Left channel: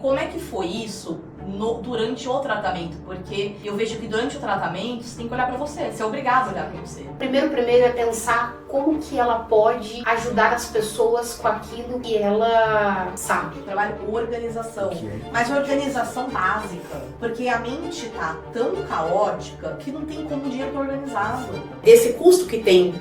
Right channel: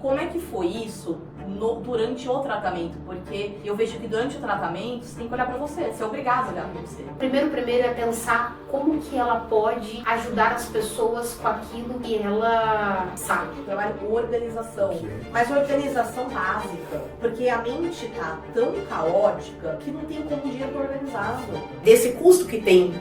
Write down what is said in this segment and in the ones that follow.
Como é que foi isso durante o tratamento? Porque eu vejo que durante o tratamento você tem que olhar pra você é obrigado a olhar pra você. Primeiro é pensar como que ela pode ajudar as pessoas com aquilo que ela sabe. Trabalho organização, mas organização básica, porque a mente tá tão caótica que não tem como o dinheiro tá organizado. Esse custo que tem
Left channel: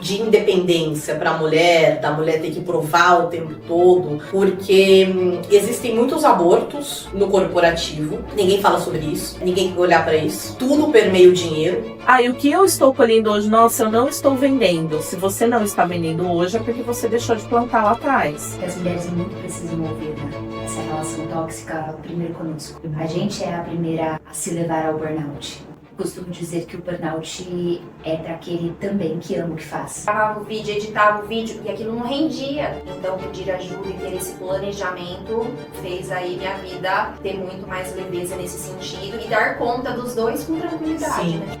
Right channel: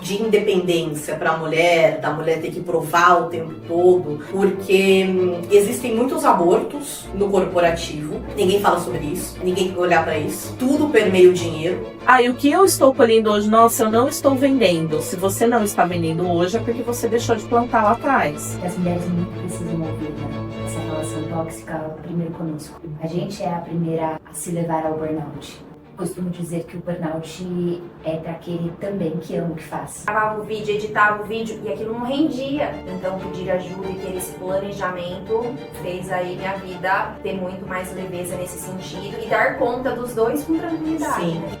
de independência pra mulher, da mulher ter que provar o tempo todo, porque existem muitos abortos no corporativo, ninguém fala sobre isso, ninguém quer olhar pra isso, tudo permeia o dinheiro. E o que eu estou colhendo hoje, nossa, eu não estou vendendo. Se você não está vendendo hoje, é porque você deixou de plantar lá atrás. As mulheres muito precisam ouvir, né? Essa relação tóxica, primeiro conosco. A gente é a primeira a se levar ao burnout. Costumo dizer que o burnout é para aquele também que ama o que faz. Gravava o vídeo, editava o vídeo e aquilo não rendia. Então pedir ajuda e ter esse planejamento fez aí minha vida ter muito mais leveza nesse sentido e dar conta dos dois com tranquilidade. Sim. Né?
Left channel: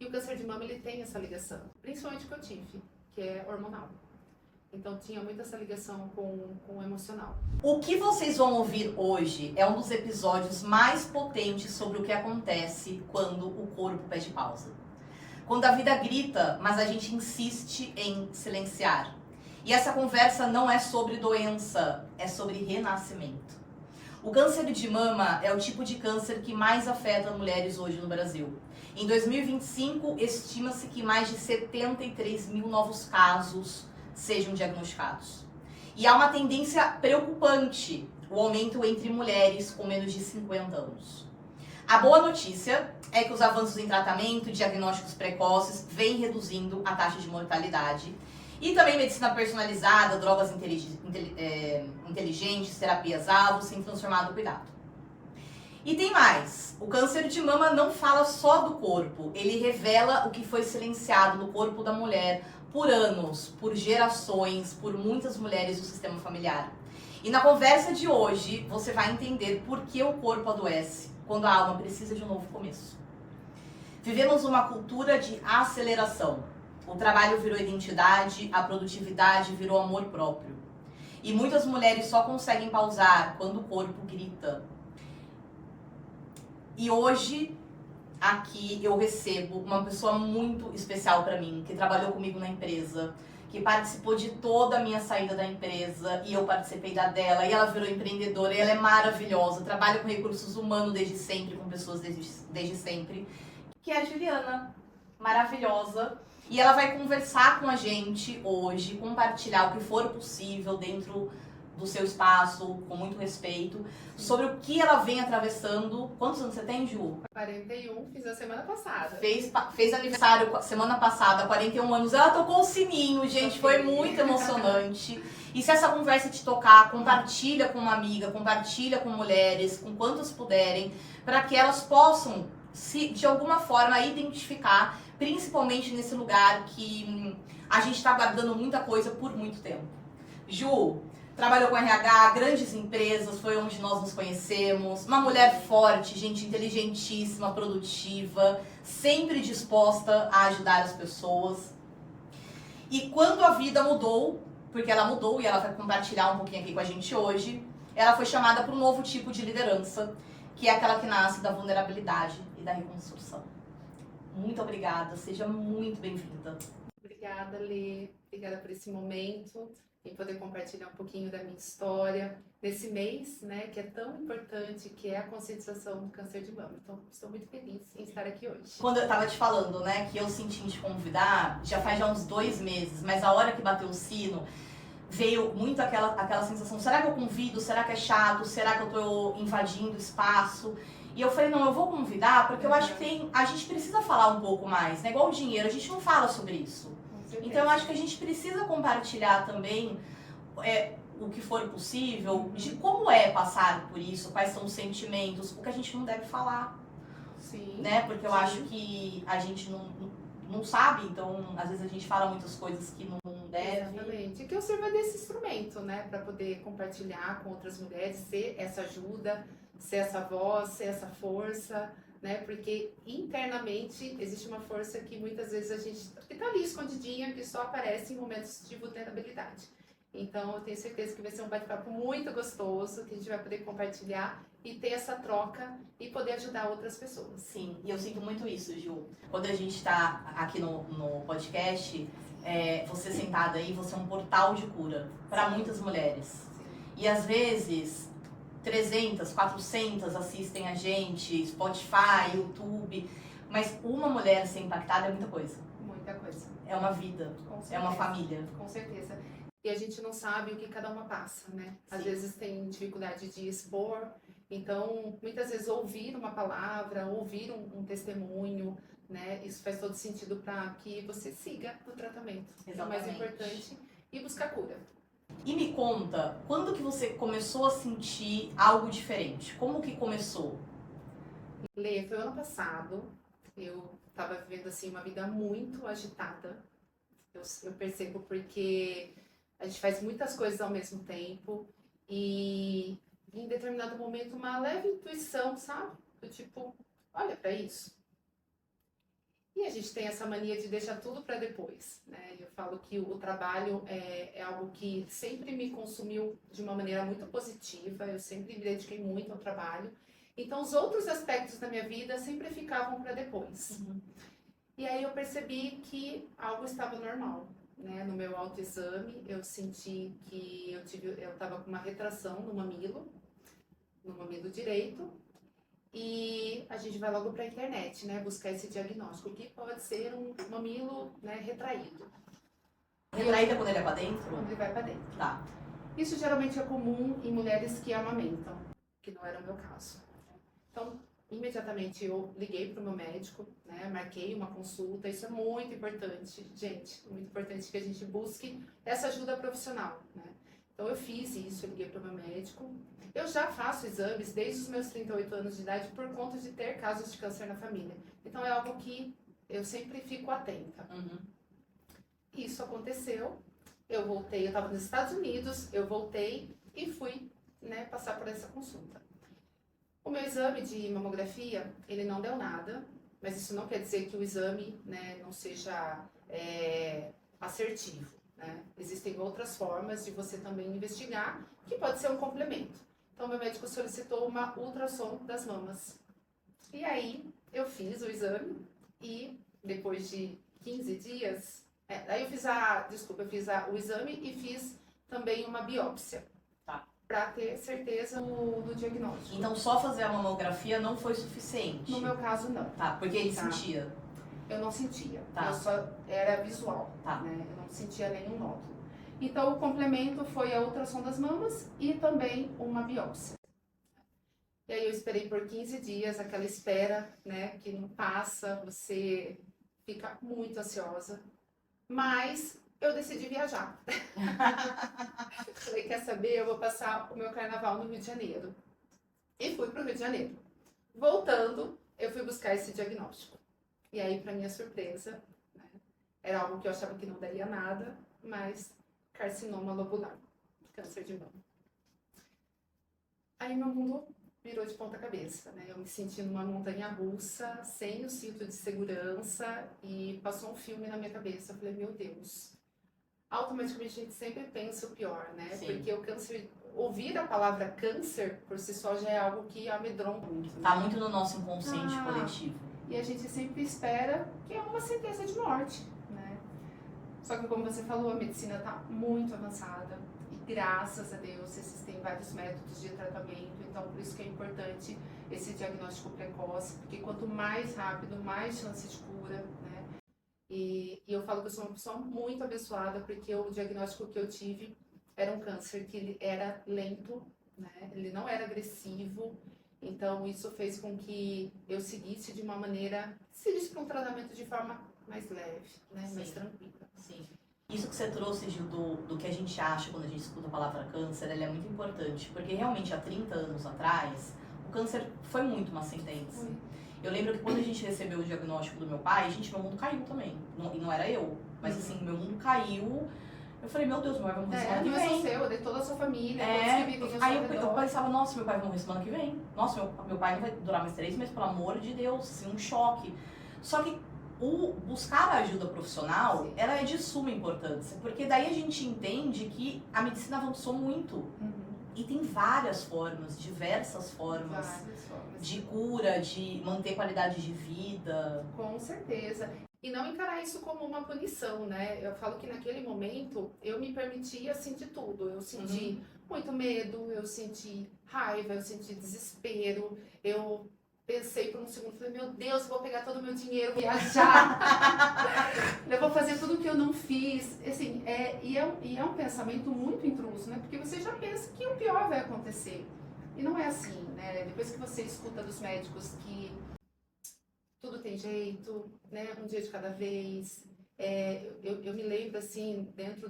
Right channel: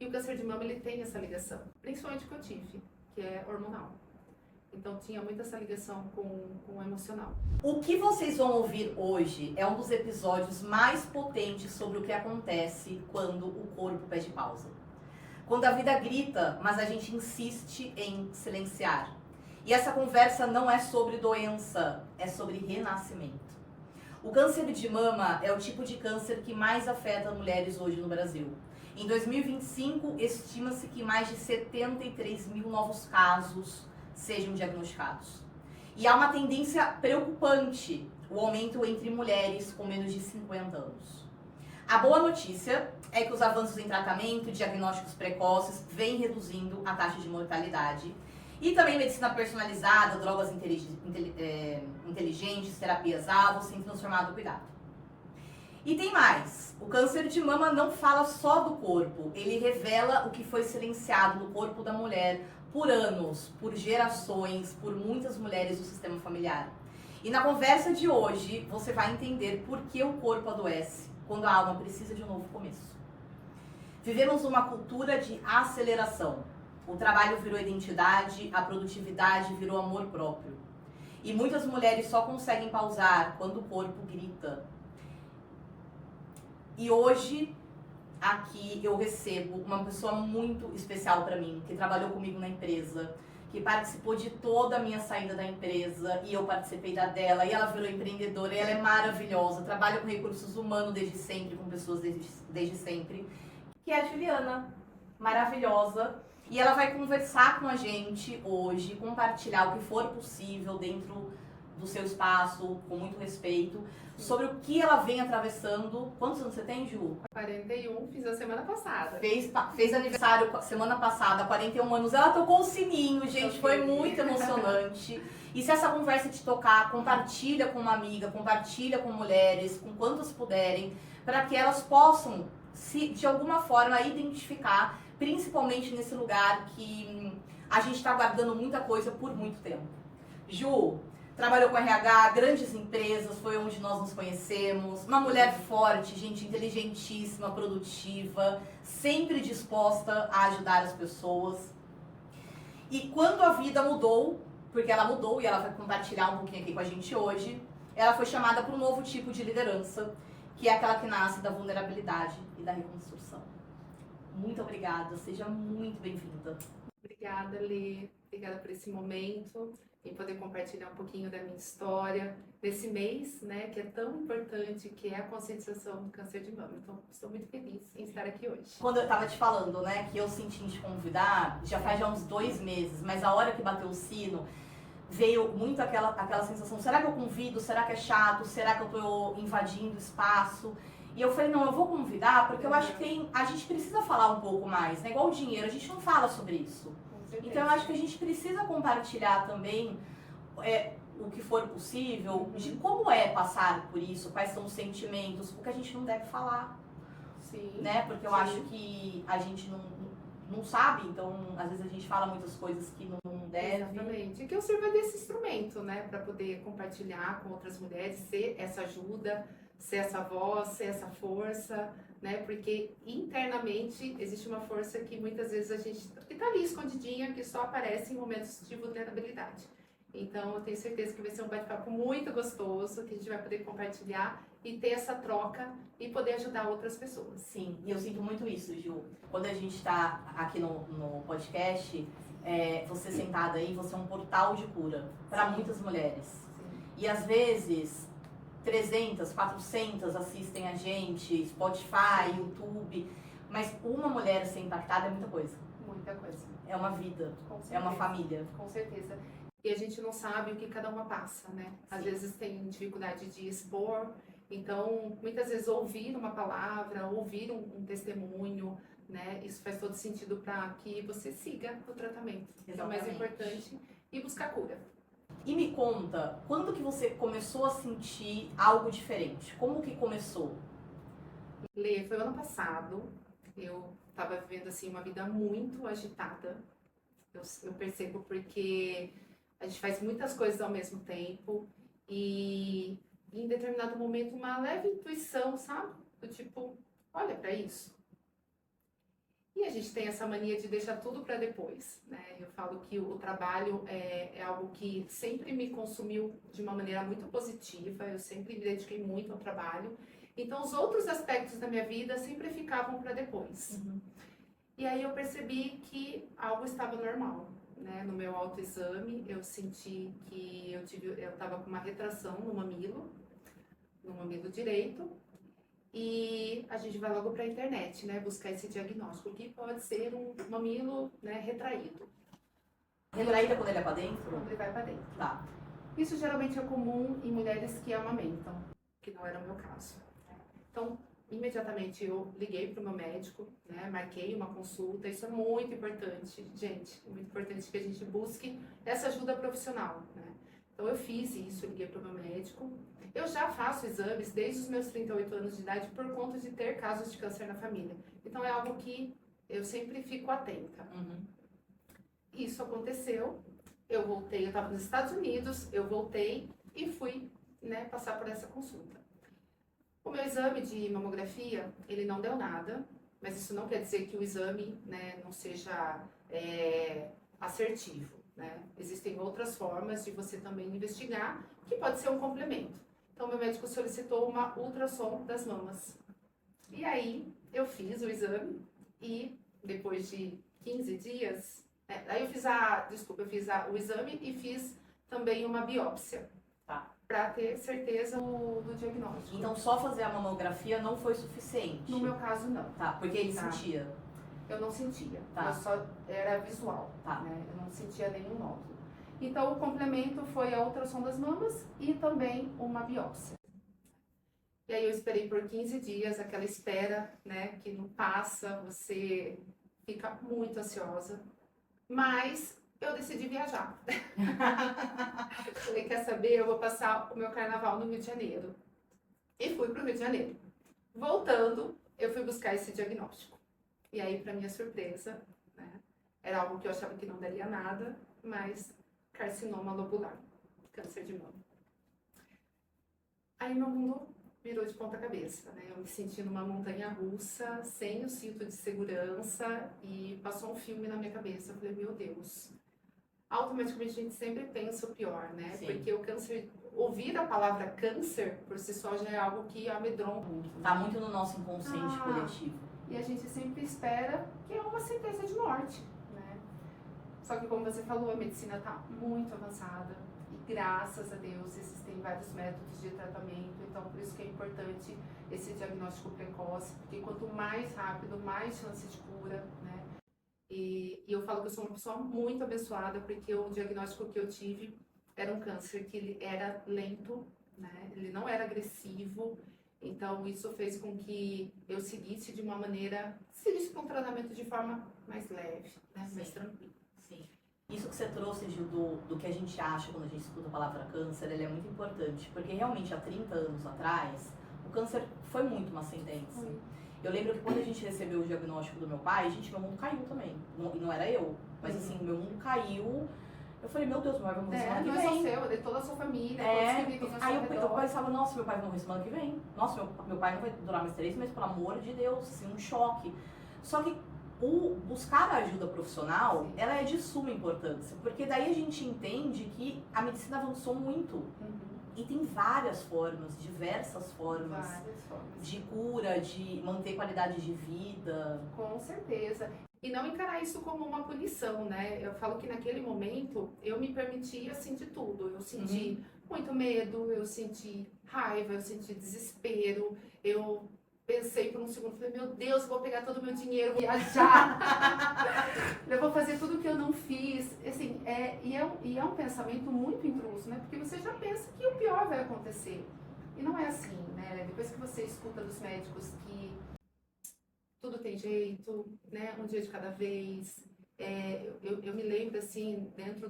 E o câncer de mama ele tem essa ligação, principalmente com a TIF, que é hormonal. Então tinha muito essa ligação com o emocional. O que vocês vão ouvir hoje é um dos episódios mais potentes sobre o que acontece quando o corpo pede pausa. Quando a vida grita, mas a gente insiste em silenciar. E essa conversa não é sobre doença, é sobre renascimento. O câncer de mama é o tipo de câncer que mais afeta mulheres hoje no Brasil. Em 2025, estima-se que mais de 73 mil novos casos sejam diagnosticados. E há uma tendência preocupante, o aumento entre mulheres com menos de 50 anos. A boa notícia é que os avanços em tratamento e diagnósticos precoces vêm reduzindo a taxa de mortalidade. E também medicina personalizada, drogas inteligentes, terapias-alvo, têm transformado o cuidado. E tem mais, o câncer de mama não fala só do corpo, ele revela o que foi silenciado no corpo da mulher por anos, por gerações, por muitas mulheres do sistema familiar. E na conversa de hoje, você vai entender por que o corpo adoece, quando a alma precisa de um novo começo. Vivemos uma cultura de aceleração. O trabalho virou identidade, a produtividade virou amor próprio. E muitas mulheres só conseguem pausar quando o corpo grita. E hoje, aqui eu recebo uma pessoa muito especial para mim, que trabalhou comigo na empresa, que participou de toda a minha saída da empresa e eu participei da dela, e ela virou empreendedora, e ela é maravilhosa, trabalha com recursos humanos desde sempre, com pessoas desde sempre, que é a Juliana, maravilhosa. E ela vai conversar com a gente hoje, compartilhar o que for possível dentro do seu espaço, com muito respeito, sobre o que ela vem atravessando. Quantos anos você tem, Ju? 41, fiz a semana passada. Fez aniversário semana passada, 41 anos. Ela tocou o sininho, gente, foi muito emocionante. E se essa conversa te tocar, compartilha com uma amiga, compartilha com mulheres, com quantas puderem, para que elas possam, se de alguma forma, identificar, principalmente nesse lugar que a gente está guardando muita coisa por muito tempo. Ju, trabalhou com RH, grandes empresas, foi onde nós nos conhecemos. Uma mulher forte, gente, inteligentíssima, produtiva, sempre disposta a ajudar as pessoas. E quando a vida mudou, porque ela mudou e ela vai compartilhar um pouquinho aqui com a gente hoje, ela foi chamada para um novo tipo de liderança, que é aquela que nasce da vulnerabilidade e da reconstrução. Muito obrigada, seja muito bem-vinda. Obrigada, Lê. Obrigada por esse momento, em poder compartilhar um pouquinho da minha história nesse mês, né, que é tão importante, que é a conscientização do câncer de mama. Então, estou muito feliz em estar aqui hoje. Quando eu tava te falando, né, que eu senti em te convidar, já faz uns 2 meses, mas a hora que bateu o sino, veio muito aquela sensação, será que eu convido? Será que é chato? Será que eu tô invadindo espaço? E eu falei, não, eu vou convidar, porque eu acho que a gente precisa falar um pouco mais, né? Igual o dinheiro, a gente não fala sobre isso. Então eu acho que a gente precisa compartilhar também o que for possível, de como é passar por isso, quais são os sentimentos, o que a gente não deve falar. Sim. Né? Porque eu acho que a gente não sabe, então às vezes a gente fala muitas coisas que não deve. Exatamente. E que eu sirva desse instrumento, né, para poder compartilhar com outras mulheres, ser essa ajuda, ser essa voz, ser essa força, né? Porque internamente existe uma força que muitas vezes a gente, que tá ali escondidinha, que só aparece em momentos de vulnerabilidade. Então, eu tenho certeza que vai ser um bate-papo muito gostoso, que a gente vai poder compartilhar e ter essa troca e poder ajudar outras pessoas. Sim, e eu sinto muito isso, Ju. Quando a gente tá aqui no podcast, você sentada aí, você é um portal de cura para muitas mulheres. E às vezes 300, 400 assistem a gente, Spotify, YouTube, mas uma mulher ser impactada é muita coisa. Muita coisa. É uma vida, Com certeza. é uma família. Com certeza. E a gente não sabe o que cada uma passa, né? Às Sim. vezes tem dificuldade de expor, então muitas vezes ouvir uma palavra, ouvir um testemunho, né? Isso faz todo sentido para que você siga o tratamento, que é o mais Exatamente. importante, e buscar cura. E me conta, quando que você começou a sentir algo diferente? Como que começou? Lê, foi o ano passado, eu estava vivendo assim uma vida muito agitada, eu percebo porque a gente faz muitas coisas ao mesmo tempo e em determinado momento uma leve intuição, sabe? Do tipo, olha para isso. E a gente tem essa mania de deixar tudo para depois, né? Eu falo que o trabalho é algo que sempre me consumiu de uma maneira muito positiva, eu sempre me dediquei muito ao trabalho. Então, os outros aspectos da minha vida sempre ficavam para depois. E aí eu percebi que algo estava normal, né? No meu autoexame, eu senti que eu estava com uma retração no mamilo direito. E a gente vai logo para a internet, né? Buscar esse diagnóstico, que pode ser um mamilo, né, retraído. Retraída quando ele é pra dentro? Quando ele vai para dentro. Tá. Isso geralmente é comum em mulheres que amamentam, que não era o meu caso. Então, imediatamente eu liguei para o meu médico, né? Marquei uma consulta. Isso é muito importante, gente. É muito importante que a gente busque essa ajuda profissional, né? Então, eu fiz isso, eu liguei para o meu médico. Eu já faço exames desde os meus 38 anos de idade por conta de ter casos de câncer na família. Então, é algo que eu sempre fico atenta. Isso aconteceu, eu voltei, eu estava nos Estados Unidos, eu voltei e fui, né, passar por essa consulta. O meu exame de mamografia, ele não deu nada, mas isso não quer dizer que o exame, né, não seja assertivo, né? Existem outras formas de você também investigar, que pode ser um complemento. Então, meu médico solicitou uma ultrassom das mamas. E aí, eu fiz o exame e depois de 15 dias, aí eu fiz o exame e fiz também uma biópsia. Tá. Para ter certeza do diagnóstico. Então só fazer a mamografia não foi suficiente? No meu caso, não. Tá, porque ele Tá. sentia. Eu não sentia. Tá. Eu só era visual, Tá. né? Eu não sentia nenhum nódulo. Então, o complemento foi a ultrassom das mamas e também uma biópsia. E aí eu esperei por 15 dias, aquela espera, né, que não passa, você fica muito ansiosa. Mas eu decidi viajar. Falei, quer saber? Eu vou passar o meu carnaval no Rio de Janeiro. E fui para o Rio de Janeiro. Voltando, eu fui buscar esse diagnóstico. E aí, para minha surpresa, né, era algo que eu achava que não daria nada, mas carcinoma lobular, câncer de mama. Aí meu mundo virou de ponta cabeça, né? Eu me senti numa montanha russa, sem o cinto de segurança, e passou um filme na minha cabeça. Eu falei, meu Deus. Automaticamente a gente sempre pensa o pior, né? Sim. Porque o câncer, ouvir a palavra câncer por si só já é algo que amedronta muito. Tá muito no nosso inconsciente Ah. coletivo. E a gente sempre espera que é uma sentença de morte, né? Só que, como você falou, a medicina está muito avançada e, graças a Deus, existem vários métodos de tratamento. Então, por isso que é importante esse diagnóstico precoce, porque quanto mais rápido, mais chance de cura, né? E eu falo que eu sou uma pessoa muito abençoada, porque o diagnóstico que eu tive era um câncer que ele era lento, né? Ele não era agressivo. Então, isso fez com que eu seguisse de uma maneira, seguisse para um tratamento de forma mais leve, né? Mais Sim. tranquila. Sim. Isso que você trouxe, Gil, do que a gente acha quando a gente escuta a palavra câncer, ele é muito importante. Porque realmente, há 30 anos atrás, o câncer foi muito uma sentença. Foi. Eu lembro que quando a gente recebeu o diagnóstico do meu pai, gente, meu mundo caiu também. E não era eu. Mas assim, meu mundo caiu. Eu falei, meu Deus, meu pai vai morrer semana que Não é só vem. seu, é de toda a sua família, É, todos que vivem ao seu aí eu redor. pensava, nossa, meu pai vai morrer semana que vem. Nossa, meu pai não vai durar mais 3 meses, pelo amor de Deus, assim, um choque. Só que o buscar a ajuda profissional, Sim. ela é de suma importância, porque daí a gente entende que a medicina avançou muito. Uhum. E tem várias formas, diversas formas Várias formas. de cura, de manter qualidade de vida. Com certeza. E não encarar isso como uma punição, né? Eu falo que naquele momento eu me permitia sentir tudo. Eu senti muito medo, eu senti raiva, eu senti desespero. Eu pensei por um segundo, falei, meu Deus, eu vou pegar todo o meu dinheiro, vou viajar. Eu vou fazer tudo o que eu não fiz. Assim, e é um pensamento muito intruso, né? Porque você já pensa que o pior vai acontecer. E não é assim, né? Depois que você escuta dos médicos que tudo tem jeito, né? Um dia de cada vez. Eu me lembro, assim, dentro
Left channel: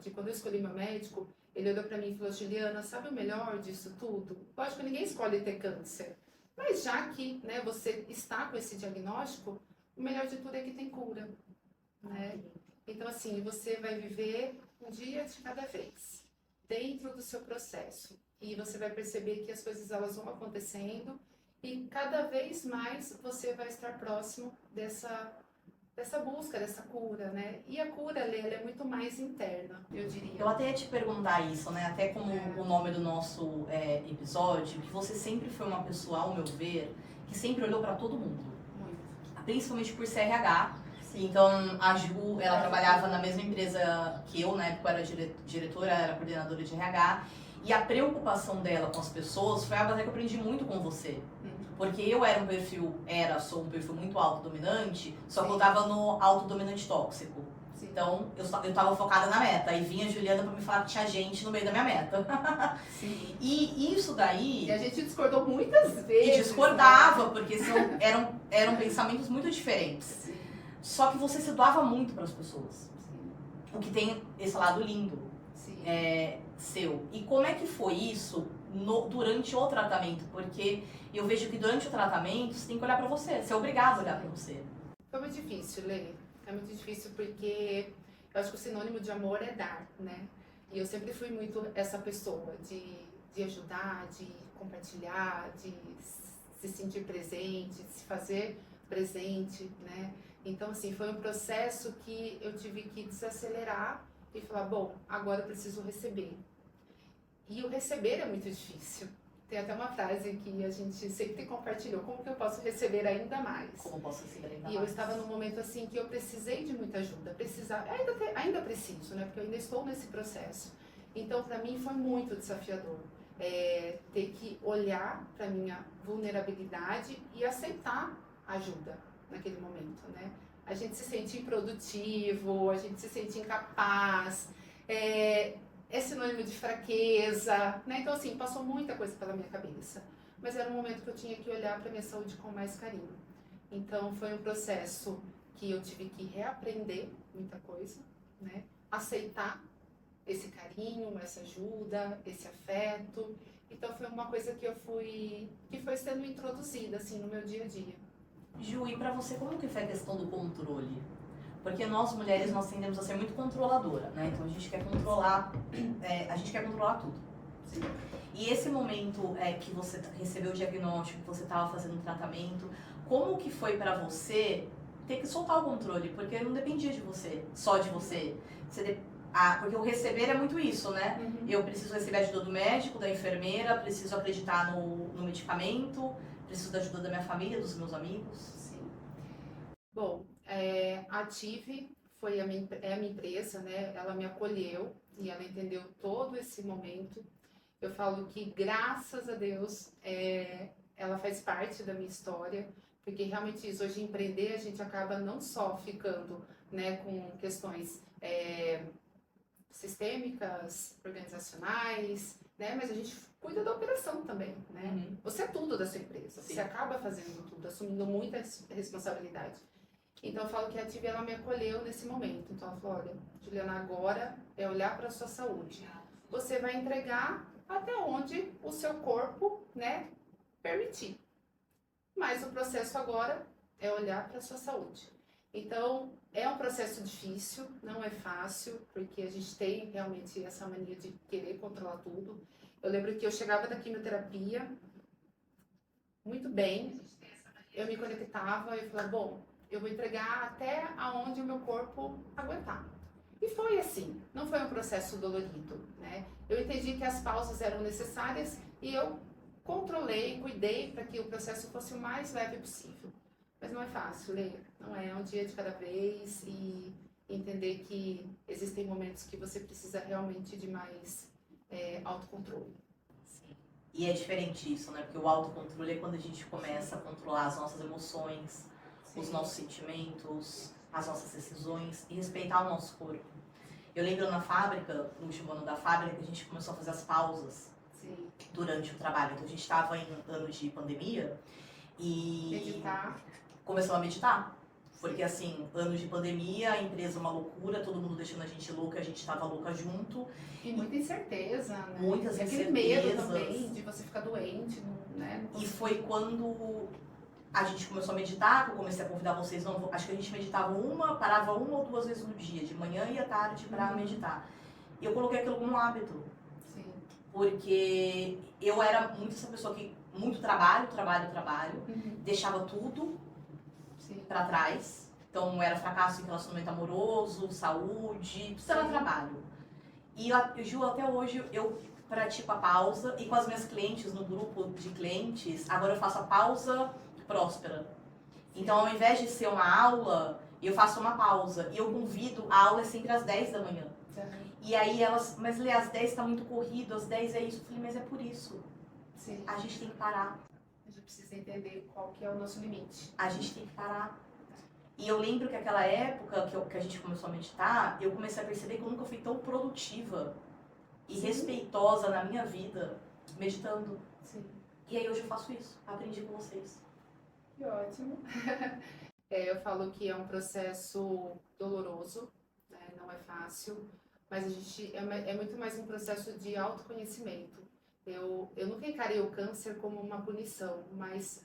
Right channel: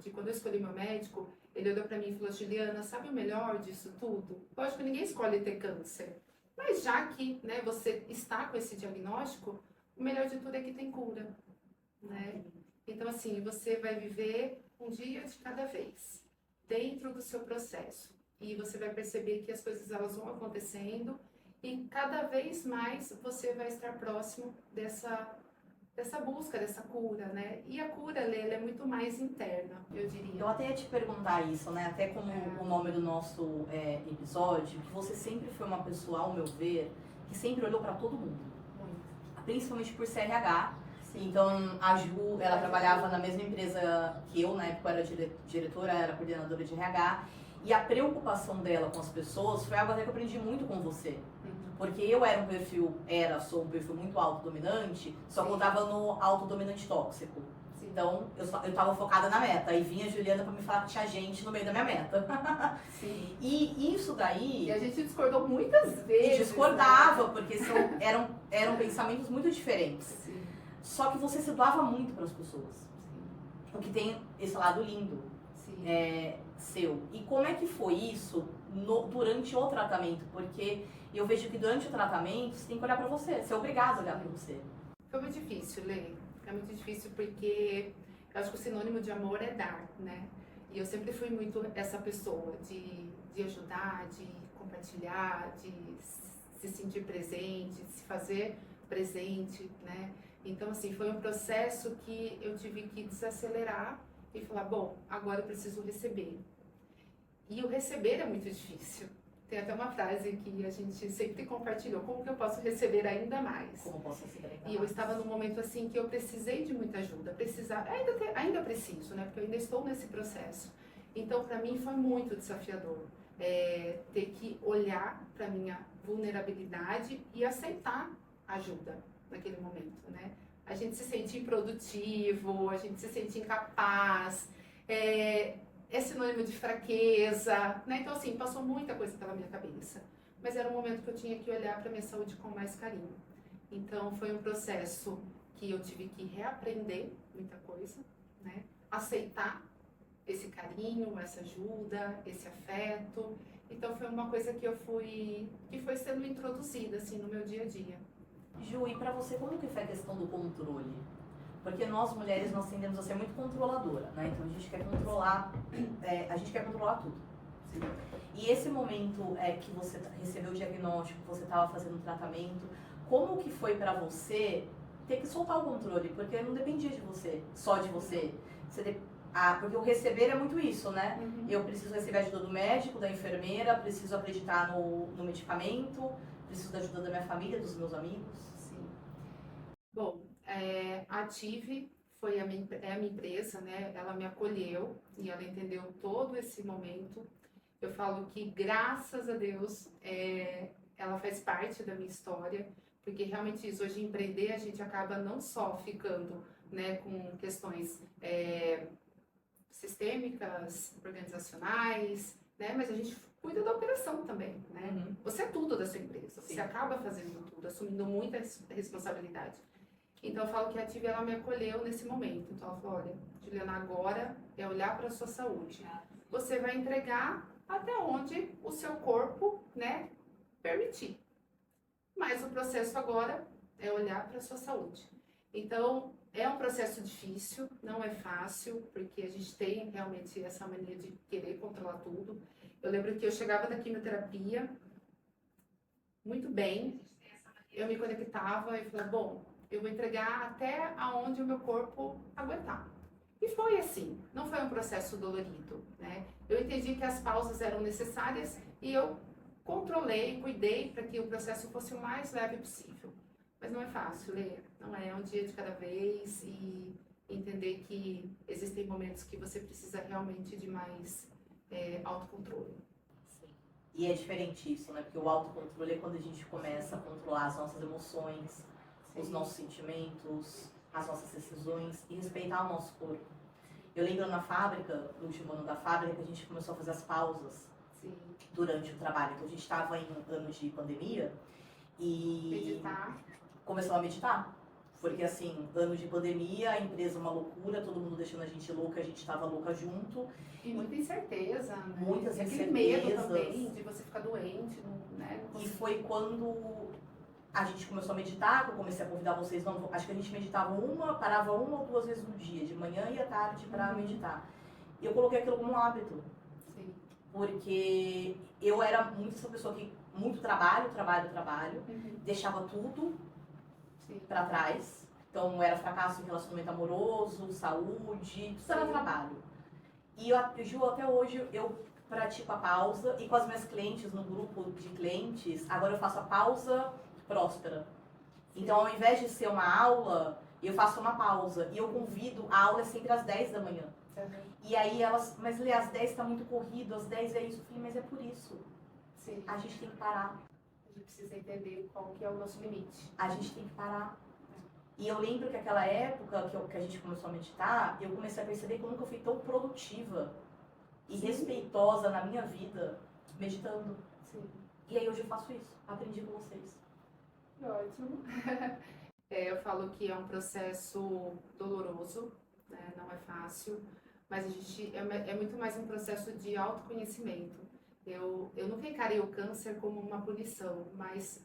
de quando eu escolhi meu médico, ele olhou pra mim e falou, Juliana, sabe o melhor disso tudo? Lógico que ninguém escolhe ter câncer. Mas já que, né, você está com esse diagnóstico, o melhor de tudo é que tem cura, né? Então, assim, você vai viver um dia de cada vez, dentro do seu processo. E você vai perceber que as coisas elas vão acontecendo e cada vez mais você vai estar próximo dessa busca, dessa cura, né? E a cura, Lê, ela é muito mais interna, eu diria. Eu até ia te perguntar isso, né? Até como o nome do nosso episódio, que você sempre foi uma pessoa, ao meu ver, que sempre olhou pra todo mundo. Muito. Principalmente por CRH. Então, a Ju, ela trabalhava na mesma empresa que eu, na época eu era diretora, era coordenadora de RH. E a preocupação dela com as pessoas foi algo até que eu aprendi muito com você. Porque eu sou um perfil muito autodominante, só que eu tava no autodominante tóxico. Sim. Então, eu tava focada na meta. E vinha a Juliana pra me falar que tinha gente no meio da minha meta. Sim. E isso daí... E a gente discordou muitas vezes. E discordava, porque eram pensamentos muito diferentes. Sim. Só que você se doava muito para as pessoas. O que tem esse lado lindo Sim. seu. E como é que foi isso durante o tratamento? Porque eu vejo que durante o tratamento você tem que olhar para você. Você é obrigado a olhar para você. Foi muito difícil, Lê. É muito difícil porque eu acho que o sinônimo de amor é dar, né? E eu sempre fui muito essa pessoa de ajudar, de compartilhar, de se sentir presente, de se fazer presente, né? Então, assim, foi um processo que eu tive que desacelerar e falar, bom, agora eu preciso receber. E o receber é muito difícil. Tem até uma frase que a gente sempre compartilhou, como que eu posso receber ainda mais? Como eu posso receber ainda E eu mais? estava num momento assim que eu precisei de muita ajuda, ainda preciso, né? Porque eu ainda estou nesse processo. Então, para mim foi muito desafiador ter que olhar para minha vulnerabilidade e aceitar ajuda naquele momento, né? A gente se sente improdutivo, a gente se sente incapaz, é sinônimo de fraqueza, né? Então, assim, passou muita coisa pela minha cabeça. Mas era um momento que eu tinha que olhar para minha saúde com mais carinho. Então, foi um processo que eu tive que reaprender muita coisa, né? Aceitar esse carinho, essa ajuda, esse afeto. Então, foi uma coisa que foi sendo introduzida, assim, no meu dia a dia. Ju, e pra você, como que foi a questão do controle? Porque nós mulheres, nós tendemos a ser muito controladora, né? Então a gente quer controlar tudo. Sim. E esse momento que você recebeu o diagnóstico, que você estava fazendo o tratamento, como que foi pra você ter que soltar o controle? Porque não dependia de você, só de você. Porque o receber é muito isso, né? Uhum. Eu preciso receber a ajuda do médico, da enfermeira, preciso acreditar no medicamento, preciso da ajuda da minha família, dos meus amigos. Sim. Bom, a Ative é a minha empresa, né? Ela me acolheu e ela entendeu todo esse momento. Eu falo que, graças a Deus, ela faz parte da minha história, porque realmente isso, hoje empreender, a gente acaba não só ficando, né, com questões sistêmicas, organizacionais, né? Mas a gente cuida da operação também, né? Uhum. Você é tudo da sua empresa, Sim. você acaba fazendo tudo, assumindo muita responsabilidade. Então eu falo que a Ative, ela me acolheu nesse momento. Então ela falou, olha, Juliana, agora é olhar para a sua saúde. Você vai entregar até onde o seu corpo, né, permitir. Mas o processo agora é olhar para a sua saúde. Então, É um processo difícil, não é fácil, porque a gente tem realmente essa mania de querer controlar tudo. Eu lembro que eu chegava da quimioterapia muito bem, eu me conectava e falava, bom, eu vou entregar até aonde o meu corpo aguentar. E foi assim, não foi um processo dolorido, né? Eu entendi que as pausas eram necessárias e eu controlei, cuidei para que o processo fosse o mais leve possível. Mas não é fácil, Lê. Não é um dia de cada vez e entender que existem momentos que você precisa realmente de mais autocontrole. Sim. E é diferente isso, né? Porque o autocontrole é quando a gente começa a controlar as nossas emoções, os nossos sentimentos, as nossas decisões e respeitar o nosso corpo. Eu lembro na fábrica, no último ano da fábrica, que a gente começou a fazer as pausas durante o trabalho. Então a gente estava em anos de pandemia e Meditar. começamos a meditar. Porque assim, anos de pandemia, a empresa uma loucura, todo mundo deixando a gente louca, a gente estava louca junto. E muita incerteza, né? Muitas e aquele medo incertezas. também de você ficar doente, né? E foi quando a gente começou a meditar, que eu comecei a convidar vocês, não, acho que a gente meditava parava uma ou duas vezes no dia, de manhã e à tarde para meditar. E eu coloquei aquilo como um hábito. Sim. Porque eu era muito essa pessoa que, muito trabalho, deixava tudo para trás. Então era fracasso em relacionamento amoroso, saúde, tudo era trabalho. E Ju, até hoje eu pratico a pausa e com as minhas clientes, no grupo de clientes, agora eu faço a pausa próspera. Então, ao invés de ser uma aula, eu faço uma pausa. E eu convido, a aula é sempre às 10 da manhã. E aí elas, mas Lê, às 10 tá muito corrido, às 10 é isso. Eu falei, mas é por isso. Sim. A gente tem que parar. A gente precisa entender qual que é o nosso limite. A gente tem que parar. E eu lembro que aquela época que a gente começou a meditar, eu comecei a perceber que eu nunca fui tão produtiva e respeitosa na minha vida meditando. Sim. E aí hoje eu faço isso. Aprendi com vocês. Que ótimo. Eu falo que é um processo doloroso, né? Não é fácil, mas a gente é muito mais um processo de autoconhecimento. Eu nunca encarei o câncer como uma punição, mas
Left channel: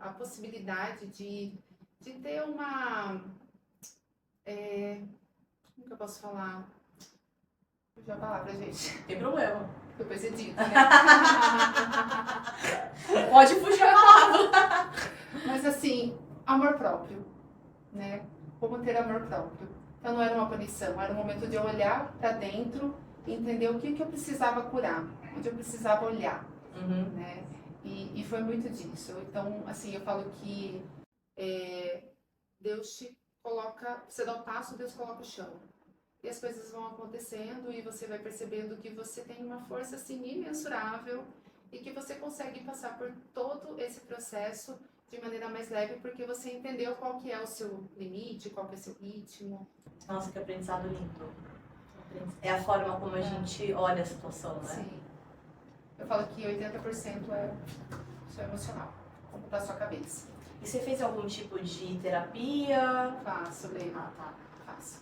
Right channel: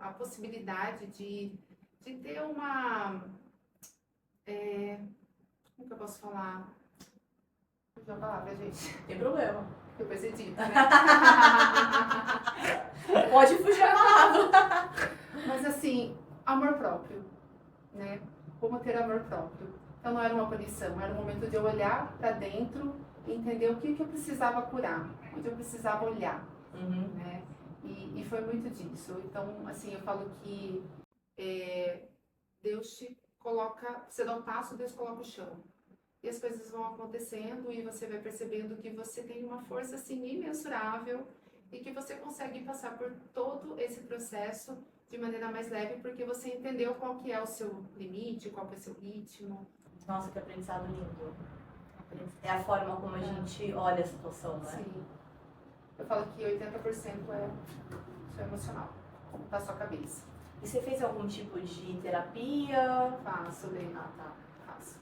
a possibilidade de ter uma... como que eu posso falar? Fugiu a palavra, gente. Tem problema. Depois edito, né? Pode fugir a palavra. Mas assim, amor próprio, né? Como ter amor próprio. Então não era uma punição, era um momento de eu olhar para dentro e entender o que eu precisava curar, onde eu precisava olhar, né? E foi muito disso. Então, assim, eu falo que Deus te coloca, você dá um passo, Deus coloca o chão. E as coisas vão acontecendo e você vai percebendo que você tem uma força assim imensurável e que você consegue passar por todo esse processo de maneira mais leve porque você entendeu qual que é o seu limite, qual que é o seu ritmo. Nossa, que aprendizado lindo. É a forma como a gente olha a situação, né? Sim. Eu falo que 80% é seu emocional, como tá a sua cabeça. E você fez algum tipo de terapia? Faço, Lê. Ah, tá. Faço.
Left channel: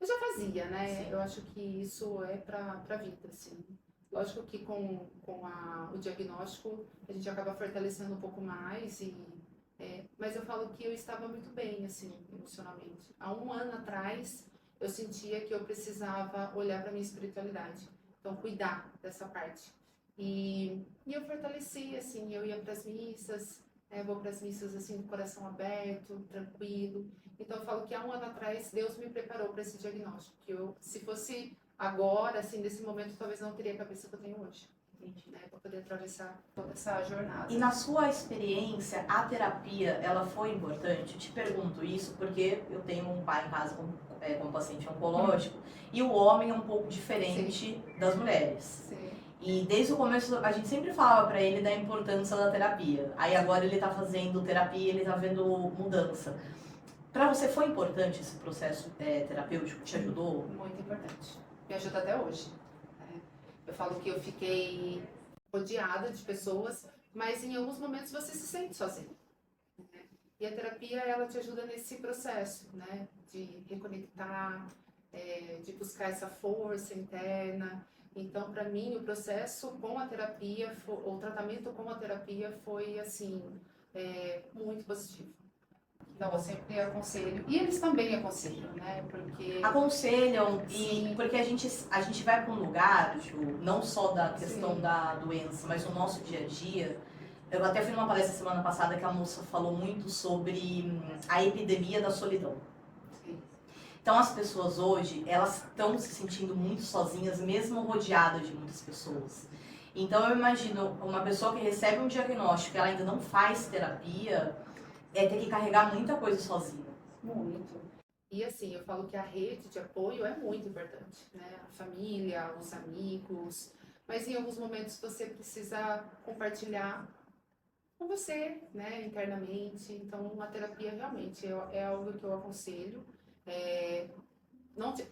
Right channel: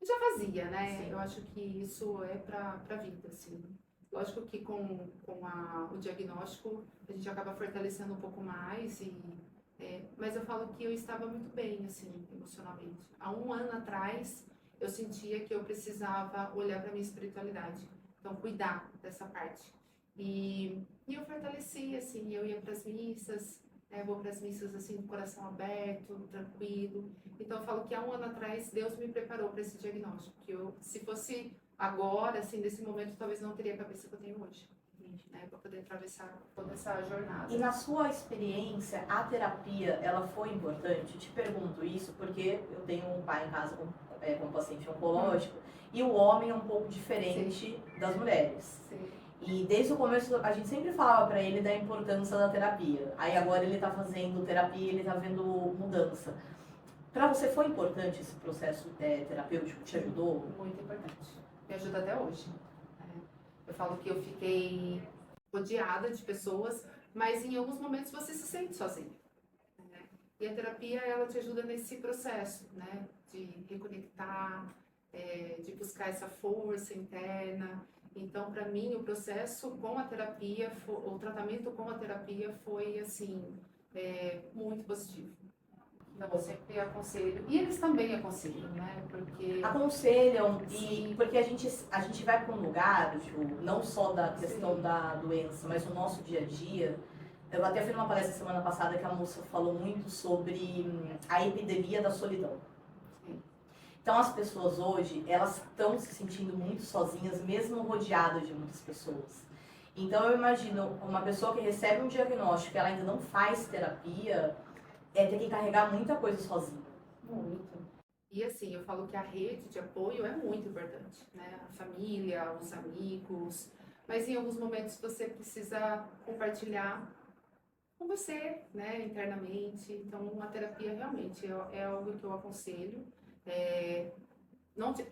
Eu já fazia, né? Sim. Eu acho que isso é pra vida, assim. Lógico que com o diagnóstico a gente acaba fortalecendo um pouco mais, mas eu falo que eu estava muito bem, assim, emocionalmente. Há um ano atrás, eu sentia que eu precisava olhar para minha espiritualidade. Então, cuidar dessa parte. E eu fortaleci, assim, eu ia para as missas, vou para as missas, assim, com o coração aberto, tranquilo. Então, eu falo que há um ano atrás, Deus me preparou para esse diagnóstico. Que se fosse agora, assim, nesse momento, talvez não teria a cabeça que eu tenho hoje. Né, para poder atravessar toda essa jornada. E na sua experiência, a terapia, ela foi importante? Eu te pergunto isso porque eu tenho um pai em casa com paciente oncológico e o homem é um pouco diferente das mulheres. Sim. E desde o começo a gente sempre falava pra ele da importância da terapia. Aí agora ele tá fazendo terapia, ele tá vendo mudança. Pra você foi importante esse processo terapêutico? Te ajudou? Muito importante. Me ajuda até hoje. Eu falo que eu fiquei rodeada de pessoas, mas em alguns momentos você se sente sozinha. Né? E a terapia, ela te ajuda nesse processo, né? De reconectar, de buscar essa força interna. Então, para mim, o processo com a terapia, o tratamento com a terapia foi, assim, muito positivo. Então eu sempre aconselho, e eles também aconselham, né? Porque Aconselham, Sim. e porque a gente vai para um lugar, Ju, não só da questão Sim. da doença, mas no nosso dia a dia. Eu até fui numa palestra semana passada que a moça falou muito sobre a epidemia da solidão. Sim. Então as pessoas hoje, elas estão se sentindo muito sozinhas, mesmo rodeadas de muitas pessoas. Então eu imagino uma pessoa que recebe um diagnóstico e ela ainda não faz terapia, ter que carregar muita coisa sozinha. Muito. E assim, eu falo que a rede de apoio é muito importante, né? A família, os amigos, mas em alguns momentos você precisa compartilhar com você, né, internamente. Então, a terapia realmente é algo que eu aconselho.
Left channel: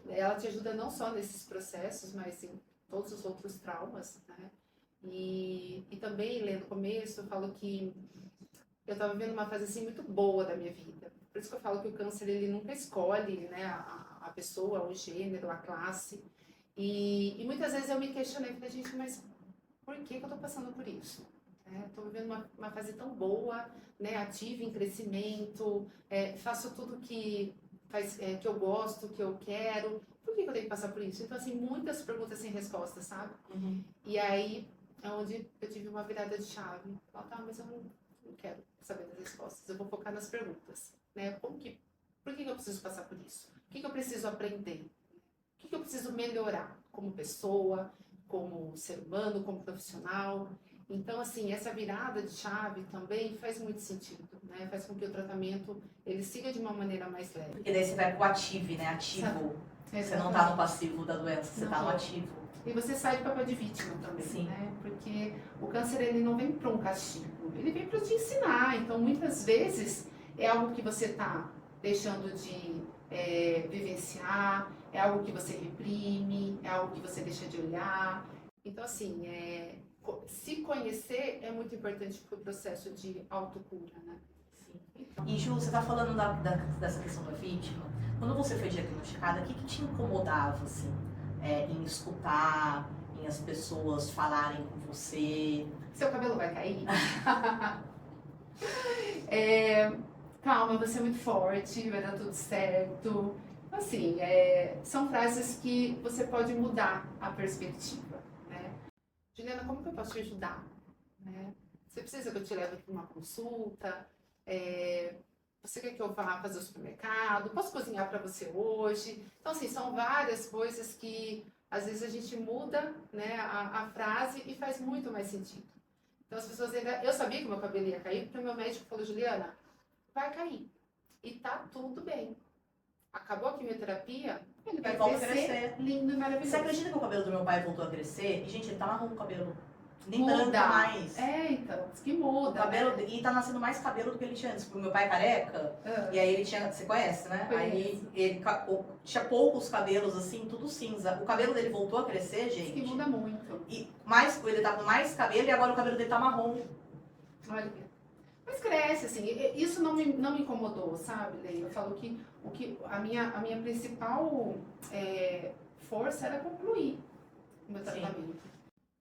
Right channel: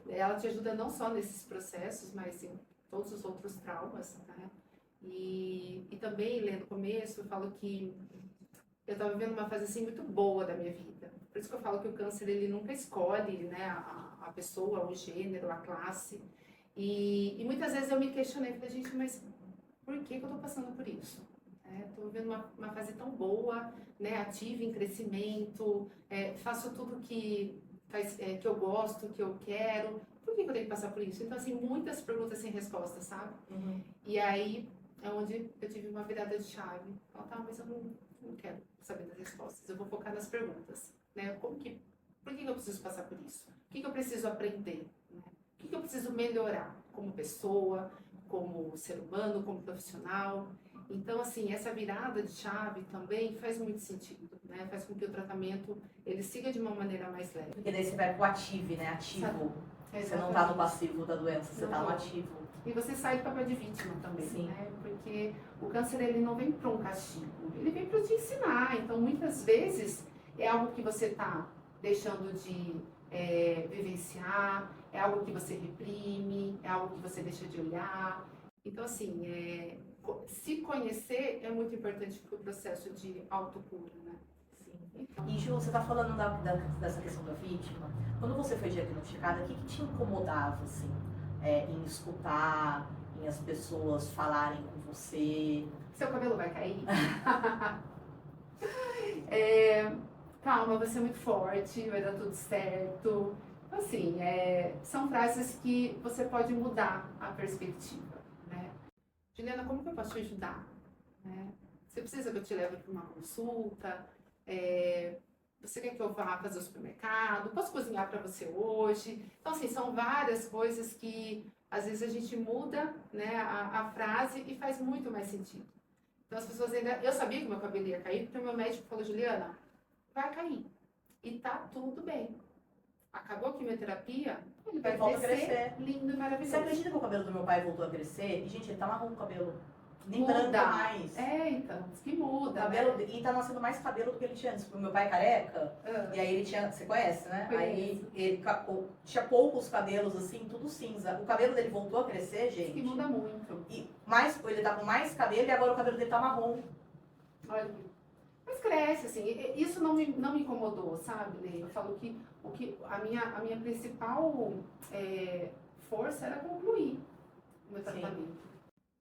Ela te ajuda não só nesses processos, mas em todos os outros traumas, né? E também, lendo no começo, eu falo que eu estava vivendo uma fase assim muito boa da minha vida. Por isso que eu falo que o câncer ele nunca escolhe, né, a pessoa, o gênero, a classe. E muitas vezes eu me questionei, falei, gente, mas por que eu estou passando por isso? Estou vivendo uma fase tão boa, né, ativa em crescimento, faço tudo que eu gosto, que eu quero. Por que eu tenho que passar por isso? Então, assim, muitas perguntas sem resposta, sabe? E aí é onde eu tive uma virada de chave. Falei, tá, mas eu não quero saber das respostas, eu vou focar nas perguntas, né? Por que eu preciso passar por isso? O que eu preciso aprender? Né? O que eu preciso melhorar como pessoa, como ser humano, como profissional? Então, assim, essa virada de chave também faz muito sentido, né? Faz com que o tratamento ele siga de uma maneira mais leve. Porque daí você vai pro ativo, né? Ativo. Você não tá no passivo da doença, você tá no ativo. E você sai do papel de vítima também, Sim. né? Porque o câncer ele não vem para um castigo, ele vem para te ensinar. Então, muitas vezes é algo que você tá deixando de vivenciar, é algo que você reprime, é algo que você deixa de olhar. Então, assim, se conhecer é muito importante para o processo de autocura, né? Sim. E Ju, você tá falando dessa questão da vítima. Quando você foi diagnosticada, o que te incomodava, assim, em escutar, em as pessoas falarem com você? Seu cabelo vai cair? Calma, você é muito forte, vai dar tudo certo. Assim, são frases que você pode mudar a perspectiva, né? Juliana, como que eu posso te ajudar? Né? Você precisa que eu te leve para uma consulta? Você quer que eu vá fazer o supermercado? Posso cozinhar para você hoje? Então, assim, são várias coisas que às vezes a gente muda, né, a frase e faz muito mais sentido. Então, as pessoas ainda... Eu sabia que meu cabelo ia cair, porque o meu médico falou, Juliana, vai cair. E tá tudo bem. Acabou a quimioterapia, ele vai crescer lindo e maravilhoso. Você acredita que o cabelo do meu pai voltou a crescer? E, gente, ele tá marrom o cabelo. Nem Muda. branco mais. Então, diz que muda, O cabelo, né? e tá nascendo mais cabelo do que ele tinha antes. Porque o meu pai é careca, e aí ele tinha, você conhece, né? Conheço. Aí ele tinha poucos cabelos, assim, tudo cinza. O cabelo dele voltou a crescer, Diz gente. que muda muito. E ele tá com mais cabelo e agora o cabelo dele tá marrom. Olha, mas cresce, assim, isso não me incomodou, sabe, Lê? Eu falo que a minha principal força era concluir o meu tratamento.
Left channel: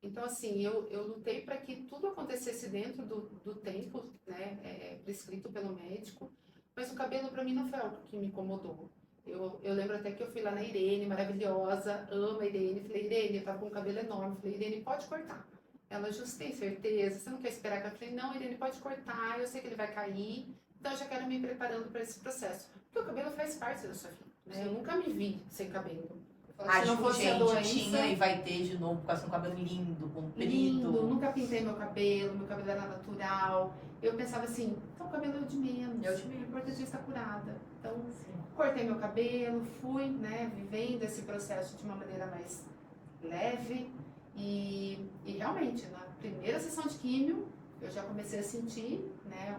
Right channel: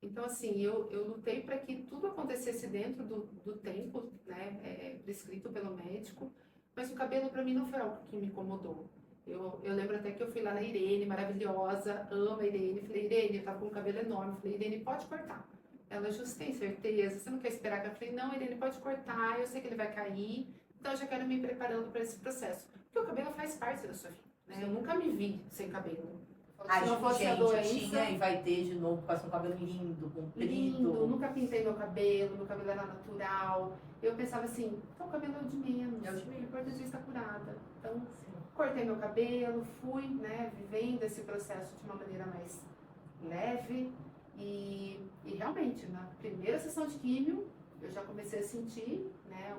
Então, assim, eu lutei para que tudo acontecesse dentro do tempo, né, prescrito pelo médico, mas o cabelo para mim não foi algo que me incomodou. Eu lembro até que eu fui lá na Irene, maravilhosa, amo a Irene, falei, Irene, eu tava com um cabelo enorme, falei, Irene, pode cortar. Ela, justo, tem certeza? Você não quer esperar que eu falei, não, Irene, pode cortar, eu sei que ele vai cair, então eu já quero me preparando para esse processo. Porque o cabelo faz parte da sua vida, né? Eu nunca me vi sem cabelo. A Se não fosse a gente doença, tinha e vai ter de novo, com um cabelo lindo, comprido. lindo, nunca pintei meu cabelo era natural. Eu pensava assim, então o cabelo é o de menos, o importante é estar curada. Então, cortei meu cabelo, fui, né, vivendo esse processo de uma maneira mais leve. E realmente, na primeira sessão de químio, eu já comecei a sentir, né,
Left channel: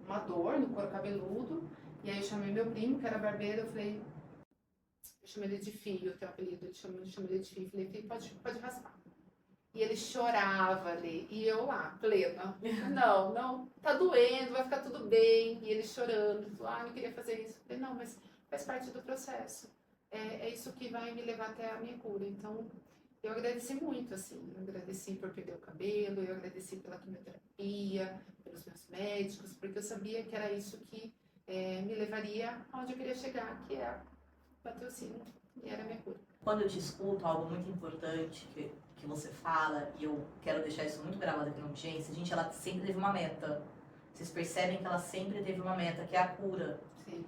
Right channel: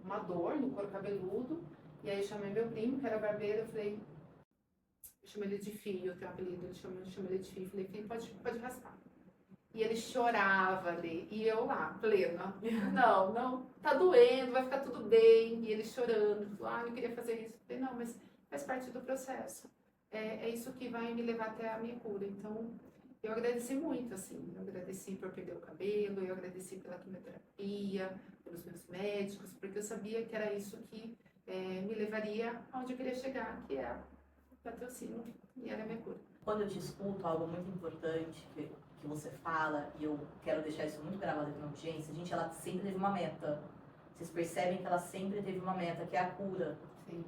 uma dor no couro cabeludo. E aí eu chamei meu primo, que era barbeiro, eu falei, eu chamei ele de Fio, eu tenho um apelido, eu chamo ele de Fio, falei, Fio, pode raspar. E ele chorava ali, e eu lá, plena, não, tá doendo, vai ficar tudo bem. E ele chorando, falou, eu queria fazer isso. Eu falei, não, mas faz parte do processo. É isso que vai me levar até a minha cura. Então, eu agradeci muito, assim, eu agradeci por perder o cabelo, eu agradeci pela quimioterapia, pelos meus médicos, porque eu sabia que era isso que me levaria aonde eu queria chegar, que é bater o sino, e era a minha cura. Quando eu te escuto, algo muito importante que você fala, e eu quero deixar isso muito gravado aqui na audiência, gente, ela sempre teve uma meta. Vocês percebem que ela sempre teve uma meta, que é a cura. Sim.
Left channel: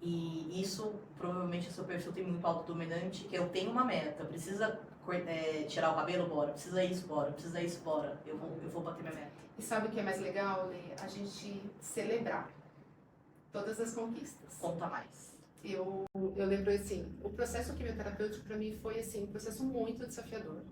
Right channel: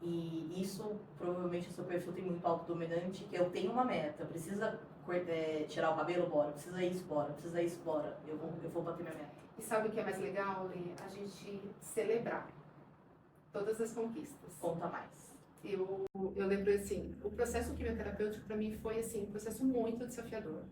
E isso, provavelmente, o seu perfil tem muito autodominante, que eu tenho uma meta, precisa tirar o cabelo, bora, precisa isso, bora, precisa isso, bora, eu vou bater minha meta. E sabe o que é mais legal, Lê? A gente celebrar todas as conquistas. Conta mais. Eu lembro assim, o processo quimioterapêutico para mim foi assim, um processo muito desafiador.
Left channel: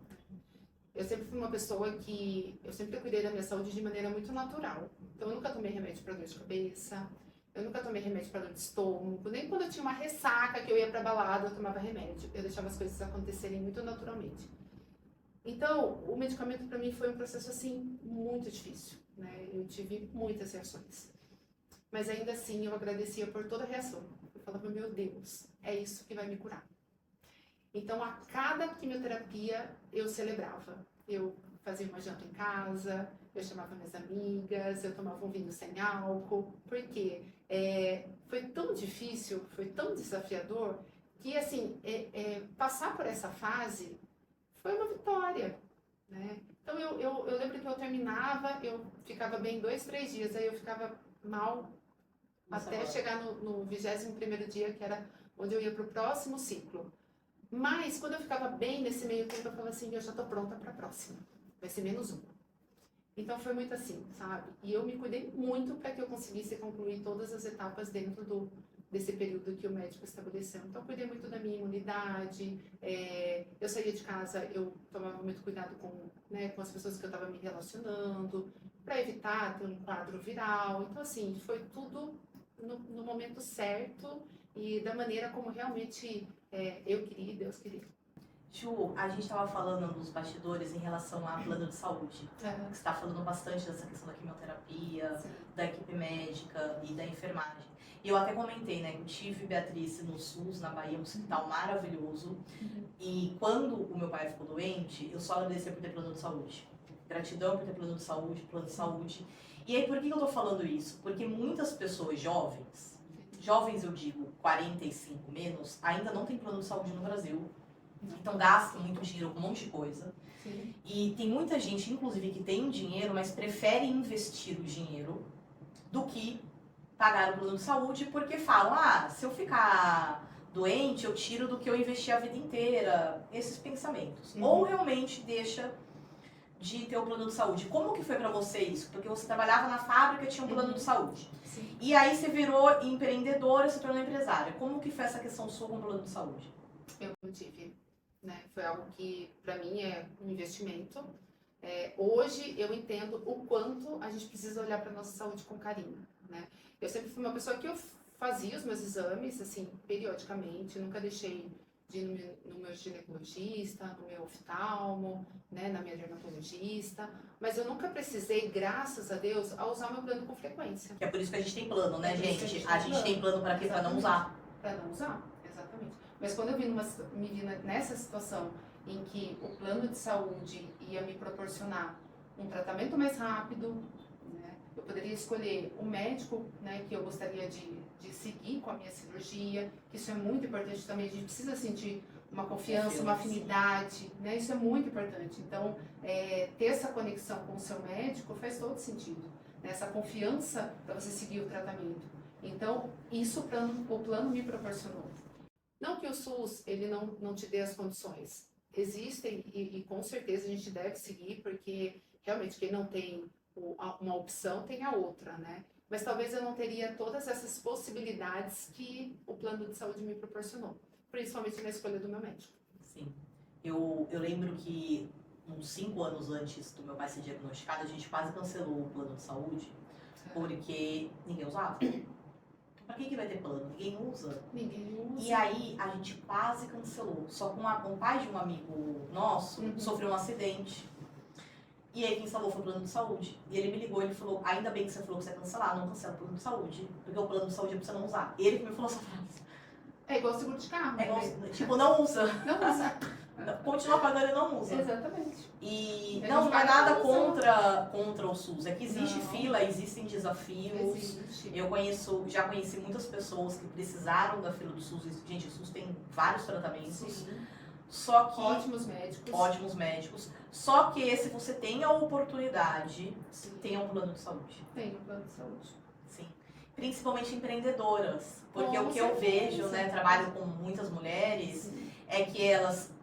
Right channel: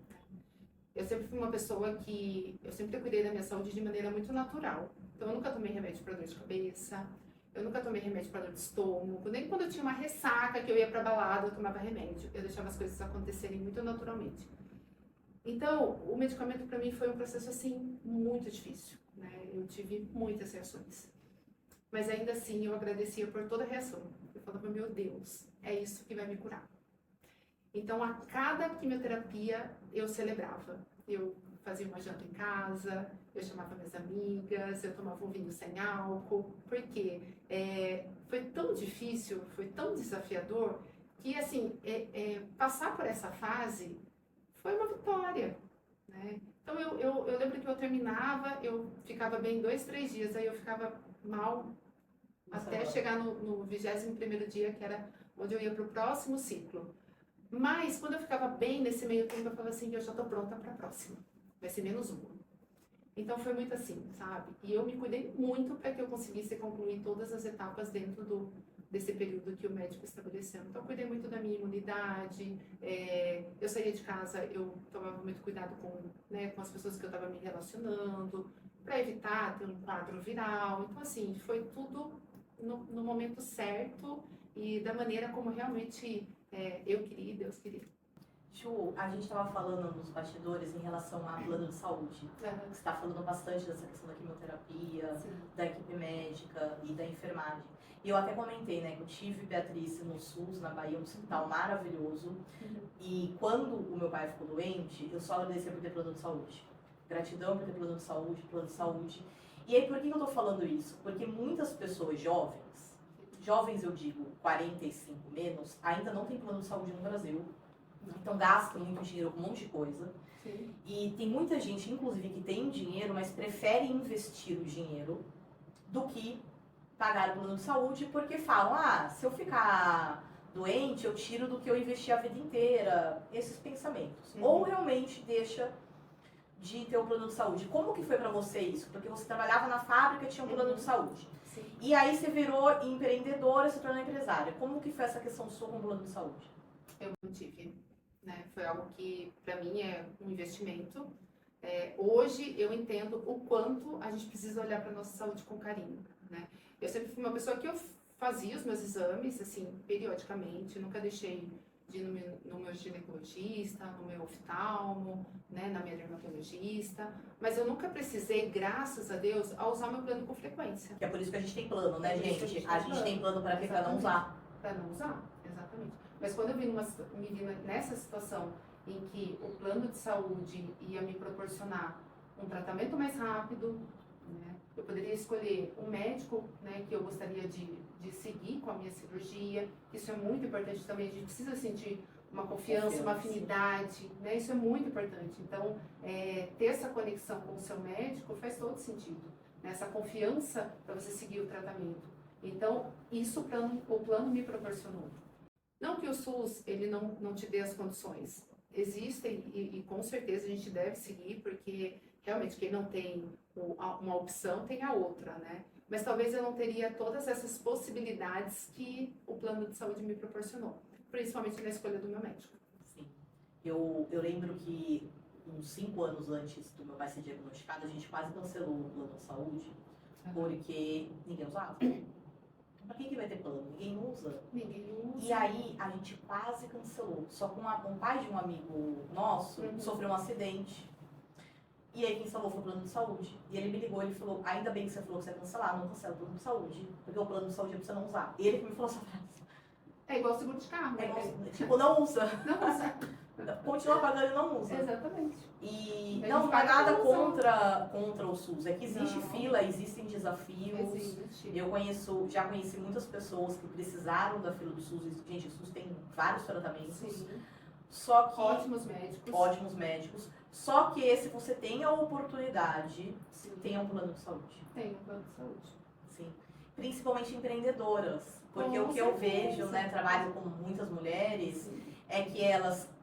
Eu sempre fui uma pessoa que, eu sempre cuidei da minha saúde de maneira muito natural. Então eu nunca tomei remédio para dor de cabeça, eu nunca tomei remédio para dor de estômago, nem quando eu tinha uma ressaca que eu ia para balada eu tomava remédio. Eu deixava as coisas acontecerem muito naturalmente. Então, o medicamento para mim foi um processo assim muito difícil, né? Eu tive muitas reações. Mas ainda assim eu agradecia por toda a reação. Eu falava, meu Deus, é isso que vai me curar. Então, a cada quimioterapia eu celebrava. Eu fazia uma janta em casa, eu chamava minhas amigas, eu tomava um vinho sem álcool, porque foi tão difícil, foi tão desafiador, que assim, passar por essa fase foi uma vitória, né? Então, eu lembro que eu terminava, eu ficava bem 2, 3 dias, aí eu ficava mal até chegar no 21º dia, que era onde eu ia para o próximo ciclo. Mas, quando eu ficava bem nesse meio tempo, eu falava assim, eu já estou pronta para a próxima. Vai ser menos uma. Então, foi muito assim, sabe? E eu me cuidei muito para que eu conseguisse concluir todas as etapas dentro desse período que o médico estabeleceu. Então, eu cuidei muito da minha imunidade. Eu saía de casa, eu tomava muito cuidado com as pessoas que eu estava me relacionando, para evitar ter um quadro viral. Então, assim, foi tudo no momento certo e da maneira como realmente eu queria e Deus queria. Ju, a gente estava falando nos bastidores em relação a plano de saúde. Você está falando bastante dessa questão da quimioterapia, Sim. da equipe médica e da enfermagem. E eu até comentei, né, que eu tive Beatriz no SUS, na Bahia, um hospital maravilhoso. E quando o meu pai ficou doente, eu só agradeci por ter plano de saúde. Gratidão por ter plano de saúde. E aí, por que eu tô falando isso? Porque muitas pessoas jovens eu digo 45 menos, ainda não tem plano de saúde no Brasil. Então gastam muito dinheiro com um monte de coisa. Sim. E tem muita gente, inclusive, que tem dinheiro, mas prefere investir o dinheiro do que pagar o plano de saúde, porque falam, se eu ficar doente, eu tiro do que eu investi a vida inteira. Esses pensamentos. Ou realmente deixa de ter o plano de saúde. Como que foi pra você isso? Porque você trabalhava na fábrica e tinha um plano de saúde. Sim. E aí você virou empreendedora, se tornou empresária. Como que foi essa questão sua com o plano de saúde? Eu não tive, né? Foi algo que para mim é um investimento. Hoje eu entendo o quanto a gente precisa olhar para nossa saúde com carinho, né? Eu sempre fui uma pessoa que eu fazia os meus exames assim periodicamente, nunca deixei de ir no meu ginecologista, no meu oftalmo, né, na minha dermatologista, mas eu nunca precisei, graças a Deus, a usar meu plano com frequência. Que é por isso que a gente tem plano, né, É por isso que a gente? gente A gente tem plano pra quê? Pra não usar. Para não usar, exatamente. Mas quando eu me vi nessa situação em que o plano de saúde ia me proporcionar um tratamento mais rápido, né, eu poderia escolher um médico, né, que eu gostaria de seguir com a minha cirurgia, que isso é muito importante também, a gente precisa sentir uma confiança, uma afinidade, né, isso é muito importante. Então, ter essa conexão com o seu médico faz todo sentido, né, essa confiança para você seguir o tratamento. Então, isso o plano me proporcionou. Não que o SUS ele não te dê as condições. Existem e com certeza a gente deve seguir, porque realmente quem não tem uma opção tem a outra, né? Mas talvez eu não teria todas essas possibilidades que o plano de saúde me proporcionou, principalmente na escolha do meu médico. Sim. Eu lembro que uns 5 anos antes do meu pai ser diagnosticado, a gente quase cancelou o plano de saúde, porque ninguém usava. Pra que vai ter plano? Ninguém usa. Ninguém usa. E aí a gente quase cancelou. Só com o pai de um amigo nosso sofreu um acidente. E aí quem salvou foi o plano de saúde. E ele me ligou e ele falou, ainda bem que você falou que você ia cancelar, não cancela o plano de saúde. Porque o plano de saúde é pra você não usar. Ele que me falou essa frase. É igual seguro de carro, É né? igual, tipo, não usa. Não usa. Continua pagando e não usa. Exatamente. E A não gente é paga nada pela contra o SUS. É que existe Não. fila, existem desafios. Existe. Eu já conheci muitas pessoas que precisaram da fila do SUS. Gente, o SUS tem vários tratamentos. Sim. Só que Ótimos médicos. ótimos médicos. Só que se você tem a oportunidade, Sim. tenha um plano de saúde. Tem no plano de saúde. Sim. Principalmente empreendedoras. Porque Com o que eu certeza. vejo, né, trabalho com muitas mulheres, Sim. é que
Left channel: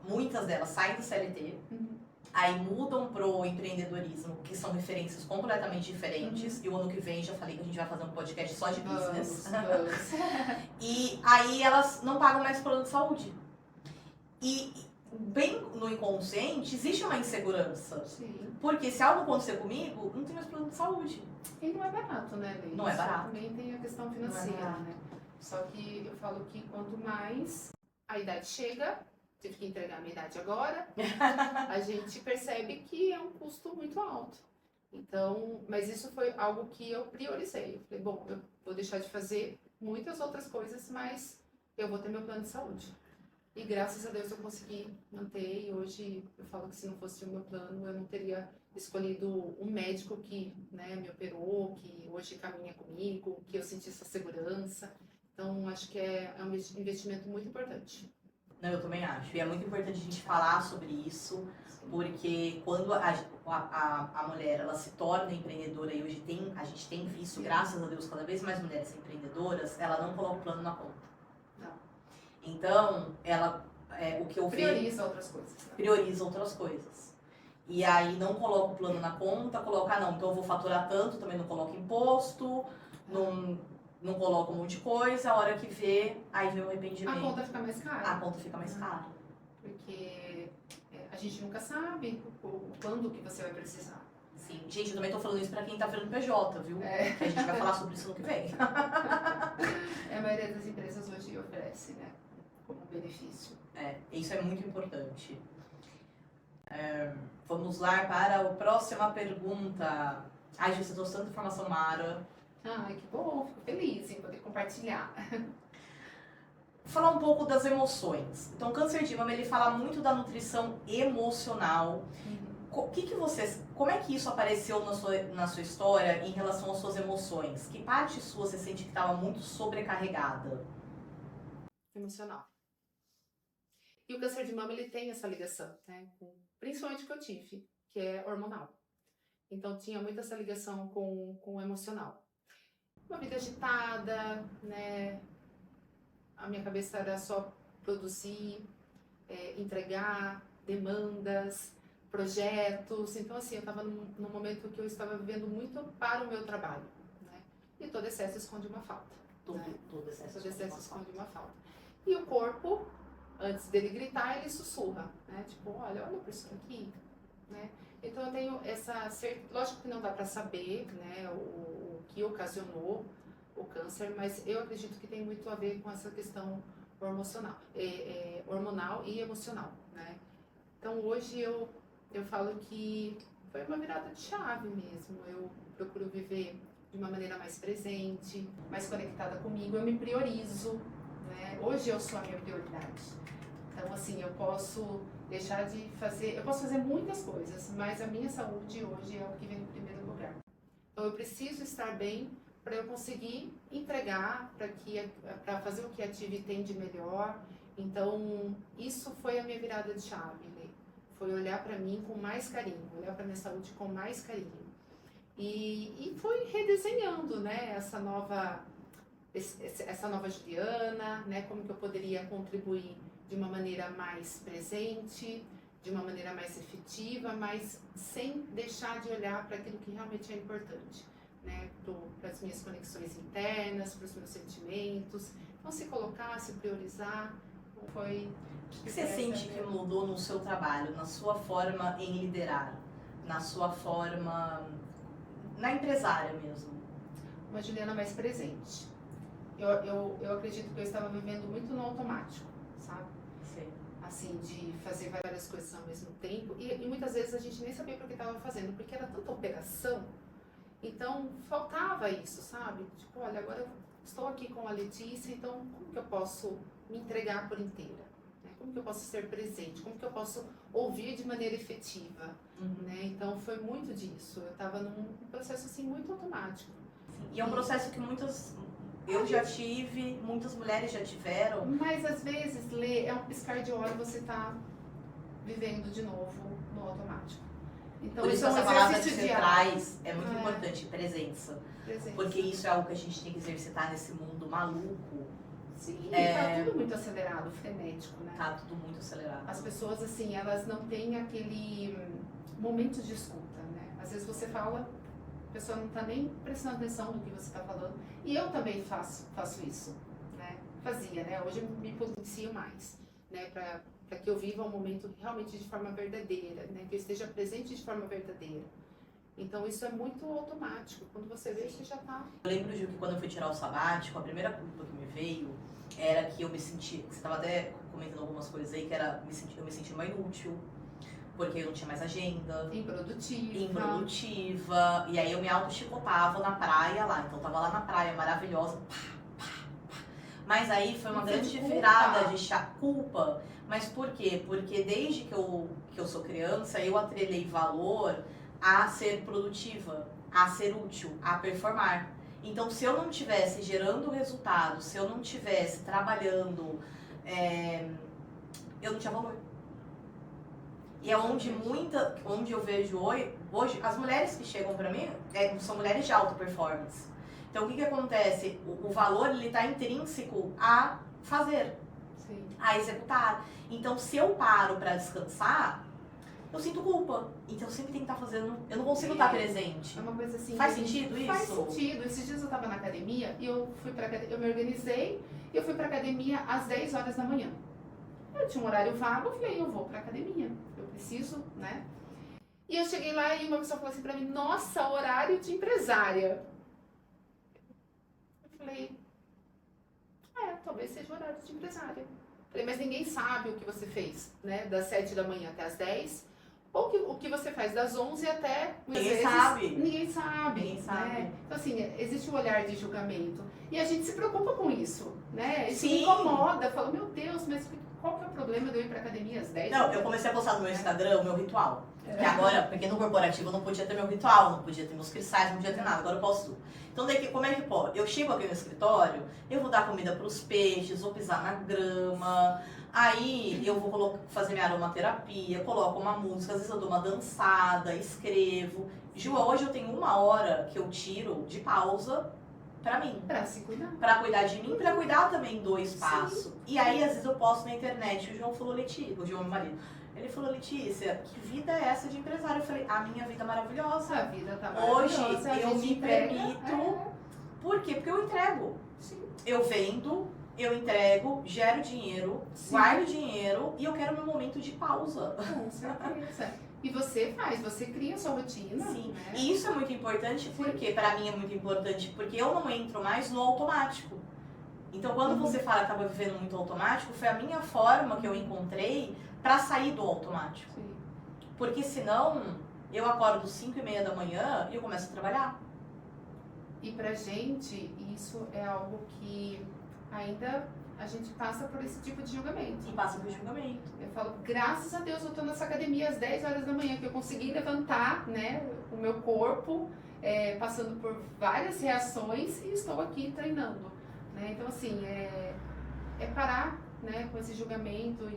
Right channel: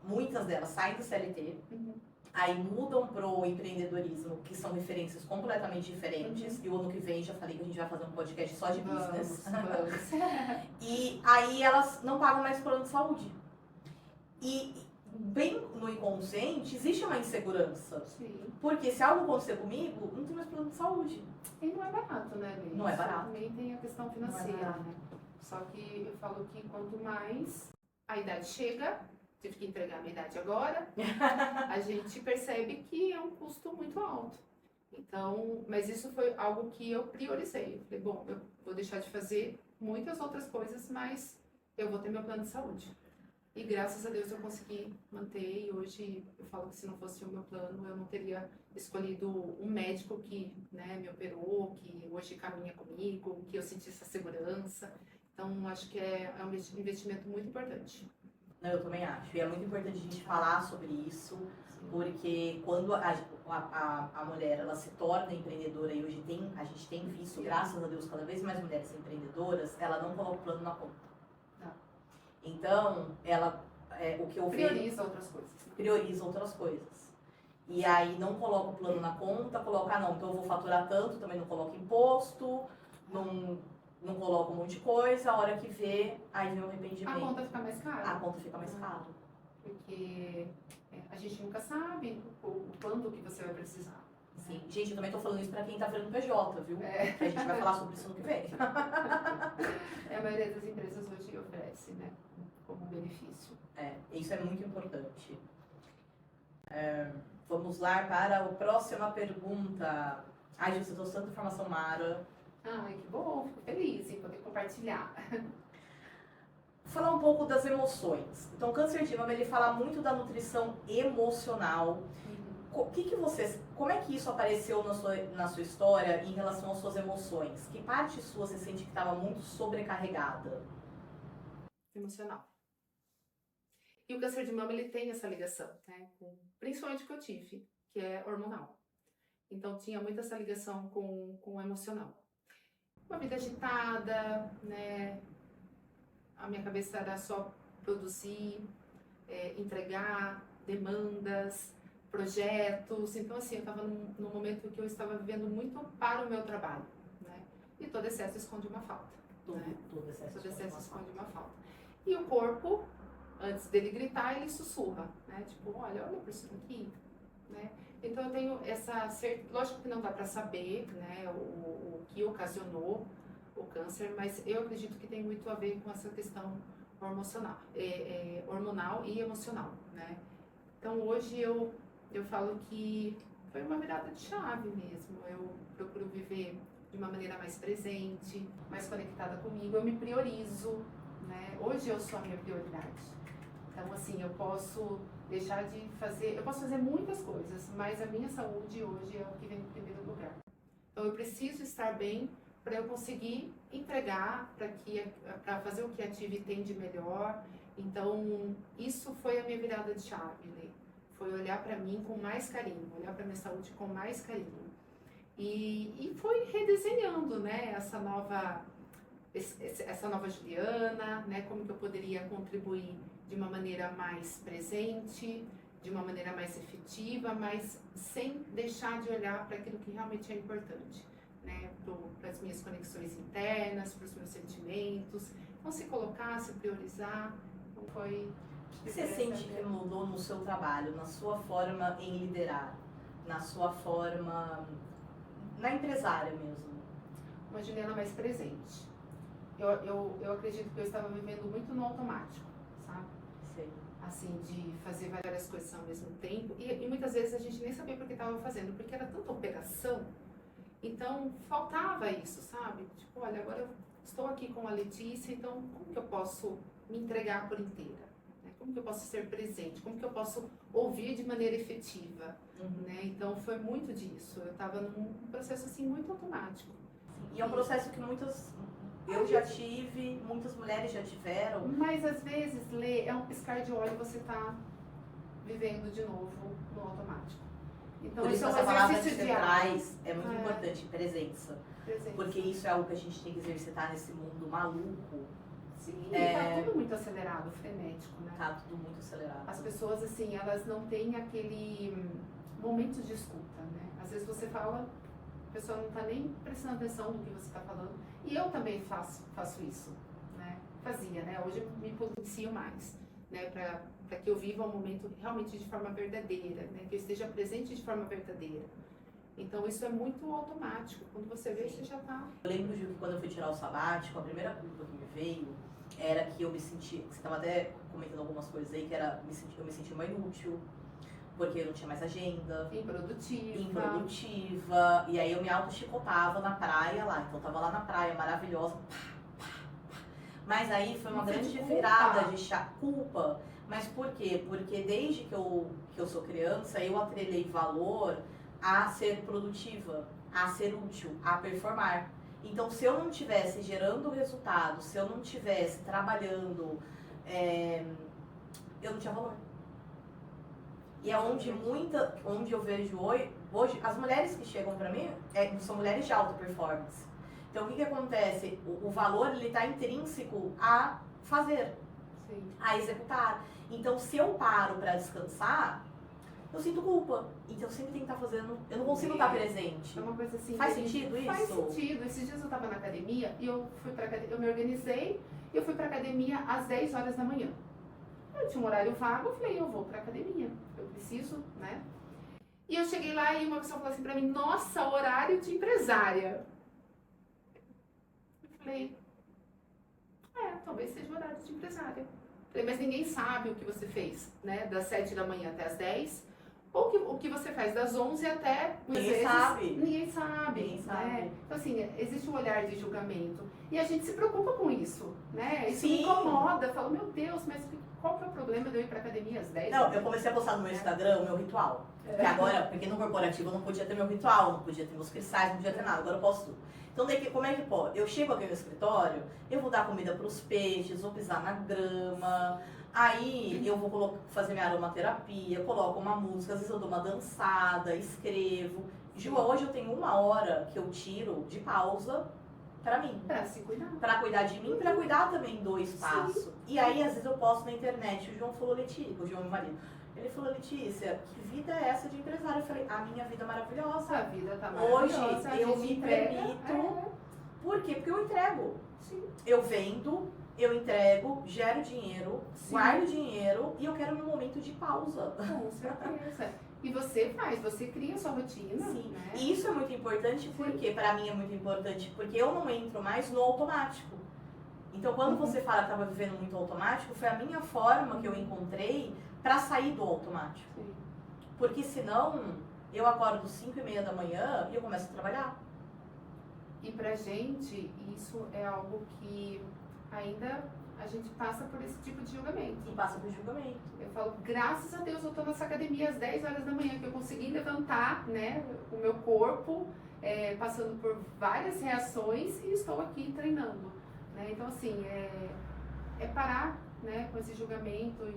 muitas delas saem do CLT, Uhum. aí mudam pro empreendedorismo, que são referências completamente diferentes. E o ano que vem, já falei que a gente vai fazer um podcast só de business. Vamos. E aí elas não pagam mais plano de saúde. E bem no inconsciente, existe uma insegurança. Sim. Porque se algo acontecer comigo, não tem mais plano de saúde. E não é barato, né, Lê? Não é Isso barato. também tem a questão Não é financeira, barato. né? Só que eu falo que quanto mais a idade chega, tive que entregar a minha idade agora, a gente percebe que é um custo muito alto. Então, mas isso foi algo que eu priorizei. Eu falei, bom, eu vou deixar de fazer muitas outras coisas, mas eu vou ter meu plano de saúde. E graças a Deus eu consegui manter, e hoje eu falo que se não fosse o meu plano, eu não teria escolhido um médico que, né, me operou, que hoje caminha comigo, que eu senti essa segurança. Então, acho que é um investimento muito importante. Não, eu também acho. E é muito importante a gente falar sobre isso, porque quando a mulher ela se torna empreendedora, e hoje a gente tem visto, graças a Deus, cada vez mais mulheres empreendedoras, ela não coloca o plano na conta. Não. Então, o que eu vejo, Prioriza outras coisas. Né? prioriza outras coisas. E aí não coloca o plano na conta, coloca, não, então eu vou faturar tanto, também não coloca imposto, não coloca um monte de coisa, a hora que vê, aí vem o arrependimento. A conta fica mais cara. A conta fica mais cara. Porque a gente nunca sabe quando que você vai precisar. Sim. Gente, eu também tô falando isso pra quem tá virando PJ, viu? É. Que a gente vai falar sobre isso no que vem. A maioria das empresas hoje oferece, né? Como benefício. Isso é muito importante. Vamos lá para a próxima pergunta. Ai, gente, eu tô tanta informação, Mara. Ai, que bom, fico feliz em poder compartilhar. Falar um pouco das emoções. Então, o câncer de mama, ele fala muito da nutrição emocional. Como é que isso apareceu na sua história em relação às suas emoções? Que parte sua você sente que estava muito sobrecarregada? Emocional. E o câncer de mama, ele tem essa ligação, né? Principalmente o que eu tive, que é hormonal. Então, tinha muito essa ligação com o emocional. Uma vida agitada, né? A minha cabeça era só produzir, entregar demandas, projetos. Então, assim, eu estava num momento que eu estava vivendo muito para o meu trabalho, né? E todo excesso esconde uma falta. Todo excesso Esconde uma falta. E o corpo, antes dele gritar, ele sussurra, né? Tipo, olha por isso aqui, né? Então, eu tenho essa certeza. Lógico que não dá para saber, né, o que ocasionou o câncer, mas eu acredito que tem muito a ver com essa questão hormonal e emocional, né? Então, hoje eu falo que foi uma virada de chave mesmo. Eu procuro viver de uma maneira mais presente, mais conectada comigo. Eu me priorizo, né? Hoje eu sou a minha prioridade. Então, assim, eu posso deixar de fazer... Eu posso fazer muitas coisas, mas a minha saúde hoje é o que vem no primeiro lugar. Então, eu preciso estar bem para eu conseguir entregar, para fazer o que a Tive tem de melhor. Então, isso foi a minha virada de chave, né? Foi olhar para mim com mais carinho, olhar para minha saúde com mais carinho. E foi redesenhando, né, essa nova Juliana, né, como que eu poderia contribuir de uma maneira mais presente, de uma maneira mais efetiva, mas sem deixar de olhar para aquilo que realmente é importante, né, para as minhas conexões internas, para os meus sentimentos. Então, se colocar, se priorizar, foi... O que você sente que mudou no seu trabalho, na sua forma em liderar, na sua forma, na empresária mesmo? Uma Juliana mais presente. Eu acredito que eu estava vivendo muito no automático, sabe? Sim. Assim, de fazer várias coisas ao mesmo tempo. E muitas vezes a gente nem sabia por que estava fazendo, porque era tanta operação. Então, faltava isso, sabe? Tipo, olha, agora eu estou aqui com a Letícia, então como que eu posso me entregar por inteira? Né? Como que eu posso ser presente? Como que eu posso ouvir de maneira efetiva? Né? Então foi muito disso. Eu estava num processo assim muito automático. E é um processo que eu já tive, muitas mulheres já tiveram. Mas às vezes, Lê, é um piscar de olho e você tá vivendo de novo no automático. Então Por isso isso é um essa palavra que exercício você diário. traz é muito É. importante, presença. Presente. Porque isso é algo que a gente tem que exercitar nesse mundo maluco. Sim, É. tá tudo muito acelerado, frenético, né? Tá tudo muito acelerado. As pessoas, assim, elas não têm aquele momento de escuta, né? Às vezes você fala, a pessoa não tá nem prestando atenção no que você tá falando. E eu também faço isso, né? Fazia, né? Hoje eu me policio mais, né? Para que eu viva o momento realmente de forma verdadeira, né? Que eu esteja presente de forma verdadeira. Então isso é muito automático. Quando você vê, você já tá... Eu lembro, Ju, que quando eu fui tirar o sabático, a primeira culpa que me veio era que eu me senti, você estava até comentando algumas coisas aí, que era eu me senti uma inútil, porque eu não tinha mais agenda, improdutiva, e aí eu me auto-chicotava na praia lá, então eu tava lá na praia, maravilhosa, pá, pá, pá. Mas aí foi uma Não grande sente virada culpa. de culpa, mas por quê? Porque desde que eu sou criança, eu atrelei valor a ser produtiva, a ser útil, a performar. Então, se eu não estivesse gerando resultado, se eu não estivesse trabalhando, eu não tinha valor. E é onde eu vejo hoje, as mulheres que chegam pra mim são mulheres de alta performance. Então, o que acontece? O valor, ele tá intrínseco a fazer, Sim. a executar. Então, se eu paro pra descansar, eu sinto culpa. Então, eu sempre tenho que estar fazendo, eu não consigo estar presente. É uma coisa assim... Faz que a gente- sentido isso? Faz sentido. Esses dias eu tava na academia e eu me organizei e eu fui pra academia às 10 horas da manhã. Eu tinha um horário vago, eu falei, eu vou pra academia. Eu preciso, né? E eu cheguei lá e uma pessoa falou assim pra mim, nossa, horário de empresária. Eu falei, talvez seja o horário de empresária. Eu falei, mas ninguém sabe o que você fez, né? Das 7 da manhã até as 10. Ou o que você faz das 11 até... muitas Ninguém vezes, sabe. Ninguém sabe. Ninguém sabe. Né? Então, assim, existe o olhar de julgamento. E a gente se preocupa com isso, né? Isso Sim. me incomoda. Fala, meu Deus, mas qual que é o problema de eu ir pra academia às 10? Não, eu comecei a postar no meu Instagram o meu ritual. Que agora, porque no corporativo eu não podia ter meu ritual, não podia ter meus cristais, não podia ter nada. Agora eu posso tudo. Então, daí, como é que pode? Eu chego aqui no escritório, eu vou dar comida pros peixes, vou pisar na grama. Aí eu vou fazer minha aromaterapia, coloco uma música, às vezes eu dou uma dançada, escrevo. Ju, hoje eu tenho 1 hora que eu tiro de pausa pra mim. Pra se cuidar. Pra cuidar de mim, pra cuidar também do espaço. E aí, às vezes, eu posto na internet. O João falou, Letícia, o João, meu marido, ele falou, Letícia, que vida é essa de empresário? Eu falei, a minha vida é maravilhosa. A vida tá Hoje maravilhosa. a eu gente me entrega, permito. Por quê? Porque eu entrego. Sim. Eu vendo, eu entrego, gero dinheiro, Sim. guardo dinheiro e eu quero meu momento de pausa. Com certeza. E você cria a sua rotina. Sim. Né? E isso é muito importante porque, pra mim é muito importante, porque eu não entro mais no automático. Então, quando você fala que estava vivendo muito automático, foi a minha forma que eu encontrei pra sair do automático. Sim. Porque senão, eu acordo 5h30 da manhã e eu começo a trabalhar. E pra gente, isso é algo que ainda a gente passa por esse tipo de julgamento. E passa por julgamento. Eu falo, graças a Deus eu tô nessa academia às 10 horas da manhã, que eu consegui levantar, né, o meu corpo, passando por várias reações e estou aqui treinando, né? Então, assim, é parar, né, com esse julgamento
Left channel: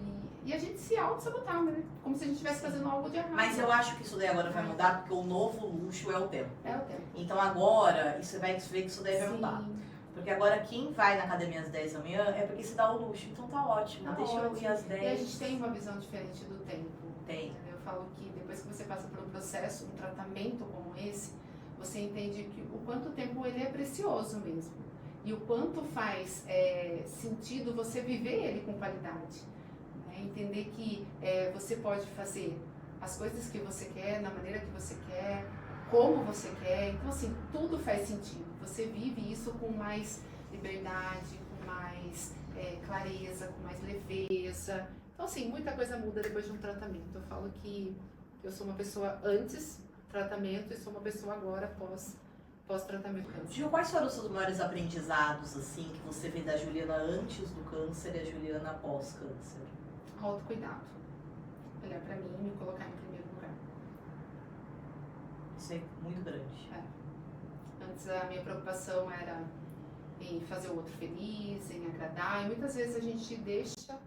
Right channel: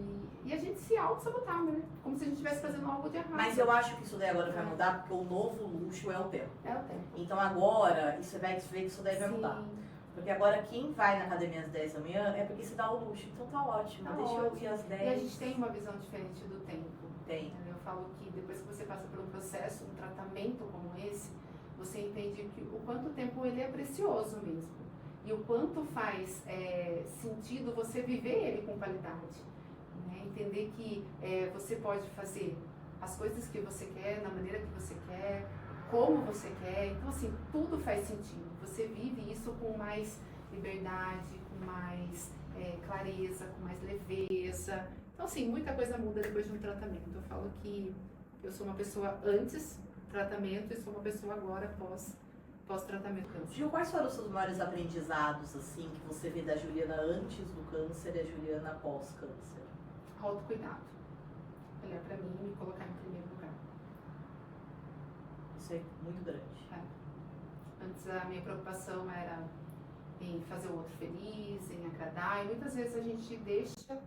e a gente se auto-sabotar, né? Como se a gente estivesse fazendo algo de errado. Mas eu acho que isso daí agora vai mudar, porque o novo luxo é o tempo. É o tempo. Então agora, você vai ver que isso daí vai mudar. Sim. Porque agora quem vai na academia às 10 da manhã é porque se dá o luxo. Então tá ótimo, Tá deixa eu ir ótimo. às 10. E a gente tem uma visão diferente do tempo. Tem. Eu falo que depois que você passa por um processo, um tratamento como esse, você entende que o quanto tempo ele é precioso mesmo. E o quanto faz sentido você viver ele com qualidade. Né? Entender que você pode fazer as coisas que você quer, na maneira que você quer, como você quer. Então, assim, tudo faz sentido. Você vive isso com mais liberdade, com mais clareza, com mais leveza. Então, assim, muita coisa muda depois de um tratamento. Eu falo que eu sou uma pessoa antes tratamento e sou uma pessoa agora pós pós-tratamento do câncer. Gil, quais foram os seus maiores aprendizados, assim, que você vê da Juliana antes do câncer e a Juliana pós-câncer? Autocuidado. Olhar pra mim e me colocar em primeiro lugar. Isso é muito grande. Antes a minha preocupação era em fazer o outro feliz, em agradar, e muitas vezes a gente deixa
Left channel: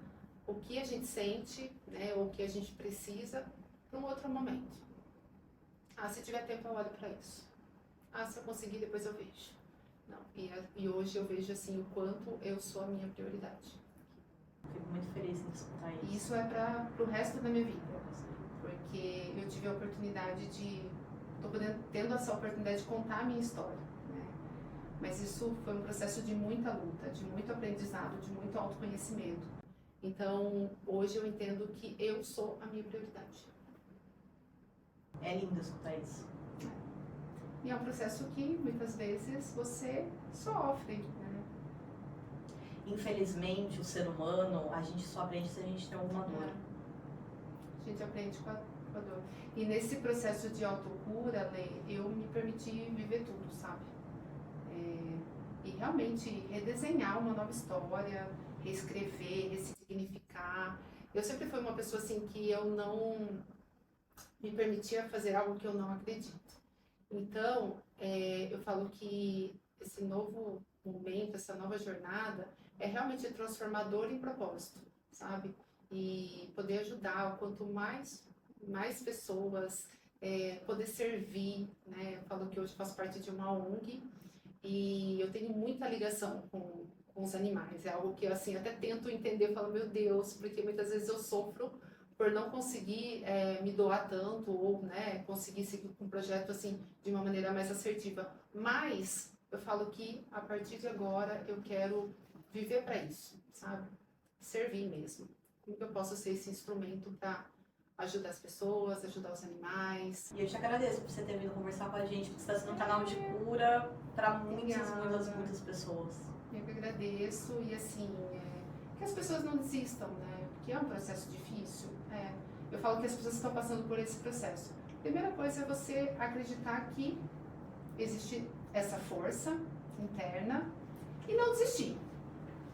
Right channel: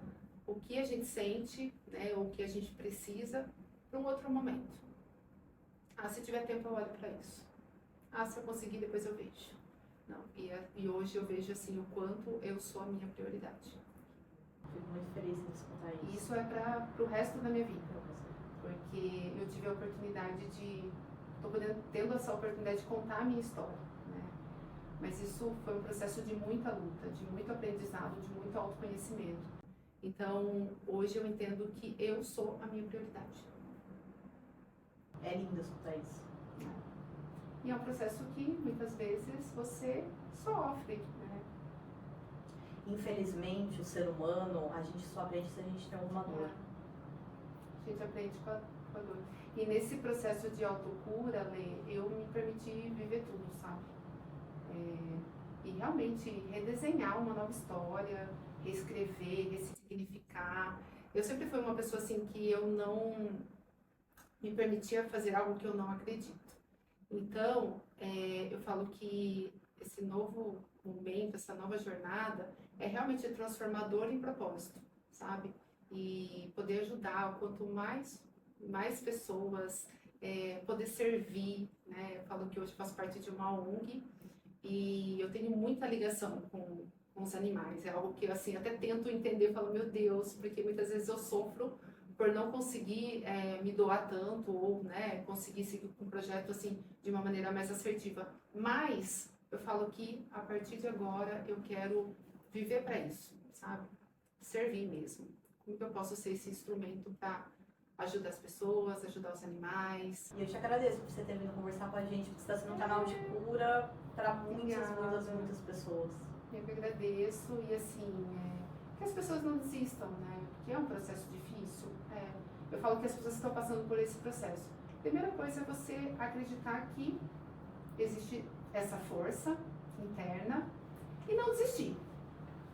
o que a gente sente, né, ou o que a gente precisa para um outro momento. Ah, se tiver tempo eu olho para isso. Ah, se eu conseguir depois eu vejo. Não, e hoje eu vejo assim o quanto eu sou a minha prioridade. Fico muito feliz em escutar isso. Isso é para o resto da minha vida, porque eu tive a oportunidade de, tendo essa oportunidade de contar a minha história, né? Mas isso foi um processo de muita luta, de muito aprendizado, de muito autoconhecimento. Então, hoje eu entendo que eu sou a minha prioridade. É lindo escutar isso. E é um processo que muitas vezes você sofre, né? Infelizmente, o ser humano, a gente só aprende se a gente tem alguma dor. A gente aprende com a dor. E nesse processo de autocura, Lê, eu me permiti viver tudo, sabe? E realmente redesenhar uma nova história, reescrever, ressignificar. Eu sempre fui uma pessoa assim que eu não me permitia fazer algo que eu não acredito. Então, eu falo que esse novo momento, essa nova jornada é realmente transformador em propósito, sabe? E poder ajudar, quanto mais pessoas, poder servir, né? Eu falo que hoje faço parte de uma ONG e eu tenho muita ligação com os animais. É algo que eu assim, até tento entender, falo, meu Deus, porque muitas vezes eu sofro por não conseguir me doar tanto ou, né, conseguir seguir com um projeto assim de uma maneira mais assertiva. Mas eu falo que a partir de agora eu quero viver para isso, sabe? Servir mesmo. Como que eu posso ser esse instrumento para ajudar as pessoas, ajudar os animais? E eu te agradeço por você ter vindo conversar com a gente, porque você está sendo um canal de cura para muitas pessoas. Eu que agradeço e assim, que as pessoas não desistam, né? Porque é um processo difícil. Eu falo que as pessoas estão passando por esse processo. A primeira coisa é você acreditar que existe essa força interna e não desistir.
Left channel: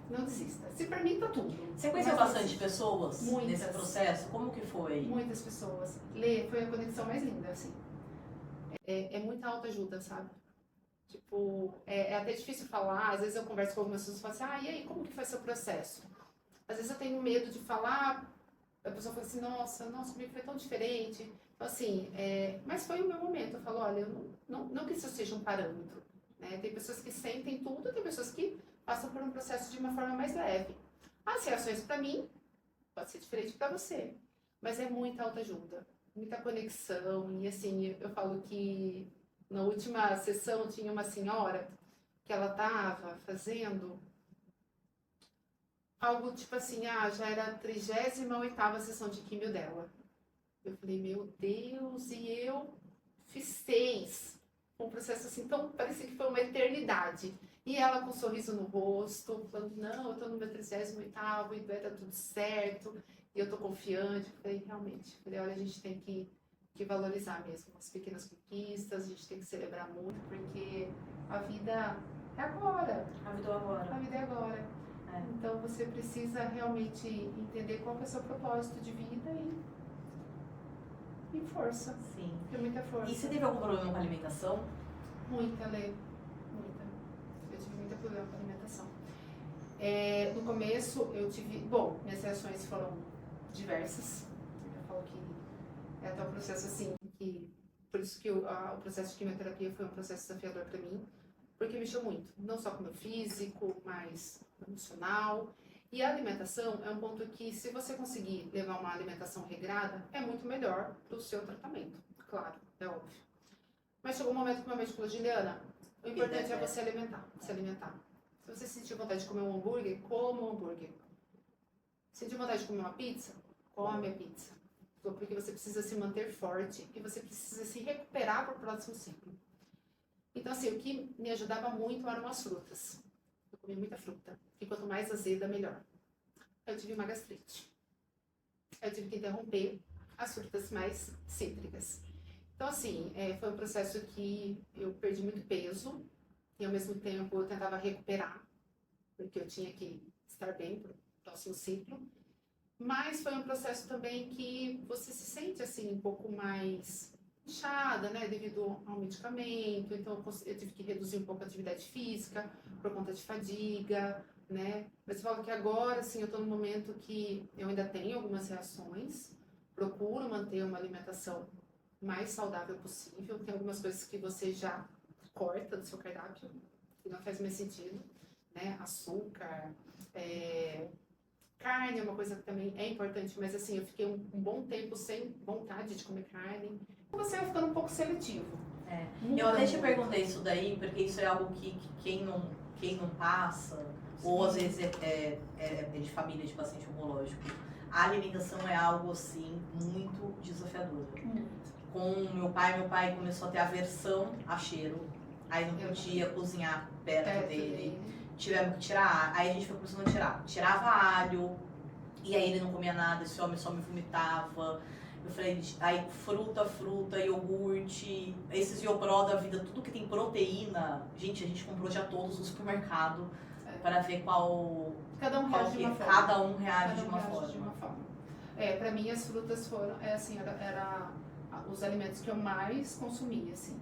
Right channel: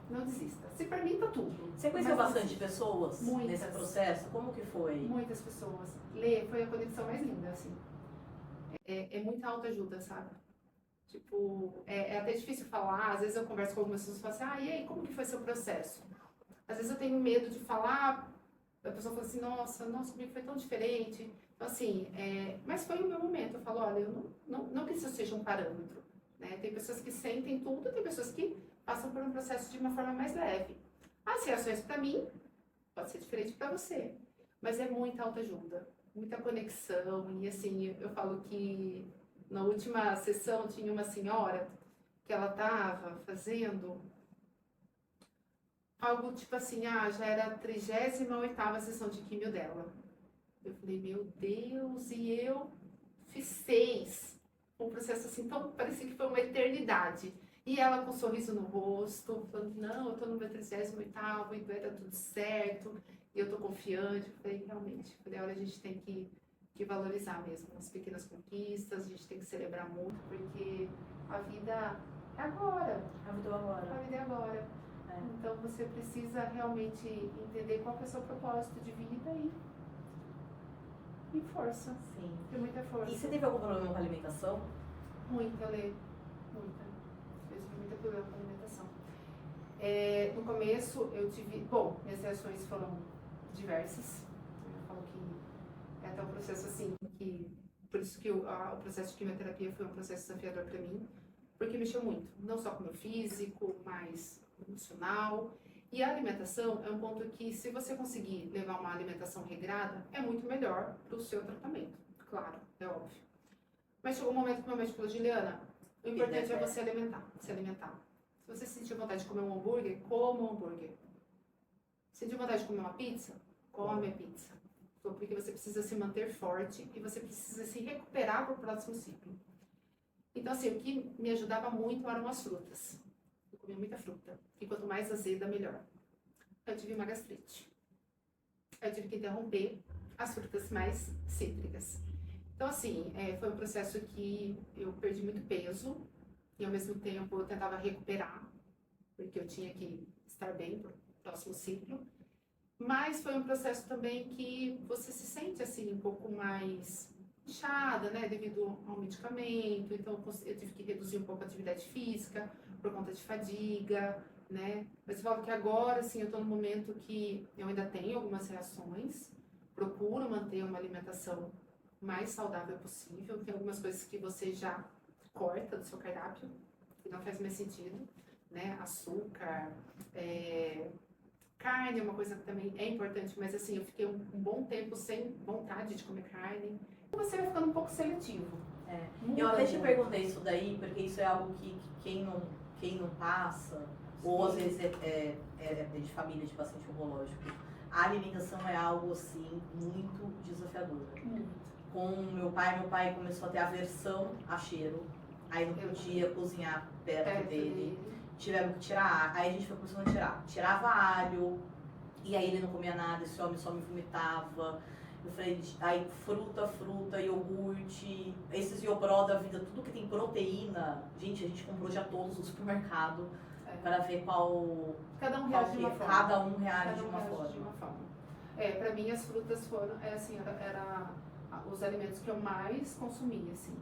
Não desista. Se permita tudo. Você conheceu bastante pessoas Muitas. nesse processo? Como que foi? Muitas pessoas. Lê, foi a conexão mais linda, assim. É muita autoajuda, sabe? Tipo, é até difícil falar. Às vezes eu converso com algumas pessoas e falo assim, e aí, como que foi seu processo? Às vezes eu tenho medo de falar, a pessoa fala assim, nossa, comigo foi tão diferente. Então, assim, mas foi o meu momento. Eu falo, olha, eu não que isso seja um parâmetro, né? Tem pessoas que sentem tudo, tem pessoas que passam por um processo de uma forma mais leve. As reações para mim pode ser diferente para você, mas é muita autoajuda, muita conexão. E assim, eu falo que na última sessão tinha uma senhora que ela estava fazendo algo tipo assim, já era a 38ª sessão de químio dela. Eu falei, meu Deus, e eu fiz 6. Um processo assim, tão parecia que foi uma eternidade. E ela com um sorriso no rosto, falando, não, eu tô no meu 38º e vai dar tudo certo, e eu tô confiante. Eu falei, realmente, olha, a gente tem que valorizar mesmo as pequenas conquistas, a gente tem que celebrar muito, porque a vida é agora. A vida é agora. A vida é agora. Então você precisa realmente entender qual que é o seu propósito de vida e força. Sim. Tem muita força. E você teve algum problema com a alimentação? Muita, Lê. Muita. Eu tive muito problema com a alimentação. No começo eu tive... Bom, minhas reações foram diversas. Eu falo que é até um processo assim que... Por isso que o processo de quimioterapia foi um processo desafiador para mim. Porque mexeu muito. Não só com o meu físico, mas emocional. E a alimentação é um ponto que, se você conseguir levar uma alimentação regrada, é muito melhor para o seu tratamento. Claro, é óbvio. Mas chegou um momento que meu médico falou, Juliana, o importante é você se alimentar. Se você sentir vontade de comer um hambúrguer, coma um hambúrguer. Sentir vontade de comer uma pizza, come a pizza. Porque você precisa se manter forte e você precisa se recuperar para o próximo ciclo. Então, assim, o que me ajudava muito eram as frutas. Eu comia muita fruta. E quanto mais azeda, melhor. Eu tive uma gastrite. Eu tive que interromper as frutas mais cítricas. Então, assim, foi um processo que eu perdi muito peso e, ao mesmo tempo, eu tentava recuperar, porque eu tinha que estar bem para o próximo ciclo. Mas foi um processo também que você se sente, assim, um pouco mais inchada, né, devido ao medicamento. Então, eu tive que reduzir um pouco a atividade física por conta de fadiga, né. Mas eu falo que agora, assim, eu estou num momento que eu ainda tenho algumas reações, procuro manter uma alimentação mais saudável possível. Tem algumas coisas que você já corta do seu cardápio, que não faz mais sentido, né? Açúcar, carne é uma coisa que também é importante, mas assim, eu fiquei um bom tempo sem vontade de comer carne. Você vai ficando um pouco seletivo. Eu até te perguntei isso daí, porque isso é algo que quem não passa, ou às vezes é de família de paciente oncológico, a alimentação é algo assim muito desafiador. Com meu pai começou a ter aversão a cheiro, aí não podia cozinhar perto dele. Tivemos que tirar, aí a gente foi começando a tirar. Tirava alho, e aí ele não comia nada, esse homem só me vomitava. Eu falei, aí fruta, iogurte, esses Iopró da vida, tudo que tem proteína. Gente, a gente comprou já todos no supermercado para ver qual. Cada um reage de uma forma. Cada um reage de uma forma. Pra mim as frutas foram, assim, era os alimentos que eu mais consumia, assim.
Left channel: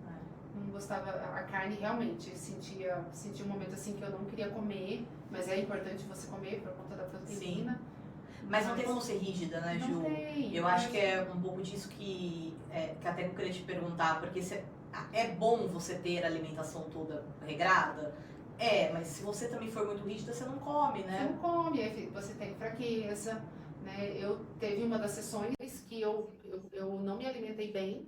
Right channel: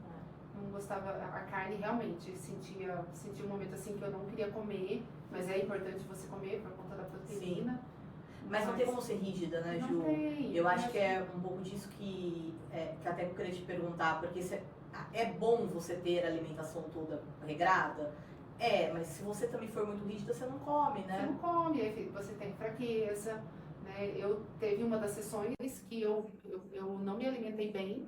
Não gostava, a carne realmente, sentia um momento assim que eu não queria comer, mas é importante você comer por conta da proteína. Sim. Mas não tem como ser rígida, né, Ju? Não tem. Eu acho que é um pouco disso que até eu queria te perguntar, porque é bom você ter a alimentação toda regrada? Mas se você também for muito rígida, você não come, né? Você não come, aí você tem fraqueza, né? Eu teve uma das sessões que eu não me alimentei bem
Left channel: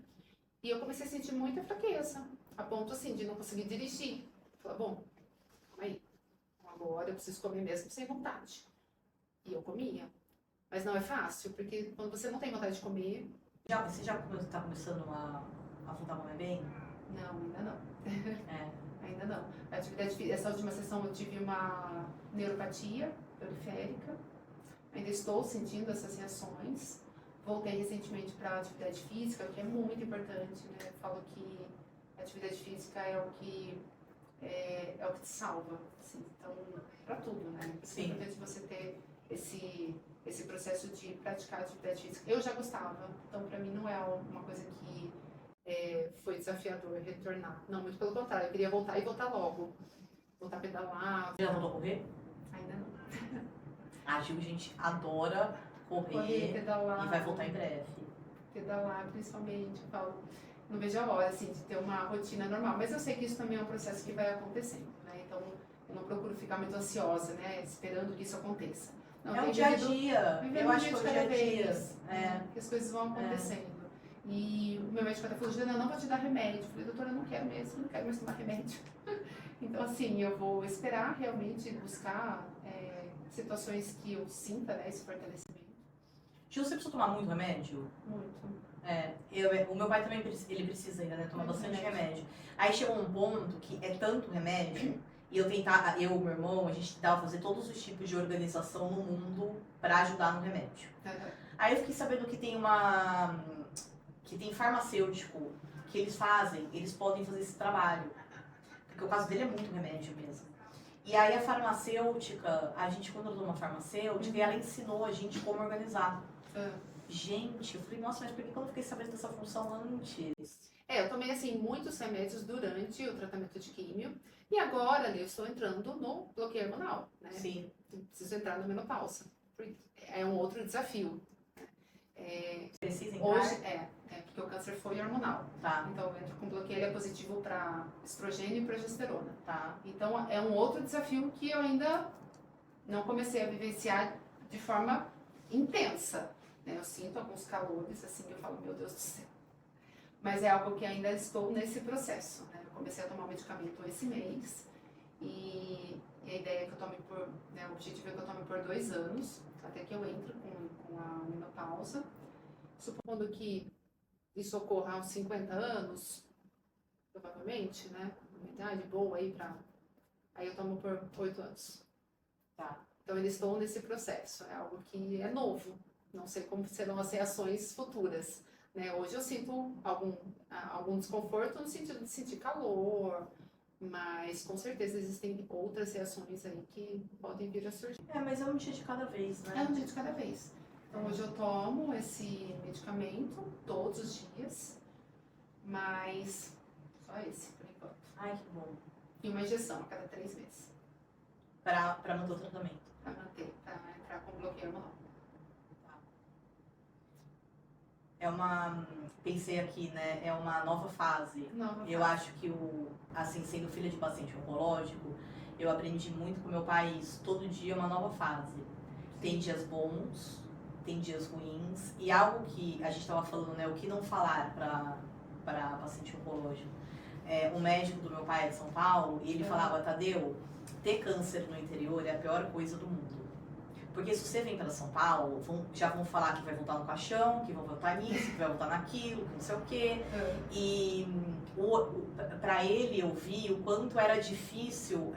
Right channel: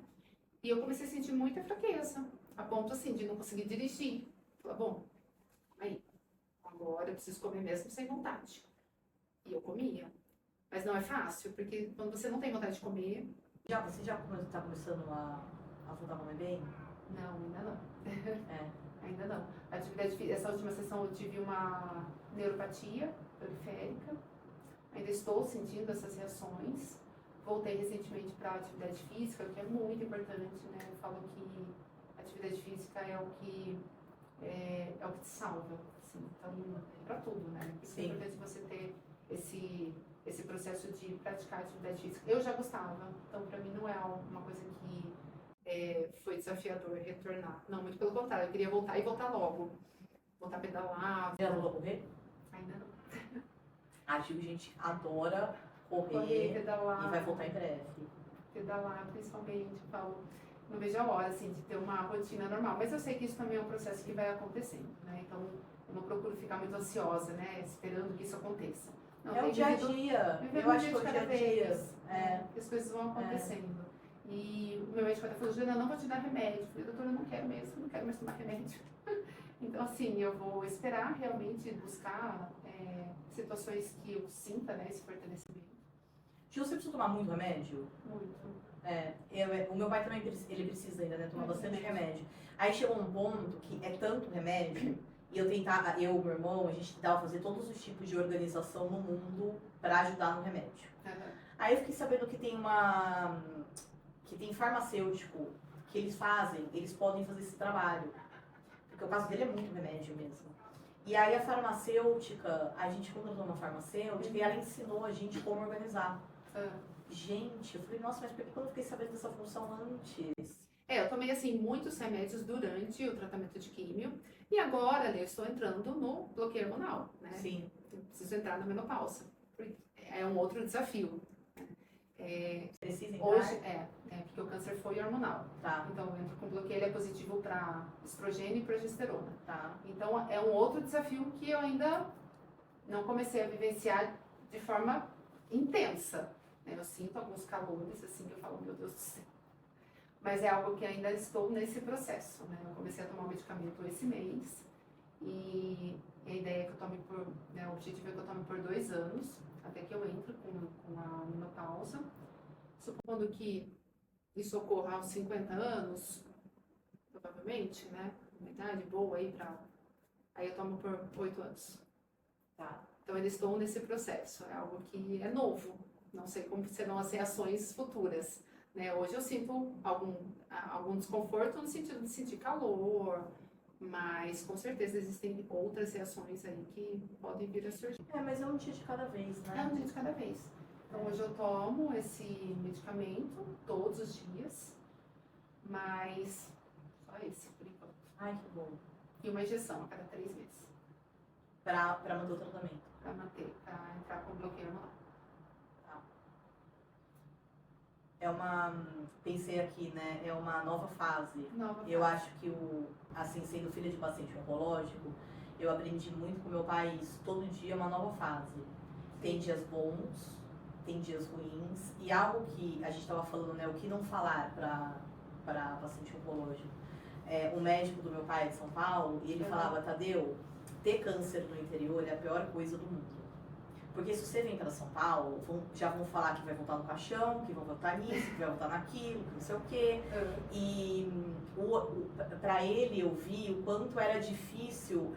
e eu comecei a sentir muita fraqueza, a ponto assim de não conseguir dirigir. Falei, bom, calma aí, agora eu preciso comer mesmo sem vontade. E eu comia. Mas não é fácil, porque quando você não tem vontade de comer... Você já está começando a voltar a comer bem? Não, ainda não. Ainda não. Essa última sessão eu tive uma neuropatia periférica. Ainda estou sentindo essas reações. Voltei recentemente para a atividade física, que é muito importante, né? Eu falo que a atividade física é o que te salva, assim. Então, para tudo, né? É importante você ter esse processo de praticar atividade física. Eu já gostava, então para mim não é uma coisa que foi desafiador retornar. Não, muito pelo contrário, eu queria voltar e voltar logo. Voltar a pedalar. Já voltou a correr? Ainda não. A Gil, gente, adora correr pedalar. E vai voltar em breve. Pedalar, principalmente, eu falo, não vejo a hora, assim, de ter uma rotina normal. Mas eu sei que isso também é um processo que vai acontecendo, né? Então, eu não procuro ficar muito ansiosa, né? Esperando que isso aconteça. Não, é o dia a dia. Eu acho que é o dia a dia. Que as coisas vão acontecendo. E o meu médico até falou, Juliana, eu não vou te dar remédio. Eu falei, doutora, eu não quero mesmo, não quero mais tomar remédio. Então, assim, eu vou esperar realmente buscar situações que eu sinta, né, esse fortalecimento. Gil, você precisa tomar muito remédio? Muito. O meu pai também ele precisa ainda, né, tomar bastante remédio. Aí chegou um ponto que é tanto remédio, e eu e o meu irmão, a gente tentava fazer todos os tipos de organização no mundo para ajudar no remédio. Aí eu fiquei sabendo que tem farmacêutico que eles podem fazer esse trabalho. Porque o caso dele é muito remédio mesmo. E aí a farmacêutica, quando eu uma farmacêutica, ela ensinou a gente como organizar. Gente, eu falei, nossa, mas por que eu não fiquei sabendo dessa função antes? Eu tomei, assim, muitos remédios durante o tratamento de químio. E agora, né, eu estou entrando no bloqueio hormonal, né? Sim. Eu preciso entrar na menopausa. É um outro desafio. Precisa entrar? Hoje, porque o câncer foi hormonal. Tá. Então, eu entro com bloqueio, ele é positivo para estrogênio e progesterona. Tá. Então, é um outro desafio que eu ainda não comecei a vivenciar de forma intensa, né? Eu sinto alguns calores, assim, que eu falo, meu Deus do céu. Mas é algo que ainda estou nesse processo, né? Eu comecei a tomar o medicamento esse mês e a ideia é que eu tome o objetivo é que eu tome por 2 anos, até que eu entre com a menopausa. Supondo que isso ocorra aos 50 anos, provavelmente, né? Uma idade boa aí aí eu tomo por 8 anos. Tá. Então, ainda estou nesse processo. É algo que é novo. Não sei como serão as reações futuras. né? Hoje eu sinto algum desconforto no sentido de sentir calor, mas com certeza existem outras reações aí que podem vir a surgir. Mas é um dia de cada vez, né? É um dia de cada vez. Então hoje eu tomo esse medicamento todos os dias, mas só esse por enquanto. Ai, que bom. E uma injeção a cada 3 meses. Pra manter o tratamento. Pra entrar com bloqueio hormonal. Pensei aqui, né? É uma nova fase. Nova Eu fase. acho que assim, sendo filha de paciente oncológico, eu aprendi muito com meu pai isso. Todo dia é uma nova fase. Tem dias bons, tem dias ruins. E algo que a gente estava falando, né? O que não falar para paciente oncológico. O médico do meu pai é de São Paulo, e ele falava, Tadeu, ter câncer no interior é a pior coisa do mundo. Porque se você vem para São Paulo, já vão falar que vai voltar no caixão, que vão voltar nisso, que vai voltar naquilo, que não sei o quê. E para ele eu vi o quanto era difícil,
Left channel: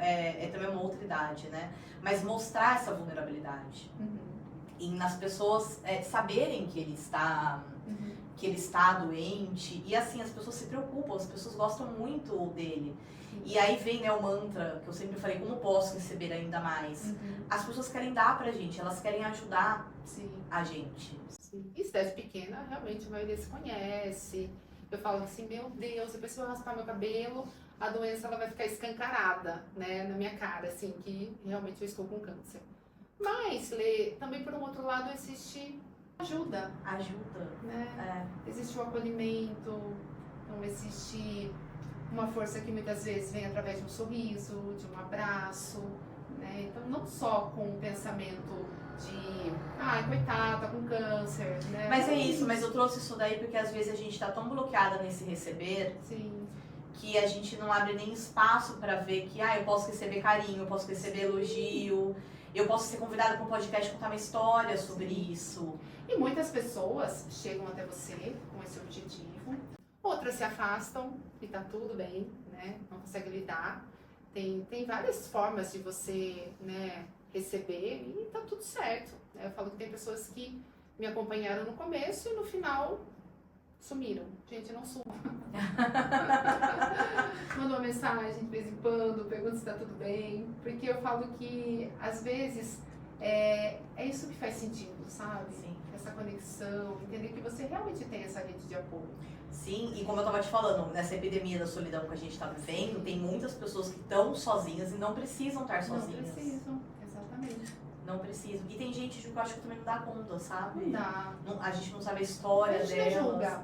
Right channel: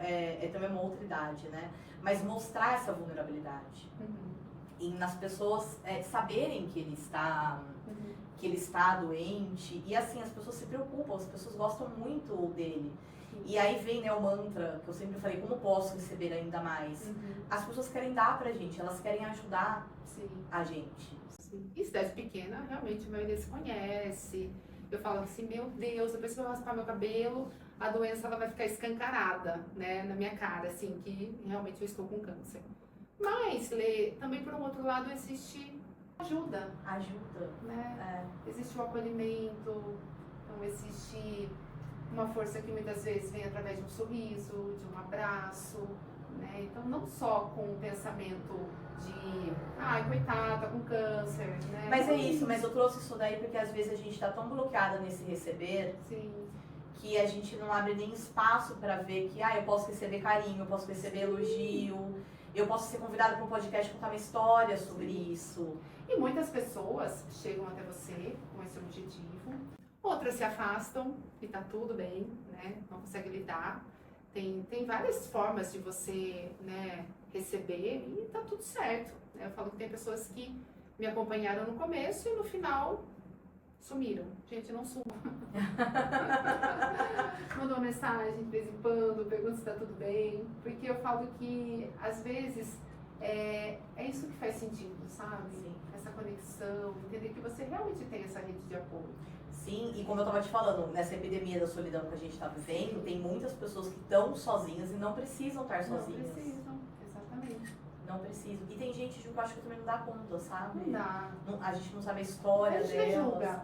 também uma outra idade, né? Mas mostrar essa vulnerabilidade. E nas pessoas saberem que ele está doente. E assim, as pessoas se preocupam, as pessoas gostam muito dele. E aí vem, né, o mantra que eu sempre falei, como posso receber ainda mais? As pessoas querem dar pra gente, elas querem ajudar a gente. Sim. E cidade pequena, realmente a maioria se conhece. Eu falo assim, meu Deus, depois que eu raspar meu cabelo, a doença ela vai ficar escancarada, né, na minha cara, assim, que realmente eu estou com câncer. Mas, Lê, também por um outro lado existe ajuda, né? Existe o acolhimento, então existe uma força que muitas vezes vem através de um sorriso, de um abraço, né? Então não só com o pensamento de, ai, coitada, tá com câncer, né? Mas isso, mas eu trouxe isso daí porque às vezes a gente tá tão bloqueada nesse receber. Sim. Que a gente não abre nem espaço para ver que, eu posso receber carinho, eu posso receber elogio, eu posso ser convidada para um podcast contar uma história sobre isso. E muitas pessoas chegam até você com esse objetivo, outras se afastam e tá tudo bem, né? Não consegue lidar. Tem várias formas de você, né, receber e tá tudo certo. Eu falo que tem pessoas que me acompanharam no começo e no final sumiram. Gente, não suma. Manda uma mensagem de vez em quando, pergunta se tá tudo bem. Porque eu falo que, às vezes, é isso que faz sentido, sabe? Sim. Essa conexão, entender que você realmente tem essa rede de apoio. Sim, e como eu tava te falando, nessa epidemia da solidão que a gente tá vivendo, tem muitas pessoas que estão sozinhas e não precisam estar sozinhas. Não precisam, exatamente. Não precisam. E tem gente que eu acho que também não dá conta, sabe? Não dá. A gente não sabe a história A gente delas. não julga.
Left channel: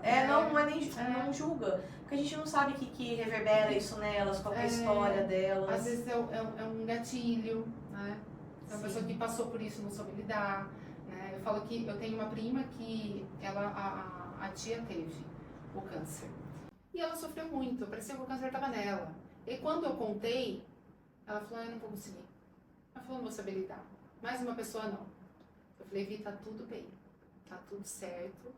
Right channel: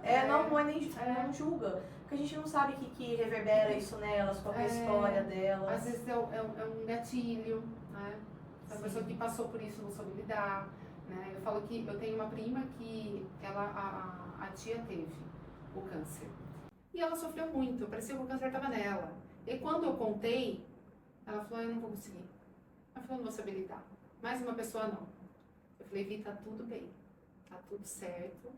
Não é nem não julga. Porque a gente não sabe o que reverbera isso nelas, qual é a história delas. Às vezes é um gatilho, né? É uma pessoa que passou por isso, não soube lidar, né? Eu falo que eu tenho uma prima que a tia teve o câncer. E ela sofreu muito, parecia que o câncer estava nela. E quando eu contei, ela falou, eu não vou conseguir. Ela falou, não vou saber lidar. Mais uma pessoa não. Eu falei, Vi, tá tudo bem. Tá tudo certo. O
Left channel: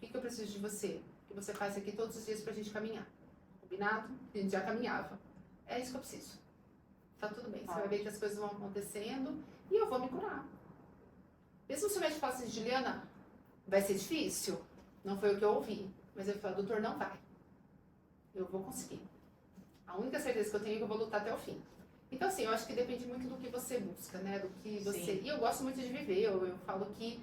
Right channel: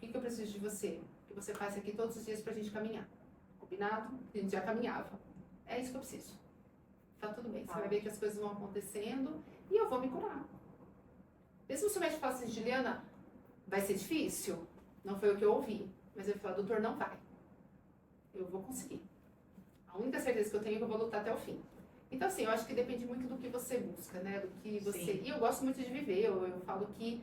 que eu preciso de você? Que você faça aqui todos os dias pra gente caminhar. Combinado? A gente já caminhava. É isso que eu preciso. Tá tudo bem. Você vai ver que as coisas vão acontecendo e eu vou me curar. Mesmo se o médico fala assim, Juliana, vai ser difícil? Não foi o que eu ouvi. Mas ele falou, doutor, não vai. Eu vou conseguir. A única certeza que eu tenho é que eu vou lutar até o fim. Então, assim, eu acho que depende muito do que você busca, né? Do que você... Sim. E eu gosto muito de viver. Eu falo que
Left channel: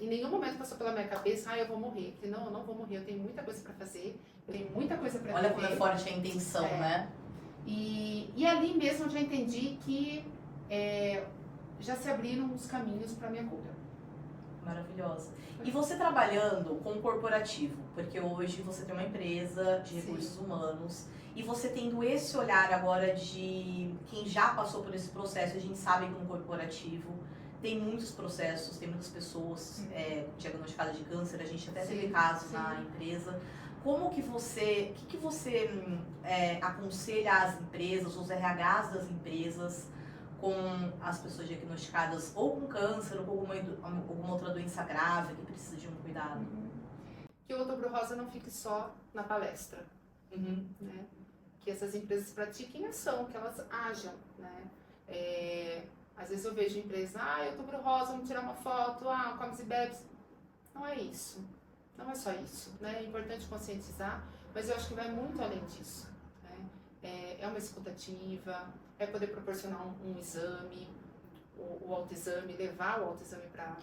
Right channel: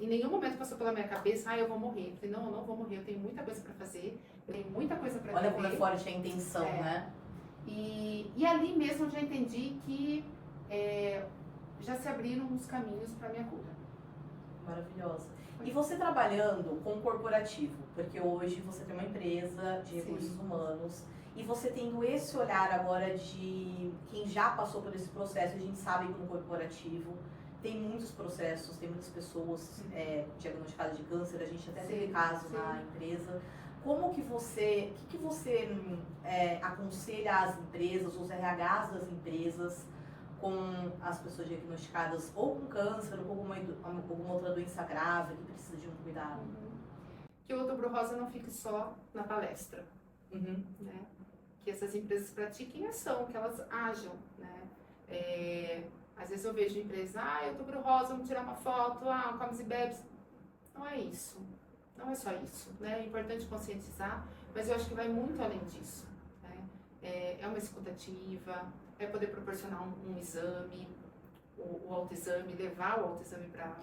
em nenhum momento passou pela minha cabeça, eu vou morrer. Eu falei, não, eu não vou morrer. Eu tenho muita coisa pra fazer. Eu tenho muita coisa pra Olha viver. como é forte a intenção, né? E ali mesmo eu já entendi que já se abriram os caminhos pra minha cura. Maravilhosa. E você trabalhando com o corporativo, porque hoje você tem uma empresa de recursos humanos, e você tendo esse olhar agora de quem já passou por esse processo, a gente sabe que no corporativo tem muitos processos, tem muitas pessoas diagnosticadas de câncer, a gente até teve casos na empresa. Como que você, o que você aconselha às empresas, os RHs das empresas, com as pessoas diagnosticadas ou com câncer ou com alguma outra doença grave que precisa de um cuidado? Que o Outubro Rosa não fique só na palestra, né? Que essas empresas pratiquem ação, que elas ajam, né? Às vezes eu vejo empresas, Outubro Rosa, vamos tirar uma foto, comes e bebes. Não é isso. Não é só isso, né? É importante conscientizar, mas eu acho que vai muito além disso, né? É uma escutativa, é poder proporcionar um exame, o autoexame, levar o autoexame para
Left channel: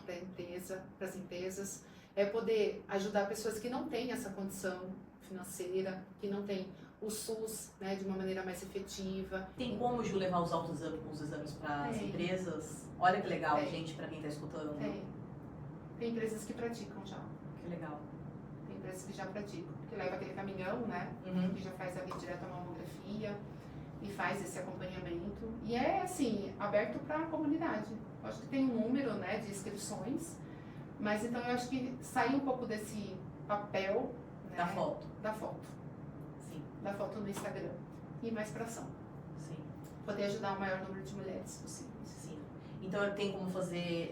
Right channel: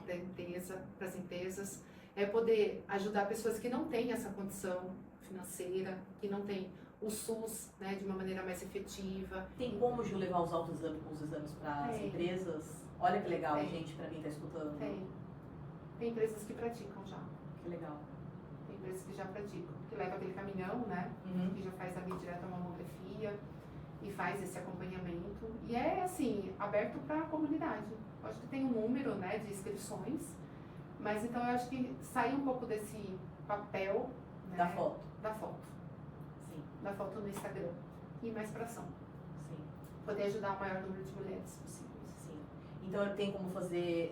as empresas, é poder ajudar pessoas que não têm essa condição financeira, que não têm o SUS, né, de uma maneira mais efetiva. Tem como, Ju, levar os exames para as Tem. empresas? Olha que legal, Tem. gente, para quem está escutando. Tem empresas que praticam já. Que legal. Tem empresas que já praticam, que leva aquele caminhão, né, Uhum. que já faz ali direto a mamografia e faz esse acompanhamento. E é, assim, aberto para a comunidade. Eu acho que tem um número, né, de inscrições, mas então eu acho que sair um pouco desse papel, né, Da foto. da foto, Sim, da foto no Instagram, e ir mais para ação. sim, Poder ajudar o maior número de mulheres possíveis. sim. Então tem como fazer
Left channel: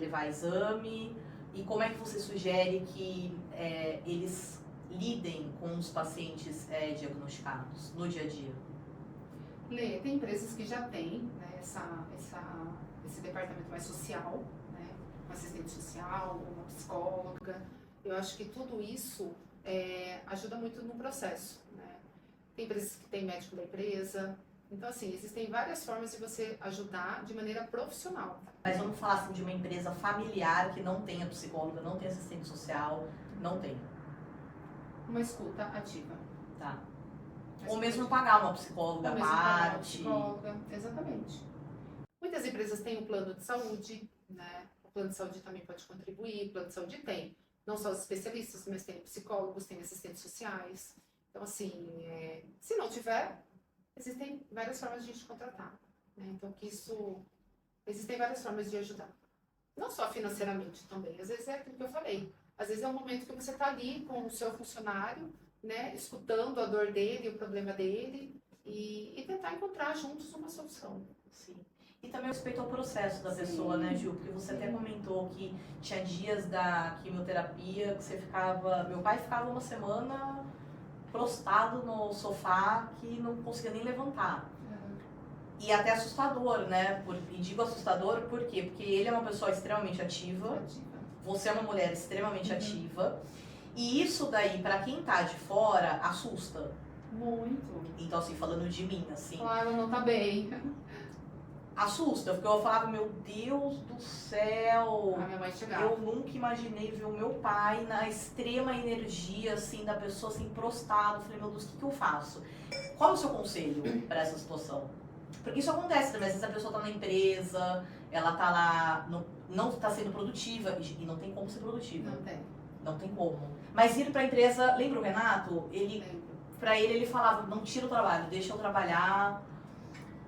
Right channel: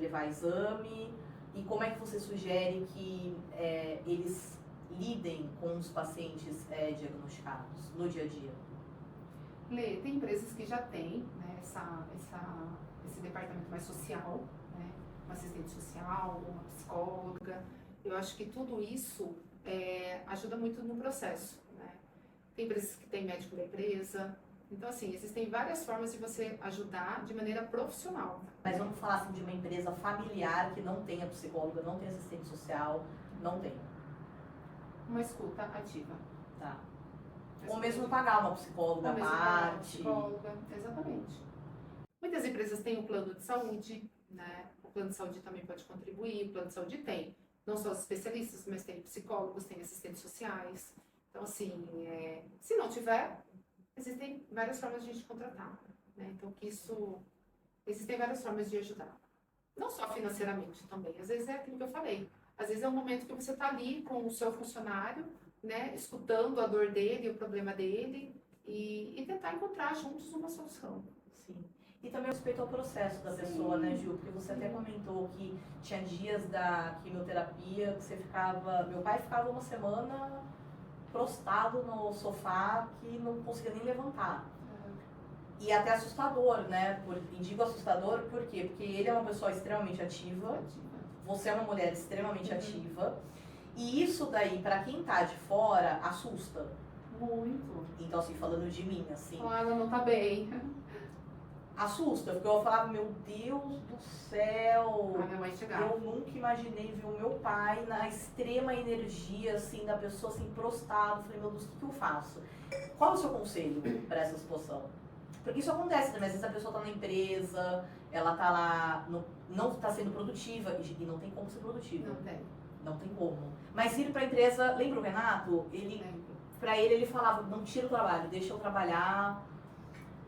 levar exame, e como é que você sugere que eles lidem com os pacientes diagnosticados no dia a dia? Lê, tem empresas que já têm, né, esse departamento mais social, né, uma assistente social, uma psicóloga. Eu acho que tudo isso ajuda muito no processo, né? Tem empresas que têm médico da empresa. Então, assim, existem várias formas de você ajudar de maneira profissional. Mas vamos falar assim, de uma empresa familiar que não tenha psicóloga, não tenha assistente social, não tem, Uma escuta ativa. tá? Uma Ou mesmo escuta pagar uma psicóloga à Ou mesmo pagar uma parte. psicóloga, exatamente. Muitas empresas têm um plano de saúde, né? O plano de saúde também pode contribuir, o plano de saúde tem não só os especialistas, mas tem psicólogos, tem assistentes sociais. Então, assim, se não tiver, existem várias formas de a gente contratar, né? Então, existem várias formas de ajudar. Não só financeiramente também, às vezes é aquilo que eu falei. Às vezes é um momento que você está ali com o seu funcionário, né, escutando a dor dele, o problema dele, e tentar encontrar juntos uma solução. Sim. E também respeito ao processo da Sim. pessoa, né, Gil? Porque você até Sim. comentou que tinha dias da quimioterapia que você ficava. Meu pai ficava uma semana prostrado no sofá que não conseguia nem levantar. E até assustador, né? E digo assustador por quê? Porque ele é uma pessoa extremamente ativa, você é uma mulher extremamente ativa, e isso daí, pra quem tá de fora, assusta. Muito. Então, assim, falando de mim, assim, Claro, não tá bem. assusta, porque eu falava, meu Deus do céu, A minha mãe chegava. eu nunca imaginei ver o meu pai na extrema energia, assim, da pessoa, assim, prostrado. Eu falei, meu Deus, o que que eu faço? Qual é o seu conselho pra essa situação? Porque isso acontece também, às vezes a pessoa tá na empresa, ela tá lá, não tá sendo produtiva, e não tem como ser produtiva. Não tem. Não tem como. Mas ir pra empresa, lembra o Renato? Lembro. Pra ele falava, não tira o trabalho, deixa eu trabalhar.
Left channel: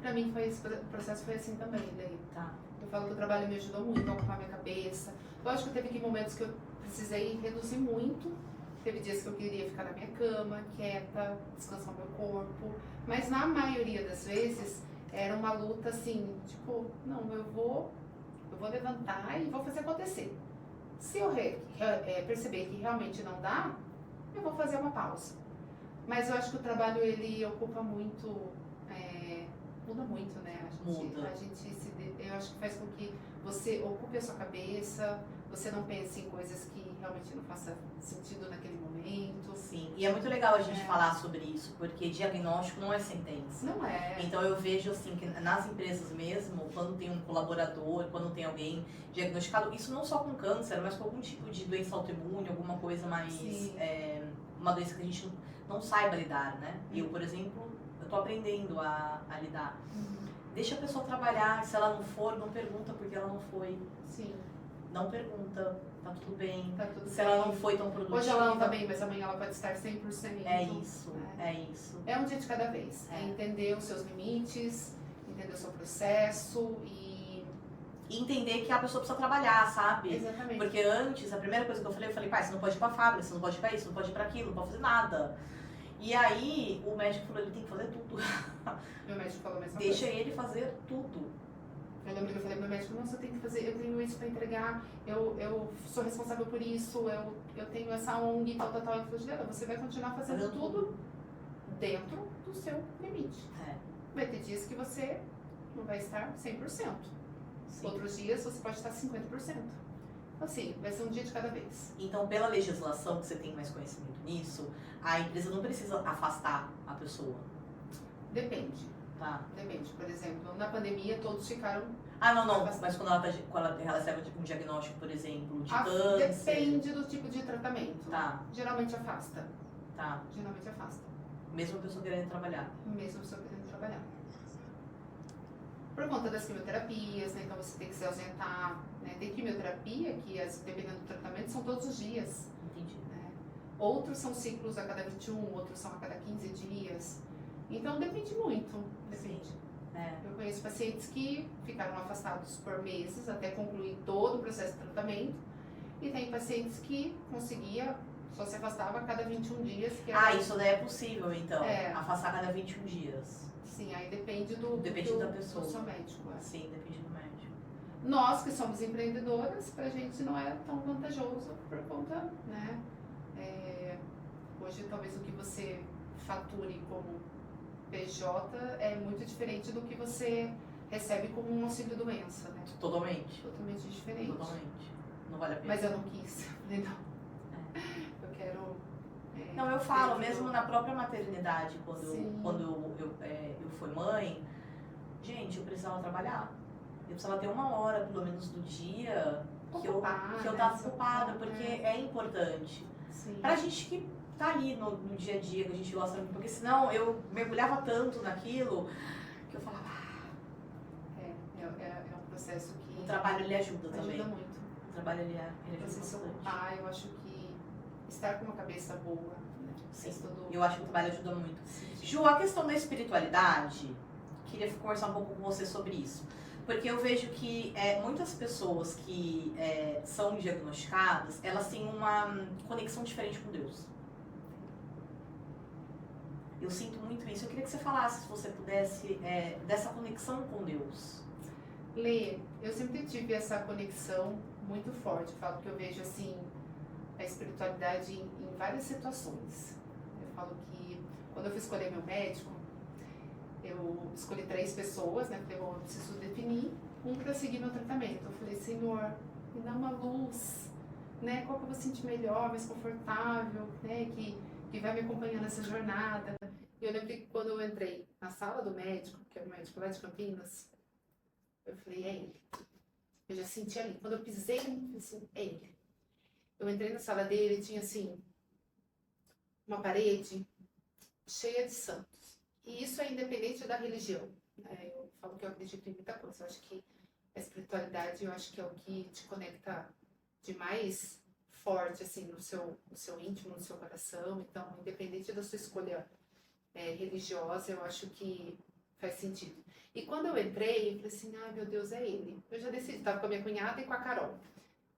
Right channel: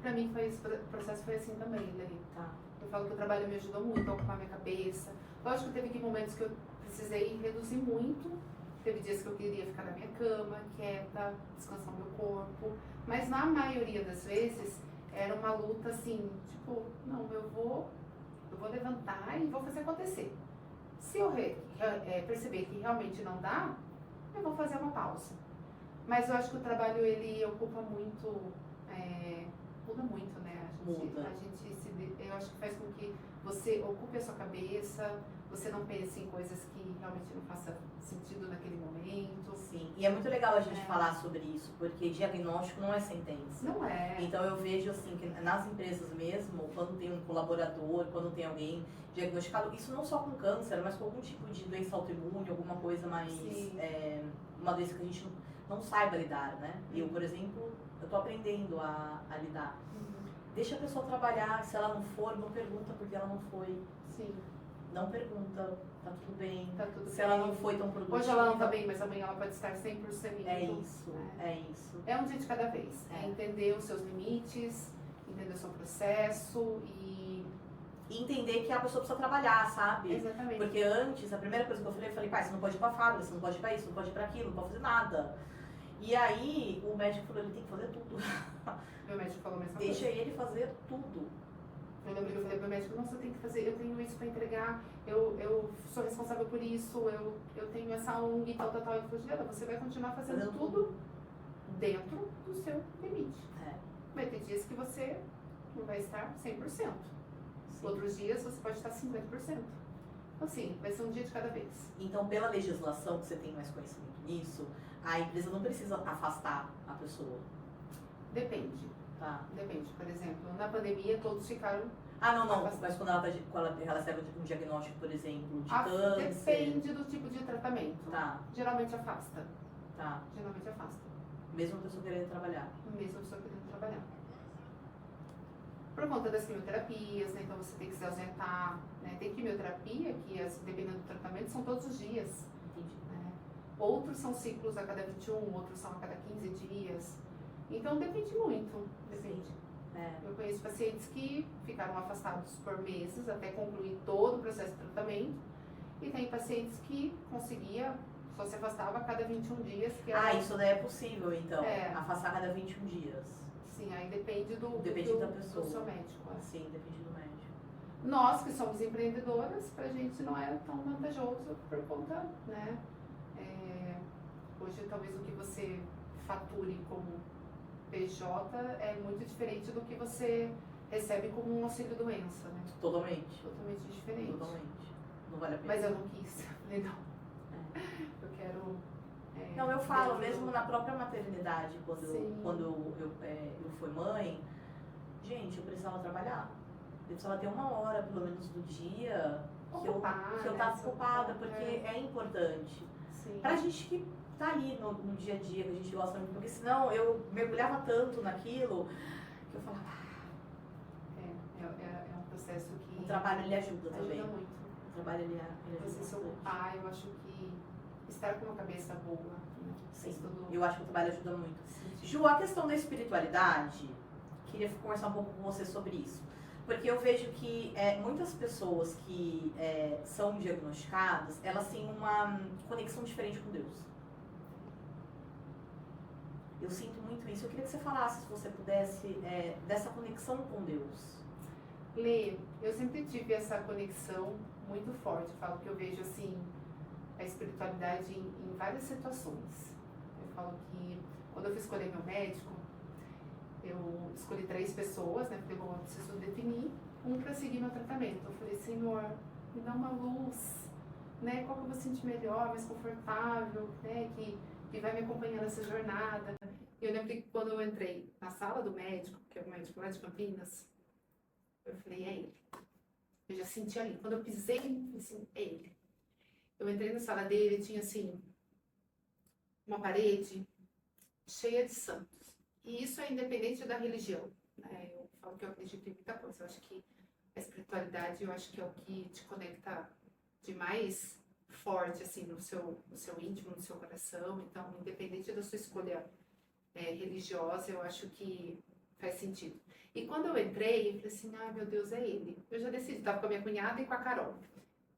Pra mim, o processo foi assim também, Lei. Tá. Eu falo que o trabalho me ajudou muito a ocupar minha cabeça. Lógico que teve momentos que eu precisei reduzir muito. Teve dias que eu queria ficar na minha cama, quieta, descansar meu corpo. Mas na maioria das vezes, era uma luta assim, tipo, não, eu vou levantar e vou fazer acontecer. Se eu perceber que realmente não dá, eu vou fazer uma pausa. Mas eu acho que o trabalho, ele ocupa muito, muda muito, né? Muda. Eu acho que faz com que você ocupe a sua cabeça, você não pense em coisas que realmente não façam sentido naquele momento. Sim, e é muito legal a gente falar sobre isso, porque diagnóstico não é sentença. Não é. Então eu vejo assim que nas empresas mesmo, quando tem um colaborador, quando tem alguém diagnosticado, isso não só com câncer, mas com algum tipo de doença autoimune, alguma coisa mais, Sim. uma doença que a gente não saiba lidar, né? Eu, por exemplo, eu tô aprendendo a lidar. Deixa a pessoa trabalhar, se ela não for, não pergunta porque ela não foi. Sim, Não pergunta, tá tudo bem. tá tudo Se bem. ela não foi tão produtiva. Hoje ela não tá bem, mas amanhã ela pode estar 100%. É isso, é isso. É um dia de cada vez. É entender os seus limites, entender o seu processo e... entender que a pessoa precisa trabalhar, sabe? Exatamente. Porque antes, a primeira coisa que eu falei, pai, você não pode ir pra fábrica, você não pode ir pra isso, não pode ir pra aquilo, não pode fazer nada. E aí, o médico falou, ele tem que fazer tudo. Meu médico falou a mesma Deixa coisa. ele fazer tudo. Eu lembro que eu falei pro meu médico, nossa, eu tenho que fazer, eu tenho isso pra entregar, eu sou responsável por isso, eu tenho essa ONG e tal. Ele falou, Juliana, você vai continuar fazendo tudo dentro do seu limite. É. Vai ter dias que você não vai estar 100%. Sim. Outros dias você pode estar 50%. Assim, vai ser um dia de cada vez. Então, pela legislação, que você tem mais conhecimento nisso, a empresa não precisa afastar a pessoa, Depende. tá? Depende. Por exemplo, na pandemia todos ficaram... Ah, não, mas quando ela recebe um diagnóstico, por exemplo, de câncer... Depende do tipo de tratamento. Tá, Geralmente afasta. tá. Geralmente afasta. Mesmo a pessoa querendo trabalhar. Mesmo a pessoa querendo trabalhar. Por conta das quimioterapias, né? Então você tem que se ausentar, né? Tem quimioterapia que, dependendo do tratamento, são todos os dias. Entendi. Né? Outros são ciclos a cada 21, outros são a cada 15 dias. Então depende muito. Depende. É. Eu conheço pacientes que ficaram afastados por meses até concluir todo o processo de tratamento. E tem pacientes que só se afastava a cada 21 dias. Que era... Ah, isso daí é possível, então. É. Afastar a cada 21 dias. Sim, aí depende do Da pessoa. do seu médico. É. Sim, depende do médico. Nós que somos empreendedoras, pra gente não é tão vantajoso por conta, né? Hoje talvez o que você fature como PJ é muito diferente do que você recebe como um auxílio doença, né? Totalmente. Totalmente diferente. Totalmente. Não vale a pena. Mas eu não quis. Falei, não. Eu quero. Não, eu falo, ter mesmo um- na própria maternidade, Sim. quando eu fui mãe, gente, eu precisava trabalhar. Eu precisava ter uma hora, pelo menos, do dia que eu Ocupar, tava né? ocupada, porque é importante. Sim. Pra gente que tá ali no dia a dia, que a gente gosta muito, porque senão eu mergulhava tanto naquilo que eu falava, É um processo que o trabalho ele ajuda também. ajuda muito. O trabalho ele ajuda Você se bastante. ocupar, eu acho que estar com uma cabeça boa, né? Sim, Faz todo eu acho que o trabalho ajuda muito. sentido. Ju, a questão da espiritualidade, queria conversar um pouco com você sobre isso. Porque eu vejo que muitas pessoas que são diagnosticadas, elas têm uma conexão diferente com Deus. Eu sinto muito isso. Eu queria que você falasse, se você pudesse, dessa conexão com Deus. Lê, eu sempre tive essa conexão muito forte. Eu falo que eu vejo assim a espiritualidade em várias situações. Eu falo que quando eu fui escolher meu médico, eu escolhi 3 pessoas, né? Falei, bom, eu preciso definir um para seguir meu tratamento. Eu falei, Senhor, me dá uma luz, né? Qual que eu vou sentir melhor, mais confortável, né? Que vai me acompanhando nessa jornada. E eu lembro que quando eu entrei na sala do médico, que é o médico lá de Campinas, eu falei, é ele. Eu já senti ali. Quando eu pisei, eu falei assim, é ele. Eu entrei na sala dele e tinha assim, uma parede cheia de santos. E isso é independente da religião. Né? Eu falo que eu acredito em muita coisa. Eu acho que a espiritualidade, eu acho que é o que te conecta de mais forte, assim, no seu íntimo, no seu coração. Então, independente da sua escolha religiosa, eu acho que faz sentido. E quando eu entrei, eu falei assim, ai meu Deus, é ele. Eu já decidi, estava com a minha cunhada e com a Carol.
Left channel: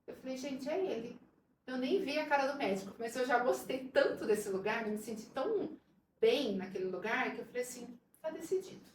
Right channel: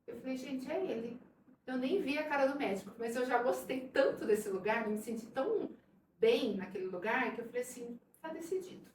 Eu falei, gente, é ele. Eu nem vi a cara do médico, mas eu já gostei tanto desse lugar, me senti tão bem naquele lugar, que eu falei assim, tá decidido.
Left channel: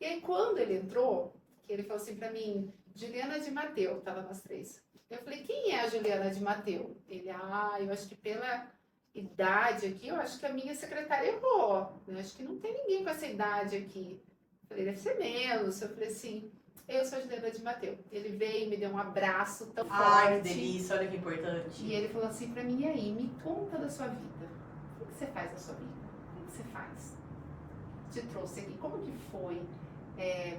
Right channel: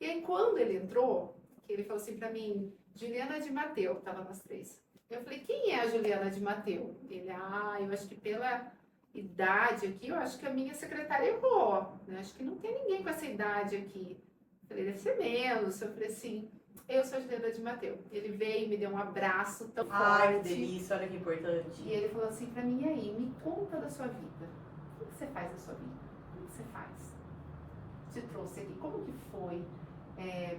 E aí quando ele entrou, que ele falou assim pra mim, Juliana de Mateu, tava nós 3. Eu falei, quem é a Juliana de Mateu? Ele, eu acho que pela idade aqui, eu acho que a minha secretária errou. Eu acho que não tem ninguém com essa idade aqui. Eu falei, deve ser menos. Eu falei assim, eu sou a Juliana de Mateu. Ele veio, me deu um abraço tão Ai, que forte. delícia, olha que importante. E ele falou assim pra mim, e aí, me conta da sua vida. O que você faz na sua vida? O que você faz? Te trouxe aqui. Como que foi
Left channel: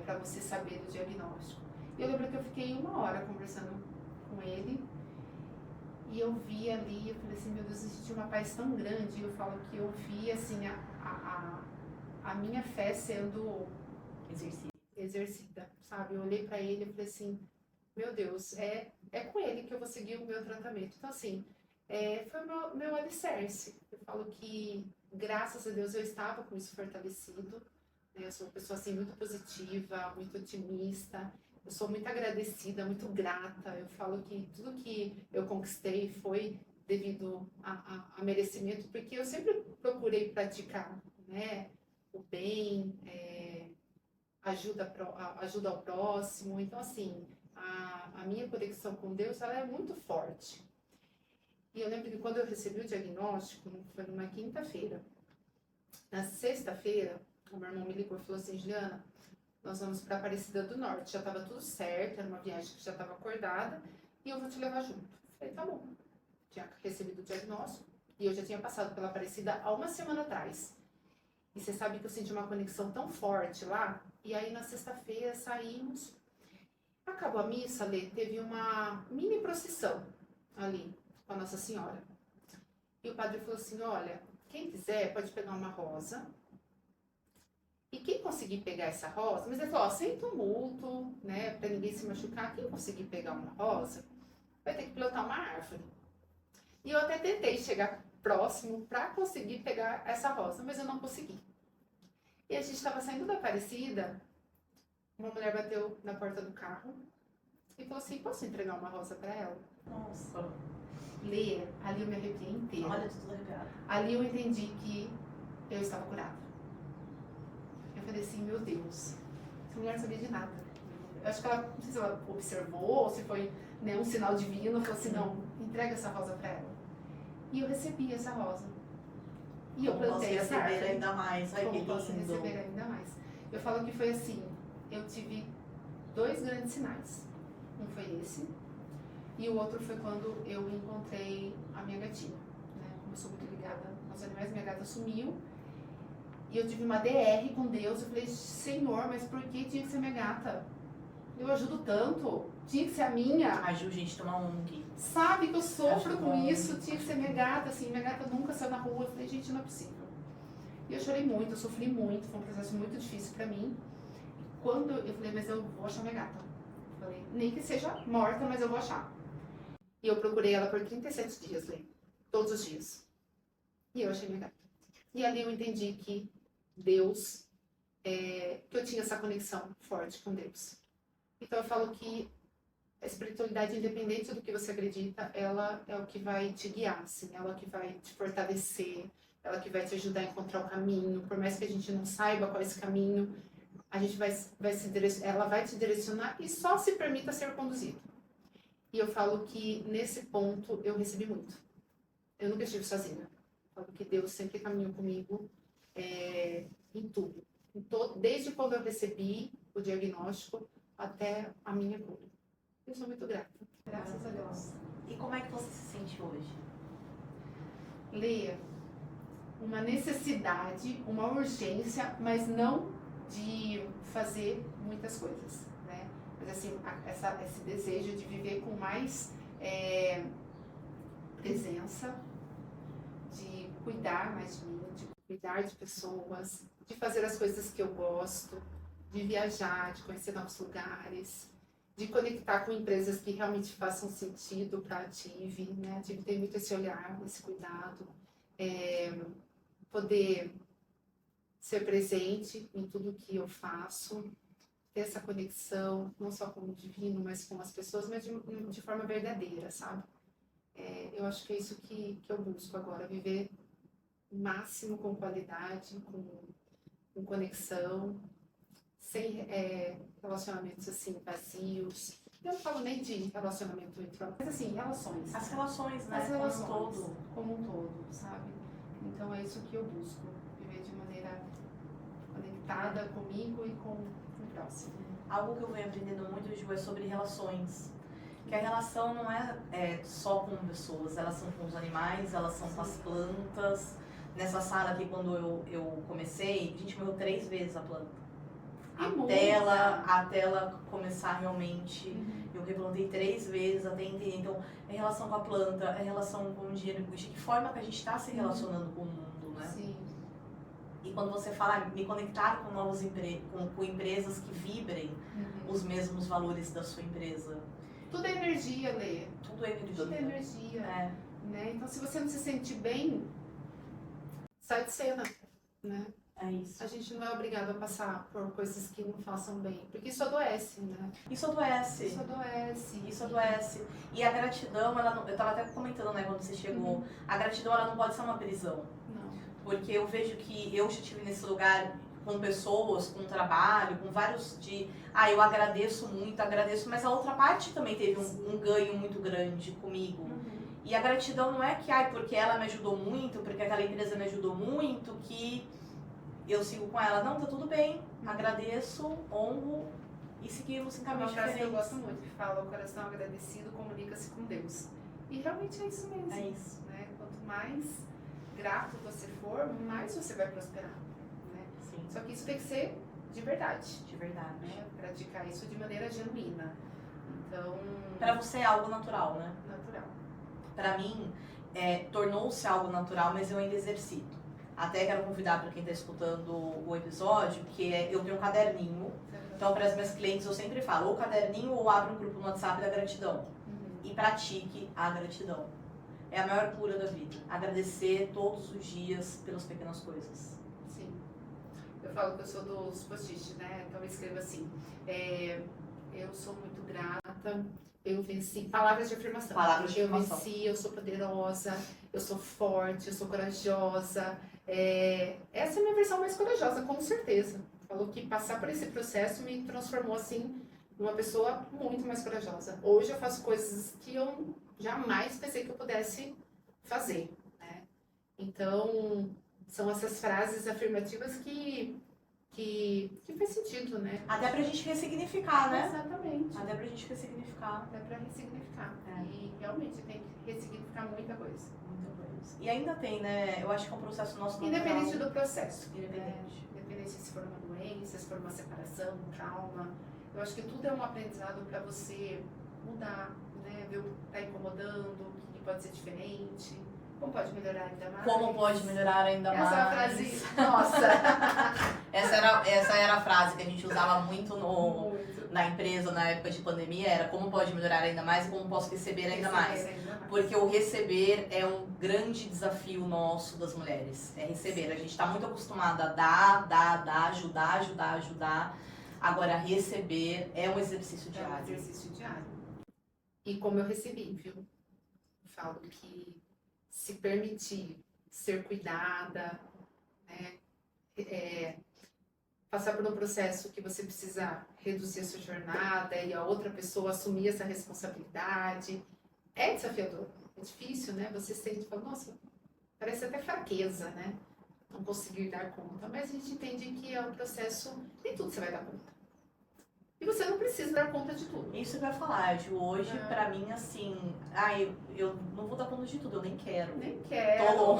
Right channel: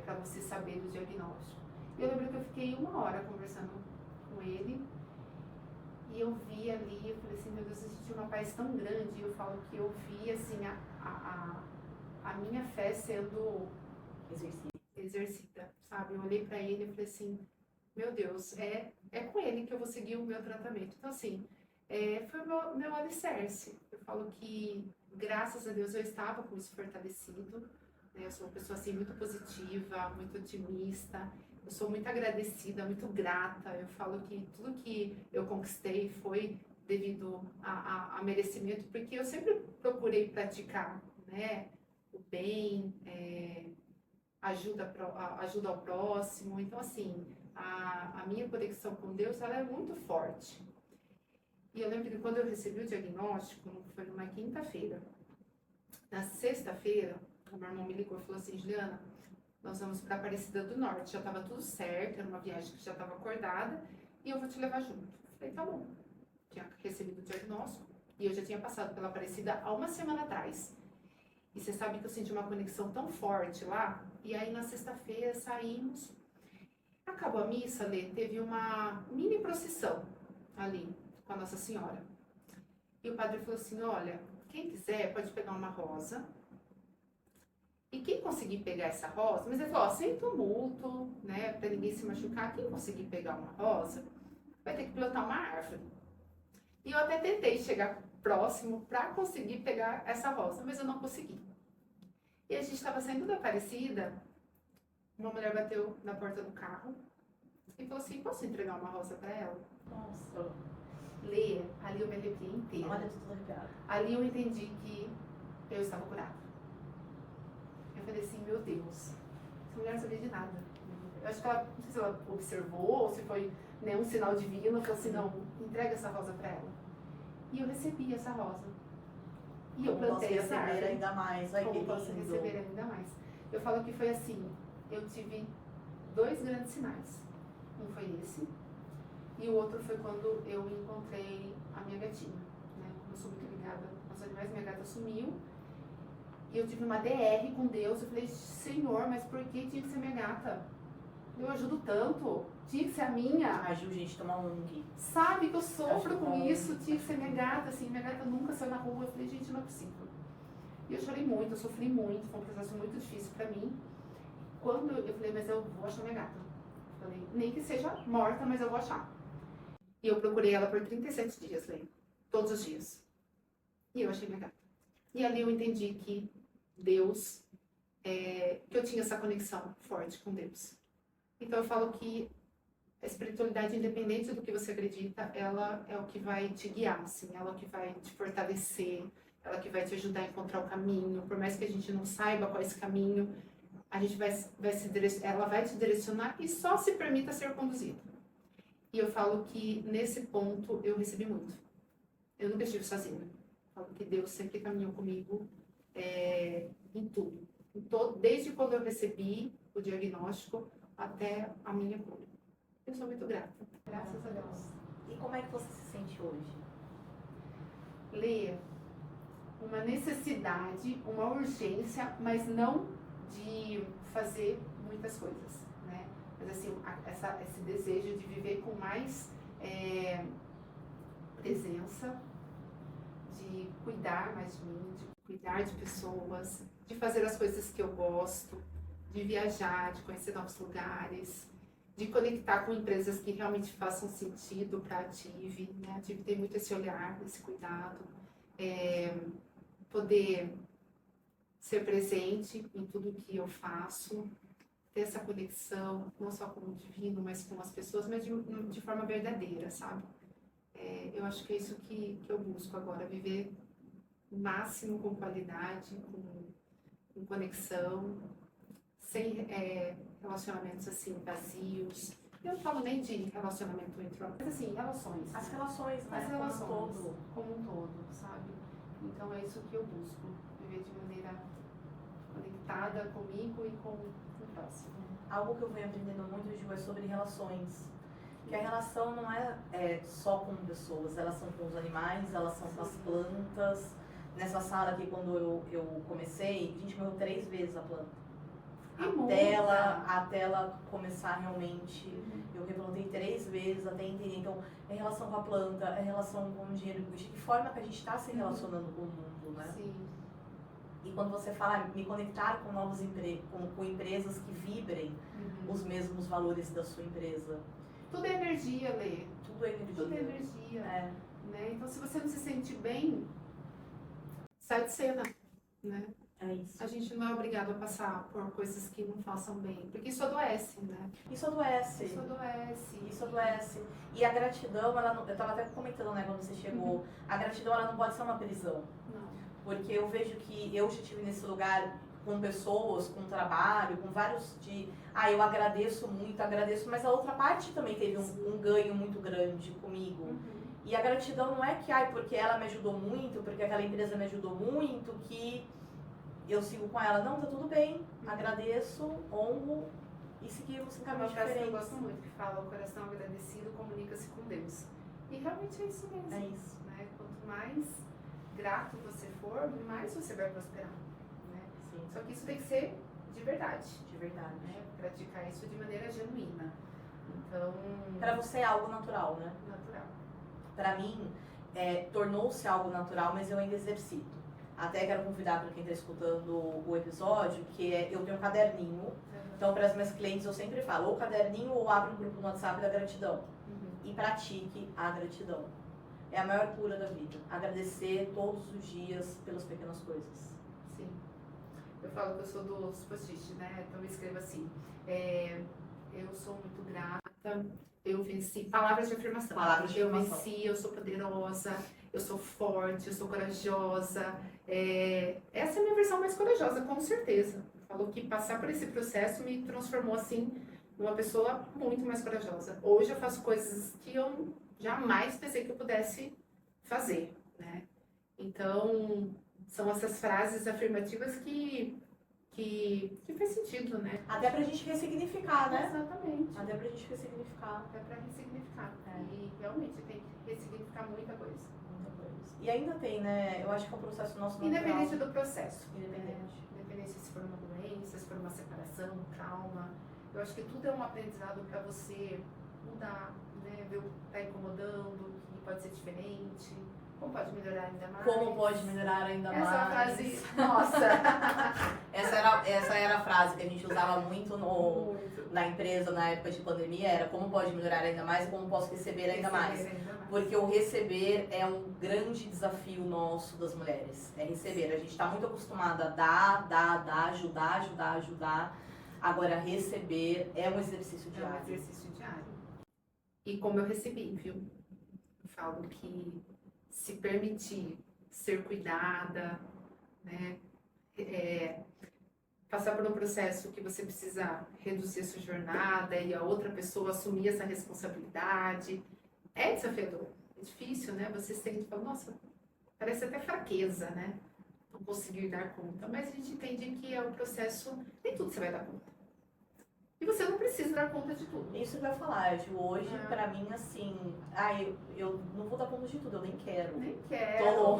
pra você saber do diagnóstico? E eu lembro que eu fiquei 1 hora conversando com ele. E eu vi ali, eu falei assim, meu Deus, eu senti uma paz tão grande. E eu falo que eu vi, assim, a minha fé sendo exercida, sabe? Eu olhei pra ele e falei assim, meu Deus, é com ele que eu vou seguir o meu tratamento. Então, assim, foi o meu alicerce. Eu falo que, graças a Deus, eu estava com isso fortalecido. Né? Eu sou uma pessoa, assim, muito positiva, muito otimista. Eu sou muito agradecida, muito grata. Eu falo que tudo que eu conquistei foi devido a merecimento, porque eu sempre procurei praticar, né? O bem, ajuda ao próximo. Então, assim, a minha conexão com Deus, ela é muito forte. E eu lembro que quando eu recebi o diagnóstico, foi numa quinta-feira. Na sexta-feira, o meu irmão me ligou e falou assim, Juliana, nós vamos para Aparecida do Norte. Já estava tudo certo, era uma viagem que já estava acordada. e eu vou te levar junto. Falei, tá bom. Tinha recebido o diagnóstico e eu já tinha passado pela Aparecida há uma semana atrás. E você sabe que eu senti uma conexão tão forte lá. E aí na sexta-feira saímos. Acabou a missa, Lê, teve uma mini procissão ali com a Nossa Senhora. E o padre falou assim, olha, quem quiser pode pegar uma rosa. E quem conseguir pegar essa rosa, mas ele falou, ó, sem tumulto, né, pra ninguém se machucar, quem conseguir pegar uma rosa, vai ter que plantar uma árvore. E eu até tentei chegar próximo para conseguir pegar essa rosa, mas eu não consegui. E a gente estava saindo da Aparecida, uma mulher bateu na porta do carro e falou assim, posso entregar uma rosa para ela? Nossa, Lê, ali eu me arrepiei inteira. olha, tudo arrepiado. Ali eu entendi que eu estava curada. Eu falei assim, meu Deus, essa mulher não sabia de nada. Eu acho que ela, não sei se ela observou ou se foi, né, um sinal divino, falou assim, não, entrega essa rosa para ela. E eu recebi essa rosa. E eu plantei essa receber árvore. ainda mais. Ai, que Como posso lindo. receber ainda mais. Eu falo que foi assim, eu tive 2 grandes sinais. Um foi esse, e o outro foi quando eu encontrei a minha gatinha, né? Como eu sou muito ligada aos animais, minha gata sumiu, e eu tive uma DR com Deus, eu falei, Senhor, mas por que tinha que ser minha gata? Eu ajudo tanto, tinha que ser a minha. A Ju, gente, toma ONG. Sabe que eu sofro Acho com bom. isso, tinha que ser minha gata, assim, minha gata nunca saiu na rua, eu falei, gente, não é possível. E eu chorei muito, eu sofri muito, foi um processo muito difícil pra mim. Quando eu falei, mas eu vou achar minha gata. Eu falei, nem que seja morta, mas eu vou achar. E eu procurei ela por 37 dias, Lê, todos os dias. E eu achei minha gata. E ali eu entendi que Deus, que eu tinha essa conexão forte com Deus. Então eu falo que a espiritualidade, independente do que você acredita, ela é o que vai te guiar, assim, ela é o que vai te fortalecer, ela que vai te ajudar a encontrar o caminho. Por mais que a gente não saiba qual é esse caminho, a gente ela vai te direcionar e só se permita ser conduzido. E eu falo que nesse ponto eu recebi muito. Eu nunca estive sozinha. Eu falo que Deus sempre caminhou comigo em tudo. Desde quando eu recebi o diagnóstico até a minha cura. Eu sou muito grata. Graças a Deus. E como é que você se sente hoje? Lê, uma necessidade, uma urgência, mas não de fazer muitas coisas, né? Mas assim, esse desejo de viver com mais presença, de cuidar mais de mim, de cuidar de pessoas, de fazer as coisas que eu gosto, de viajar, de conhecer novos lugares, de conectar com empresas que realmente façam sentido para a Ative, né? A Ative tem muito esse olhar, esse cuidado, poder ser presente em tudo que eu faço, ter essa conexão, não só com o divino, mas com as pessoas, mas de forma verdadeira, sabe? Eu acho que é isso que eu busco agora, viver o máximo com qualidade, com conexão, sem relacionamentos assim vazios. Eu não falo nem de relacionamento entre homens, mas assim, relações. As relações, né? As relações, Como um todo. como um todo, sabe? Então é isso que eu busco, viver de maneira conectada comigo e com o próximo. Algo que eu venho aprendendo muito, Ju, é sobre relações. Que a relação não é só com pessoas, elas são com os animais, elas são com as plantas. Nessa sala aqui, quando eu comecei, a gente morreu 3 vezes a planta. Até ela começar realmente, eu replantei 3 vezes até entender. Então, é relação com a planta, é relação com o dinheiro, de que forma que a gente está se relacionando com o mundo, né? Sim. E quando você fala, me conectar com novos com empresas que vibrem os mesmos valores da sua empresa. Tudo é energia, Lê. Tudo é energia. Tudo é energia. É. Então, se você não se sente bem, sai de cena, né? É isso. A gente não é obrigado a passar por coisas que não façam bem, porque isso adoece, né? Isso adoece. Isso adoece. Isso adoece. E a gratidão, ela não, eu tava até comentando, né, quando você chegou, a gratidão, ela não pode ser uma prisão. Não. Porque eu vejo que eu já estive nesse lugar com pessoas, com trabalho, com vários eu agradeço muito, mas a outra parte também teve um ganho muito grande comigo. E a gratidão não é que, porque ela me ajudou muito, porque aquela empresa me ajudou muito, que eu sigo com ela. Não, tá tudo bem, agradeço, honro e seguimos em Uma caminhos frase que eu diferentes. gosto muito, que fala: o coração agradecido comunica-se com Deus. E realmente é isso mesmo. É isso. Né? Quanto mais grato você for, mais você vai prosperar. Né? Sim, Só que isso tem que ser de verdade. de verdade. Né? Praticar isso de maneira genuína. Então, Pra você é algo natural, né? natural. Pra mim, tornou-se algo natural, mas eu ainda exercito. Até quero convidar para quem está escutando o episódio, que eu tenho um caderninho. Então, para as minhas clientes, eu sempre falo, ou caderninho ou abra um grupo no WhatsApp da gratidão. E pratique a gratidão. É a maior cura da vida. Agradecer todos os dias pelas pequenas coisas. Sim. Eu falo que eu sou dos post-it, né? Então eu escrevo assim: eu sou muito grata, eu venci. Palavras de afirmação. Palavras de eu afirmação. venci, eu sou poderosa, eu sou forte, eu sou corajosa. Essa é a minha versão mais corajosa, com certeza. Falou que passar por esse processo me transformou assim numa pessoa muito mais corajosa. Hoje eu faço coisas que eu jamais pensei que eu pudesse fazer, né? Então, são essas frases afirmativas que faz sentido, né? Até pra gente ressignificar, né? Exatamente. Até pra gente ressignificar Até para ressignificar. E realmente tem que ressignificar muita coisa. muita coisa. E ainda tem, né? Eu acho que é um processo nosso natural. Independente do processo. Independente. Independente se for uma doença, se for uma separação, um trauma. Eu acho que tudo é um aprendizado para você mudar, né? Ver o que está incomodando, o que pode ser diferente, como pode melhorar ainda mais. Como pode melhorar ainda mais. Essa é a frase, nossa! Essa era a frase que a gente usava muito Muito. na empresa na época de pandemia, era como pode melhorar ainda mais e como posso receber ainda mais. Ainda mais. Porque o receber é um grande desafio nosso das mulheres. É receber. A gente está muito acostumada a dar, ajudar. Agora, receber é um exercício É um diário. exercício diário. E como eu recebi, viu? Eu falo que se permitir ser cuidada, né? Passar por um processo que você precisa reduzir a sua jornada e a outra pessoa assumir essa responsabilidade, é desafiador. É difícil, né? Você sente e fala, nossa, parece até fraqueza, né? Não conseguir dar conta. Mas a gente entende que é um processo, nem tudo você vai dar conta. E você não precisa dar conta de tudo. Isso que eu ia falar, Ju. Hoje, É. pra mim, assim, eu não vou dar conta de tudo, eu nem quero. Nem quero. Tô.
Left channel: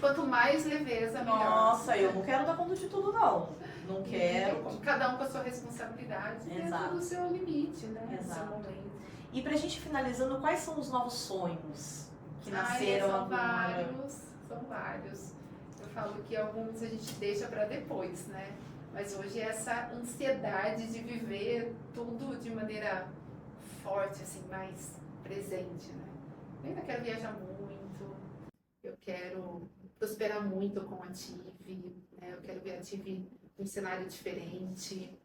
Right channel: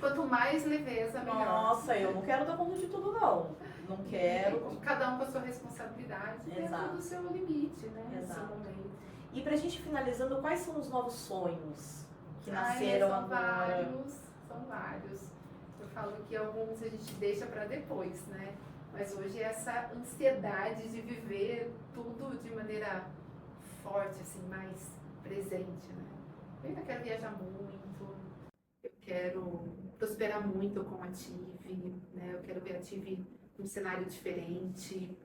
Quanto mais leveza, melhor. Nossa, eu não quero dar conta de tudo, não. Não quero. Cada um com a sua responsabilidade, dentro Exato. do seu limite, né? Do seu Exato. momento. E pra gente finalizando, quais são os novos sonhos que Ai, nasceram são agora? vários. Eu falo que alguns a gente deixa para depois, né? Mas hoje essa ansiedade de viver tudo de maneira forte, assim, mais presente, né? Eu ainda quero viajar muito, eu quero prosperar muito com a TIV, né? Eu quero ver a TIV num cenário diferente.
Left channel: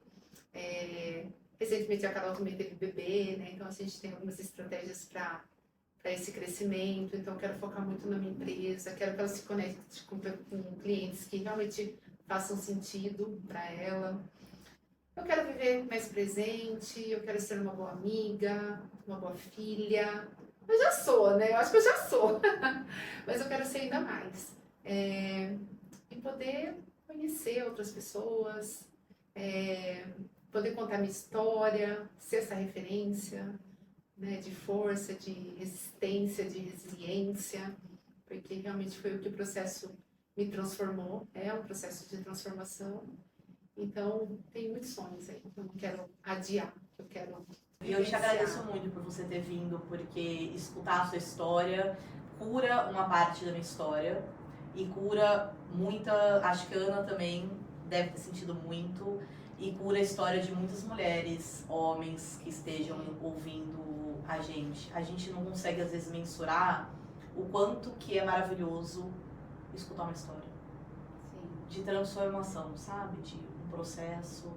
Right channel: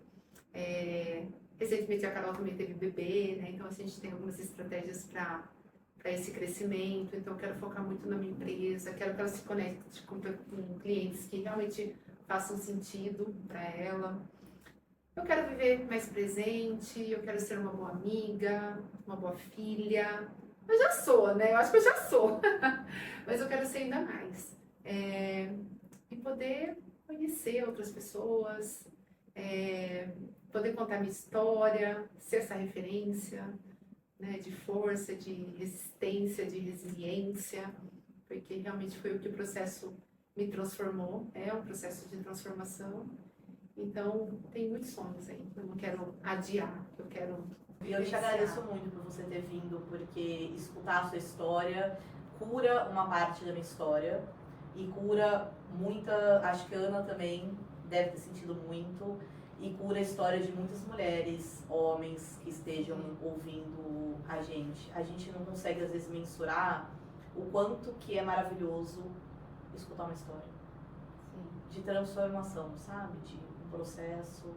Recentemente a Carol também teve bebê, né? Então a gente tem algumas estratégias para esse crescimento. Então eu quero focar muito na minha empresa, quero que ela se conecte com clientes que realmente façam sentido para ela. Eu quero viver mais presente, eu quero ser uma boa amiga, uma boa filha. Eu já sou, né? Eu acho que eu já sou. Mas eu quero ser ainda mais. E poder conhecer outras pessoas, poder contar minha história, ser essa referência, né, de força, de resistência, de resiliência, porque realmente foi o que o processo me transformou, é um processo de transformação. Então, tem muitos sonhos aí, eu não quero adiar, eu quero E eu te vivenciar. agradeço muito por você ter vindo, porque escutar a sua história cura uma parte da minha história e cura muita, acho que a Ana também deve ter sentido muito, e cura a história de muitas mulheres, homens que estejam ouvindo a gente. A gente não consegue às vezes mensurar o quanto que é maravilhoso escutar uma história Sim, de transformação, sabe? De um processo.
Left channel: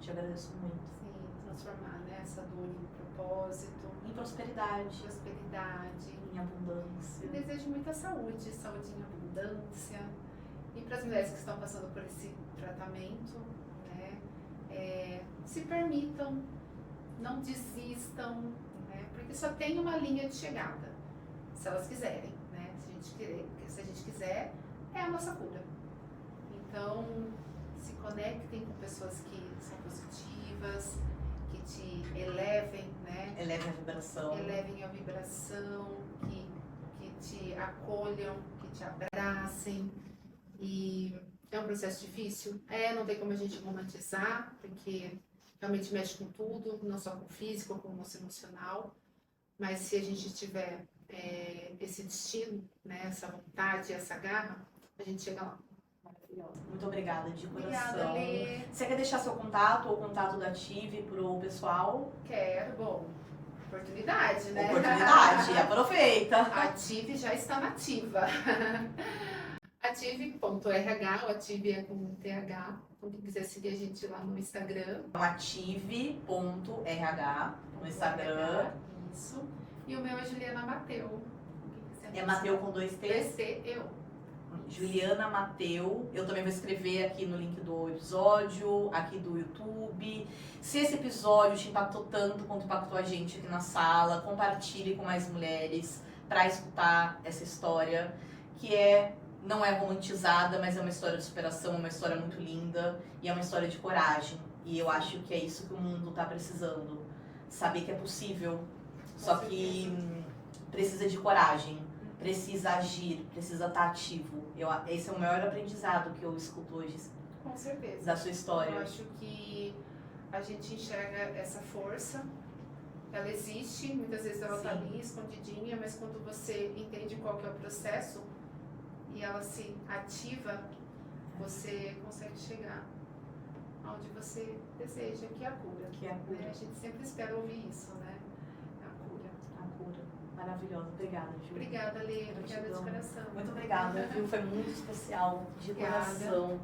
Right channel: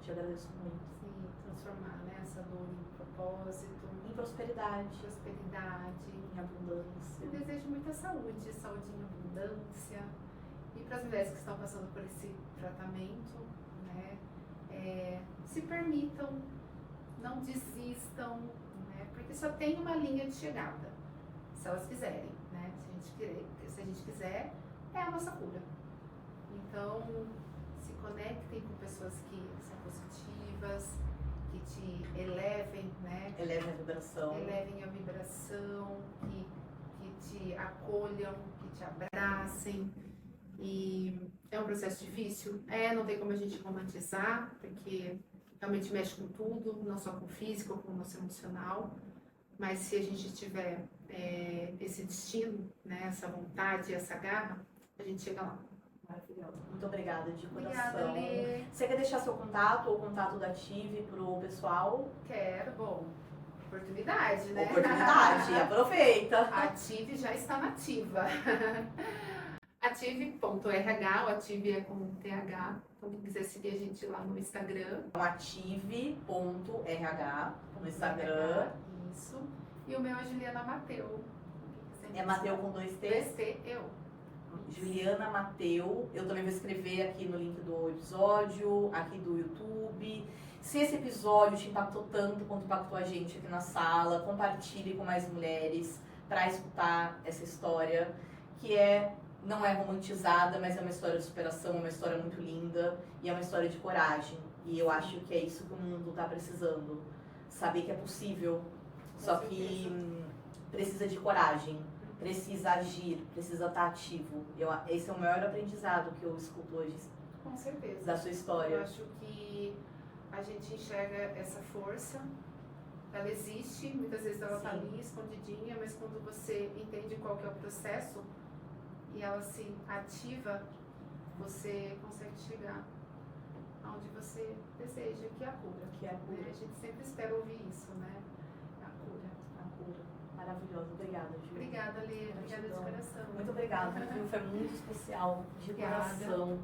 Te agradeço muito. sim, transformar, né, essa dor em propósito, Em prosperidade, prosperidade. em abundância. Eu desejo muita saúde, saúde em abundância. E para as mulheres que estão passando por esse tratamento, né, se permitam, não desistam, né, porque só tem uma linha de chegada, se elas quiserem, né, se a gente quiser, é a nossa cura. Então, se conectem com pessoas que são positivas, que te elevem, né? Eleve a vibração. Elevem a vibração, que te acolham, que te abracem. E é um processo difícil? Não tem como a gente romantizar, porque realmente mexe com tudo, não só com o físico, com o nosso emocional. Mas se a gente tiver esse destino, né, essa vontade, essa garra, a gente chega lá. Maravilhoso. Muito obrigada, de coração. Obrigada, Lê. Você quer deixar seu contato ou o contato da Ative pro pessoal? Quero, bom, oportunidade, né? Oportunidade, aproveita. A Ative já está nativa. Ative.rh, o Ative é com TH. Então, quem quiser seguir a gente lá no Instagram. Ative.rh no Instagram. Isso. E o meu é Juliana Mateu. É Mateu com 2 T's? eu. Juliana Mateu. Eu também vou escrever aqui no link do episódio, aqui do YouTube. Se esse episódio te impactou tanto quanto impactou a gente aqui na sala, compartilhe com mais mulheres para escutar essa história, que não é romantizada, mas é uma história de superação, uma história muito linda e é uma história de coragem. E eu acho que é isso que o mundo está precisando. Saber que é possível, só que precisa de coragem, precisa agir, precisa estar ativo. Esse é o maior aprendizado que eu escuto hoje Com certeza. da sua história. Eu acho que a gente enxerga essa força, ela existe, muitas vezes ela está Sim. ali escondidinha, mas quando você entende qual que é o processo e ela se ativa, você consegue chegar aonde você deseja, que é a cura. Que é a cura. Né? A gente sempre espera ouvir isso, né? A cura. A cura. Maravilhosa. Obrigada, Ju. Obrigada, Lê. Obrigada de Gratidão. coração. Muito obrigada, viu? Foi muito especial, de Obrigada. coração.